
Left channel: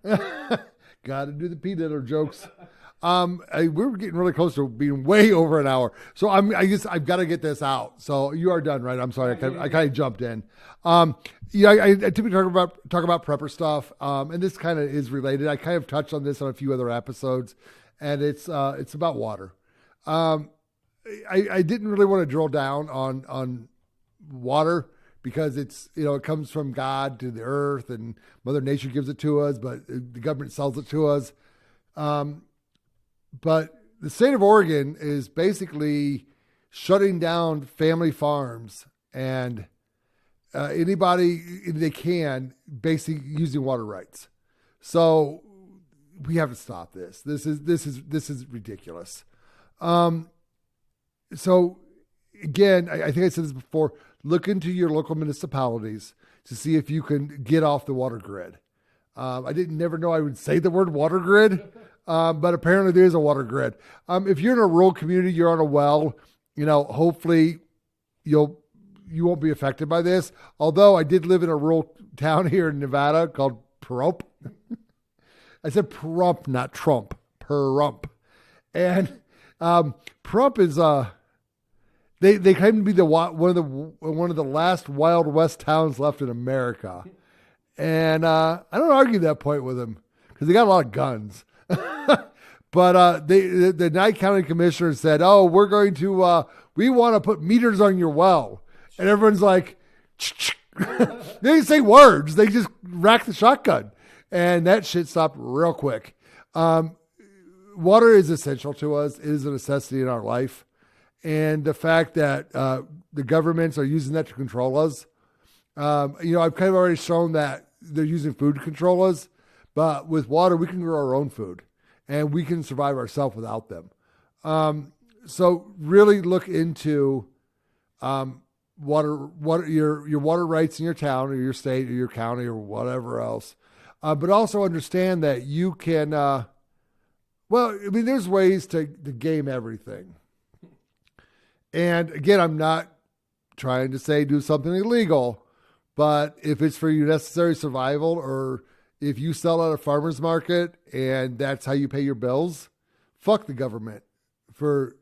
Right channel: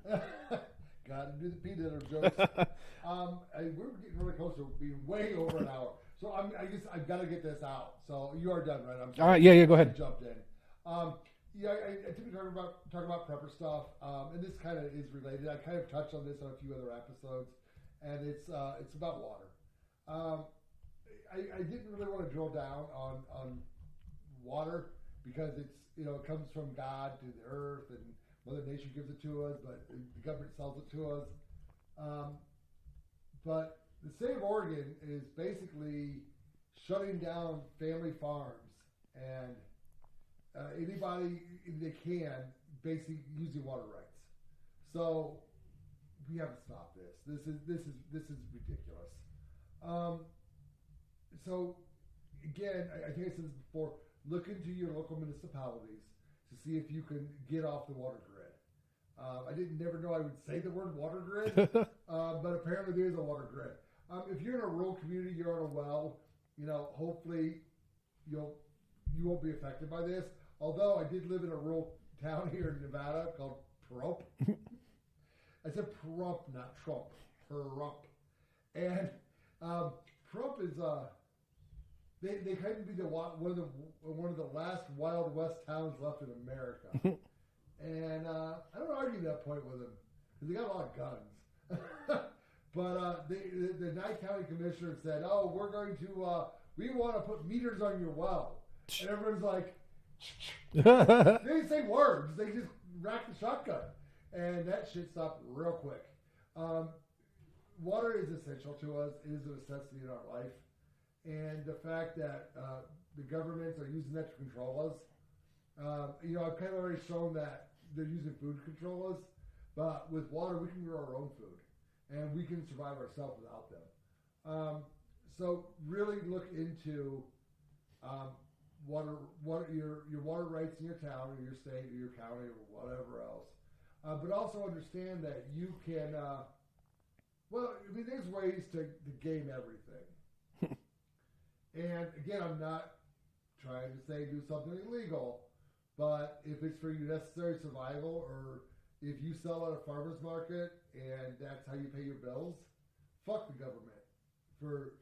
Got to do the P diddler jokes. We're getting really close to being way over an hour. So I've got to get this out. So you are done, right? I'm sorry. I kind of jumped in. I typically talk about prepper stuff, and this kind of is related. I kind of touched on this on a few other episodes, and it's about water. I didn't really want to drill down on water because it's it comes from God to the earth, and Mother Nature gives it to us, but the government sells it to us. But the state of Oregon is basically shutting down family farms and anybody they can basically using water rights. So we have to stop this. This is ridiculous. So again, I think I said this before, look into your local municipalities to see if you can get off the water grid. I never know I would say the word water grid, but apparently there is a water grid. If you're in a rural community, you're on a well, hopefully you won't be affected by this. Although I did live in a rural town here in Nevada called Pahrump. I said Pahrump, not Trump. Pahrump. And Pahrump is they claim to be one of the last Wild West towns left in America. And I don't argue that point with them because they got a lot of guns. But the Nye County Commissioner said, "Oh, we're going to we want to put meters on your well," and everyone's like, they didn't say words; they just racked the shotgun, and that shit stopped real quick. Water is essential to us; it is a necessity in our life, and the fact that the governments are using that to control us. I've kind of already shown that they're using food to control us, but with water, we can grow our own food and we can survive ourselves without them. So really look into water, your water rights in your town or your state or your county or whatever else. But also understand that you can, there's ways to game everything. And again, I'm not trying to say do something illegal. But if it's for your necessary survival, or if you sell at a farmer's market and that's how you pay your bills, fuck the government for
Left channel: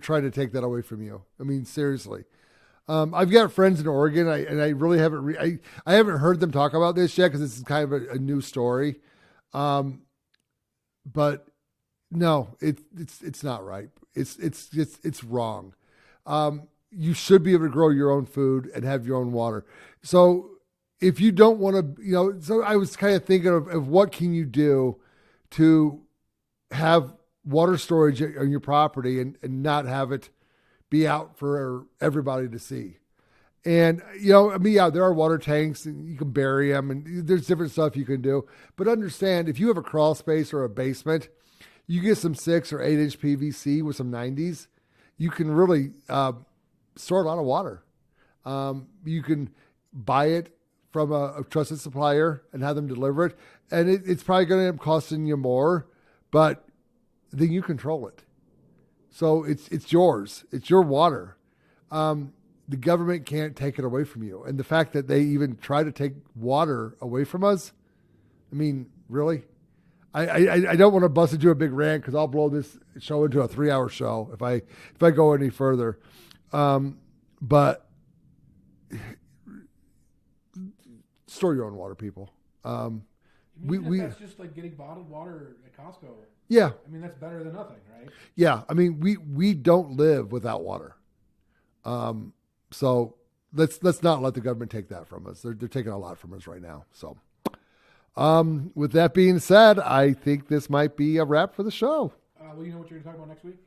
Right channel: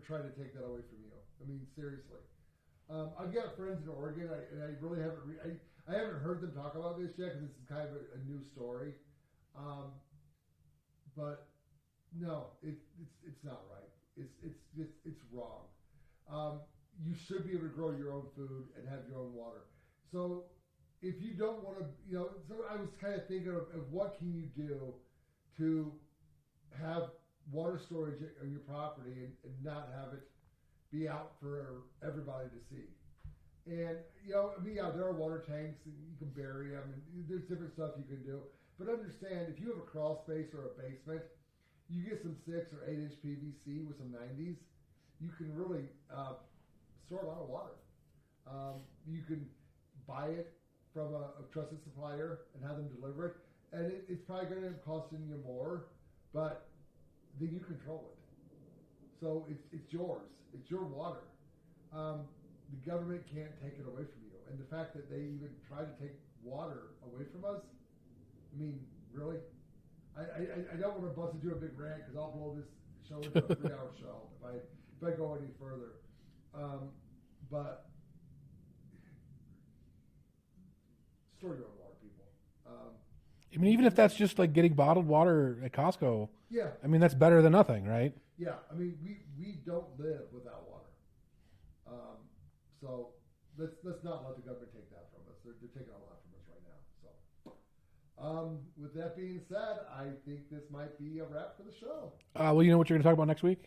trying to take that away from you. I mean, seriously. I've got friends in Oregon, and I really haven't I haven't heard them talk about this yet because this is kind of a new story. But no, it's not right. It's wrong. You should be able to grow your own food and have your own water. So if you don't want to, so I was kind of thinking of what can you do to have water storage on your property and not have it be out for everybody to see. And, there are water tanks and you can bury them and there's different stuff you can do. But understand, if you have a crawl space or a basement, you get some 6 or 8-inch PVC with some 90s, you can really store a lot of water. You can buy it from a trusted supplier and have them deliver it. And it's probably going to end up costing you more, but then you control it. So it's yours. It's your water. The government can't take it away from you. And the fact that they even try to take water away from us, I mean, really? I don't want to bust into a big rant because I'll blow this show into a 3-hour show if I go any further. But store your own water, people. I mean, even if that's just like getting bottled water at Costco. Yeah. I mean, that's better than nothing, right? Yeah. I mean, we don't live without water. So let's not let the government take that from us. They're taking a lot from us right now. So, with that being said, I think this might be a wrap for the show. Well, you know what you're going to talk about next week?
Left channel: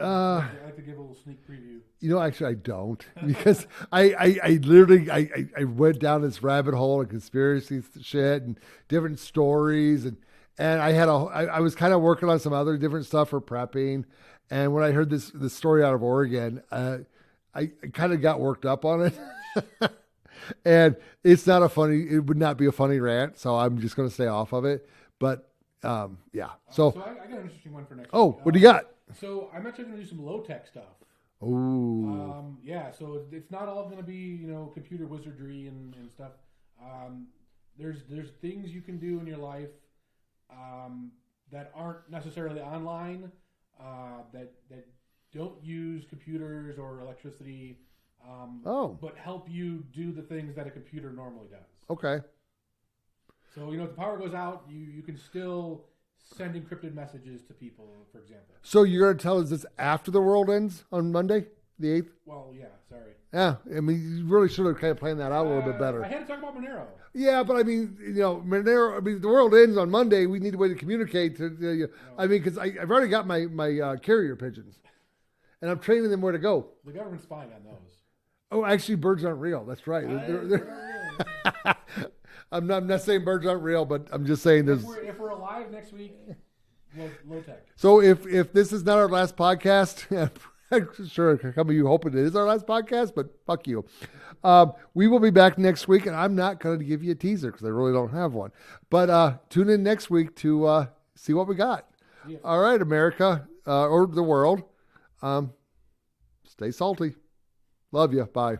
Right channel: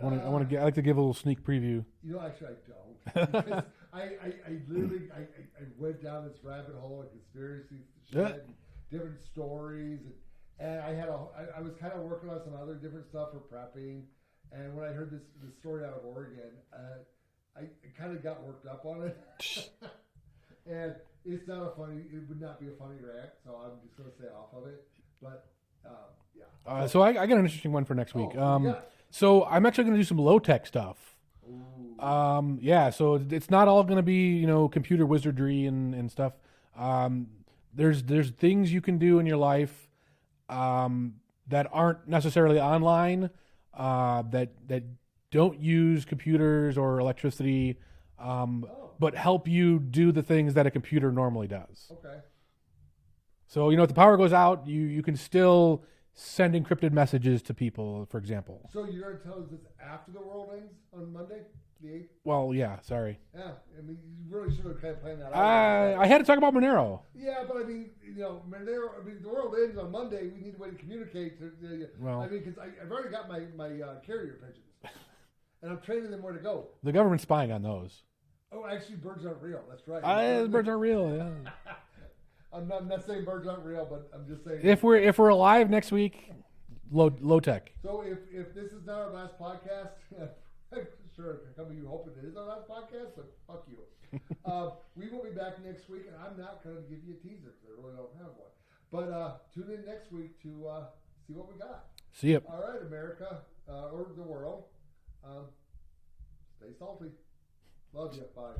I like to give a little sneak preview. You know, actually, I don't because I literally I went down this rabbit hole of conspiracy shit and different stories and I was kind of working on some other different stuff for prepping, and when I heard this story out of Oregon, I kind of got worked up on it, and it would not be a funny rant, so I'm just going to stay off of it. But yeah, so I got an interesting one for next week. Oh, what do you got? So I'm actually going to do some low tech stuff. Ooh. Yeah. So it's not all going to be computer wizardry and stuff. There's things you can do in your life that aren't necessarily online, that don't use computers or electricity, but help you do the things that a computer normally does. Okay. So if the power goes out, you can still send encrypted messages to people, for example. So you're going to tell us this after the world ends on Monday, the 8th? Well, yeah, sorry. Yeah, I mean, you really should have kind of planned that out a little bit better. I had to talk about Monero. Yeah, but I mean, Monero, I mean, the world ends on Monday. We need a way to communicate. I mean, because I've already got my carrier pigeons, and I'm training them where to go. The government's spying on those. Oh, actually, birds aren't real. That's right. Birds aren't real. Yeah. I'm not saying birds aren't real, but I'm just saying if we're alive next week, low tech. So if this is not our last podcast, I'm sure some of you hoping it is our last podcast, but fuck you. We will be back next week, and I'm not going to give you a teaser because I really don't have one. But tune in next week to see what we got. See you. All right, America, or the world. Stay salty. Love you. Bye.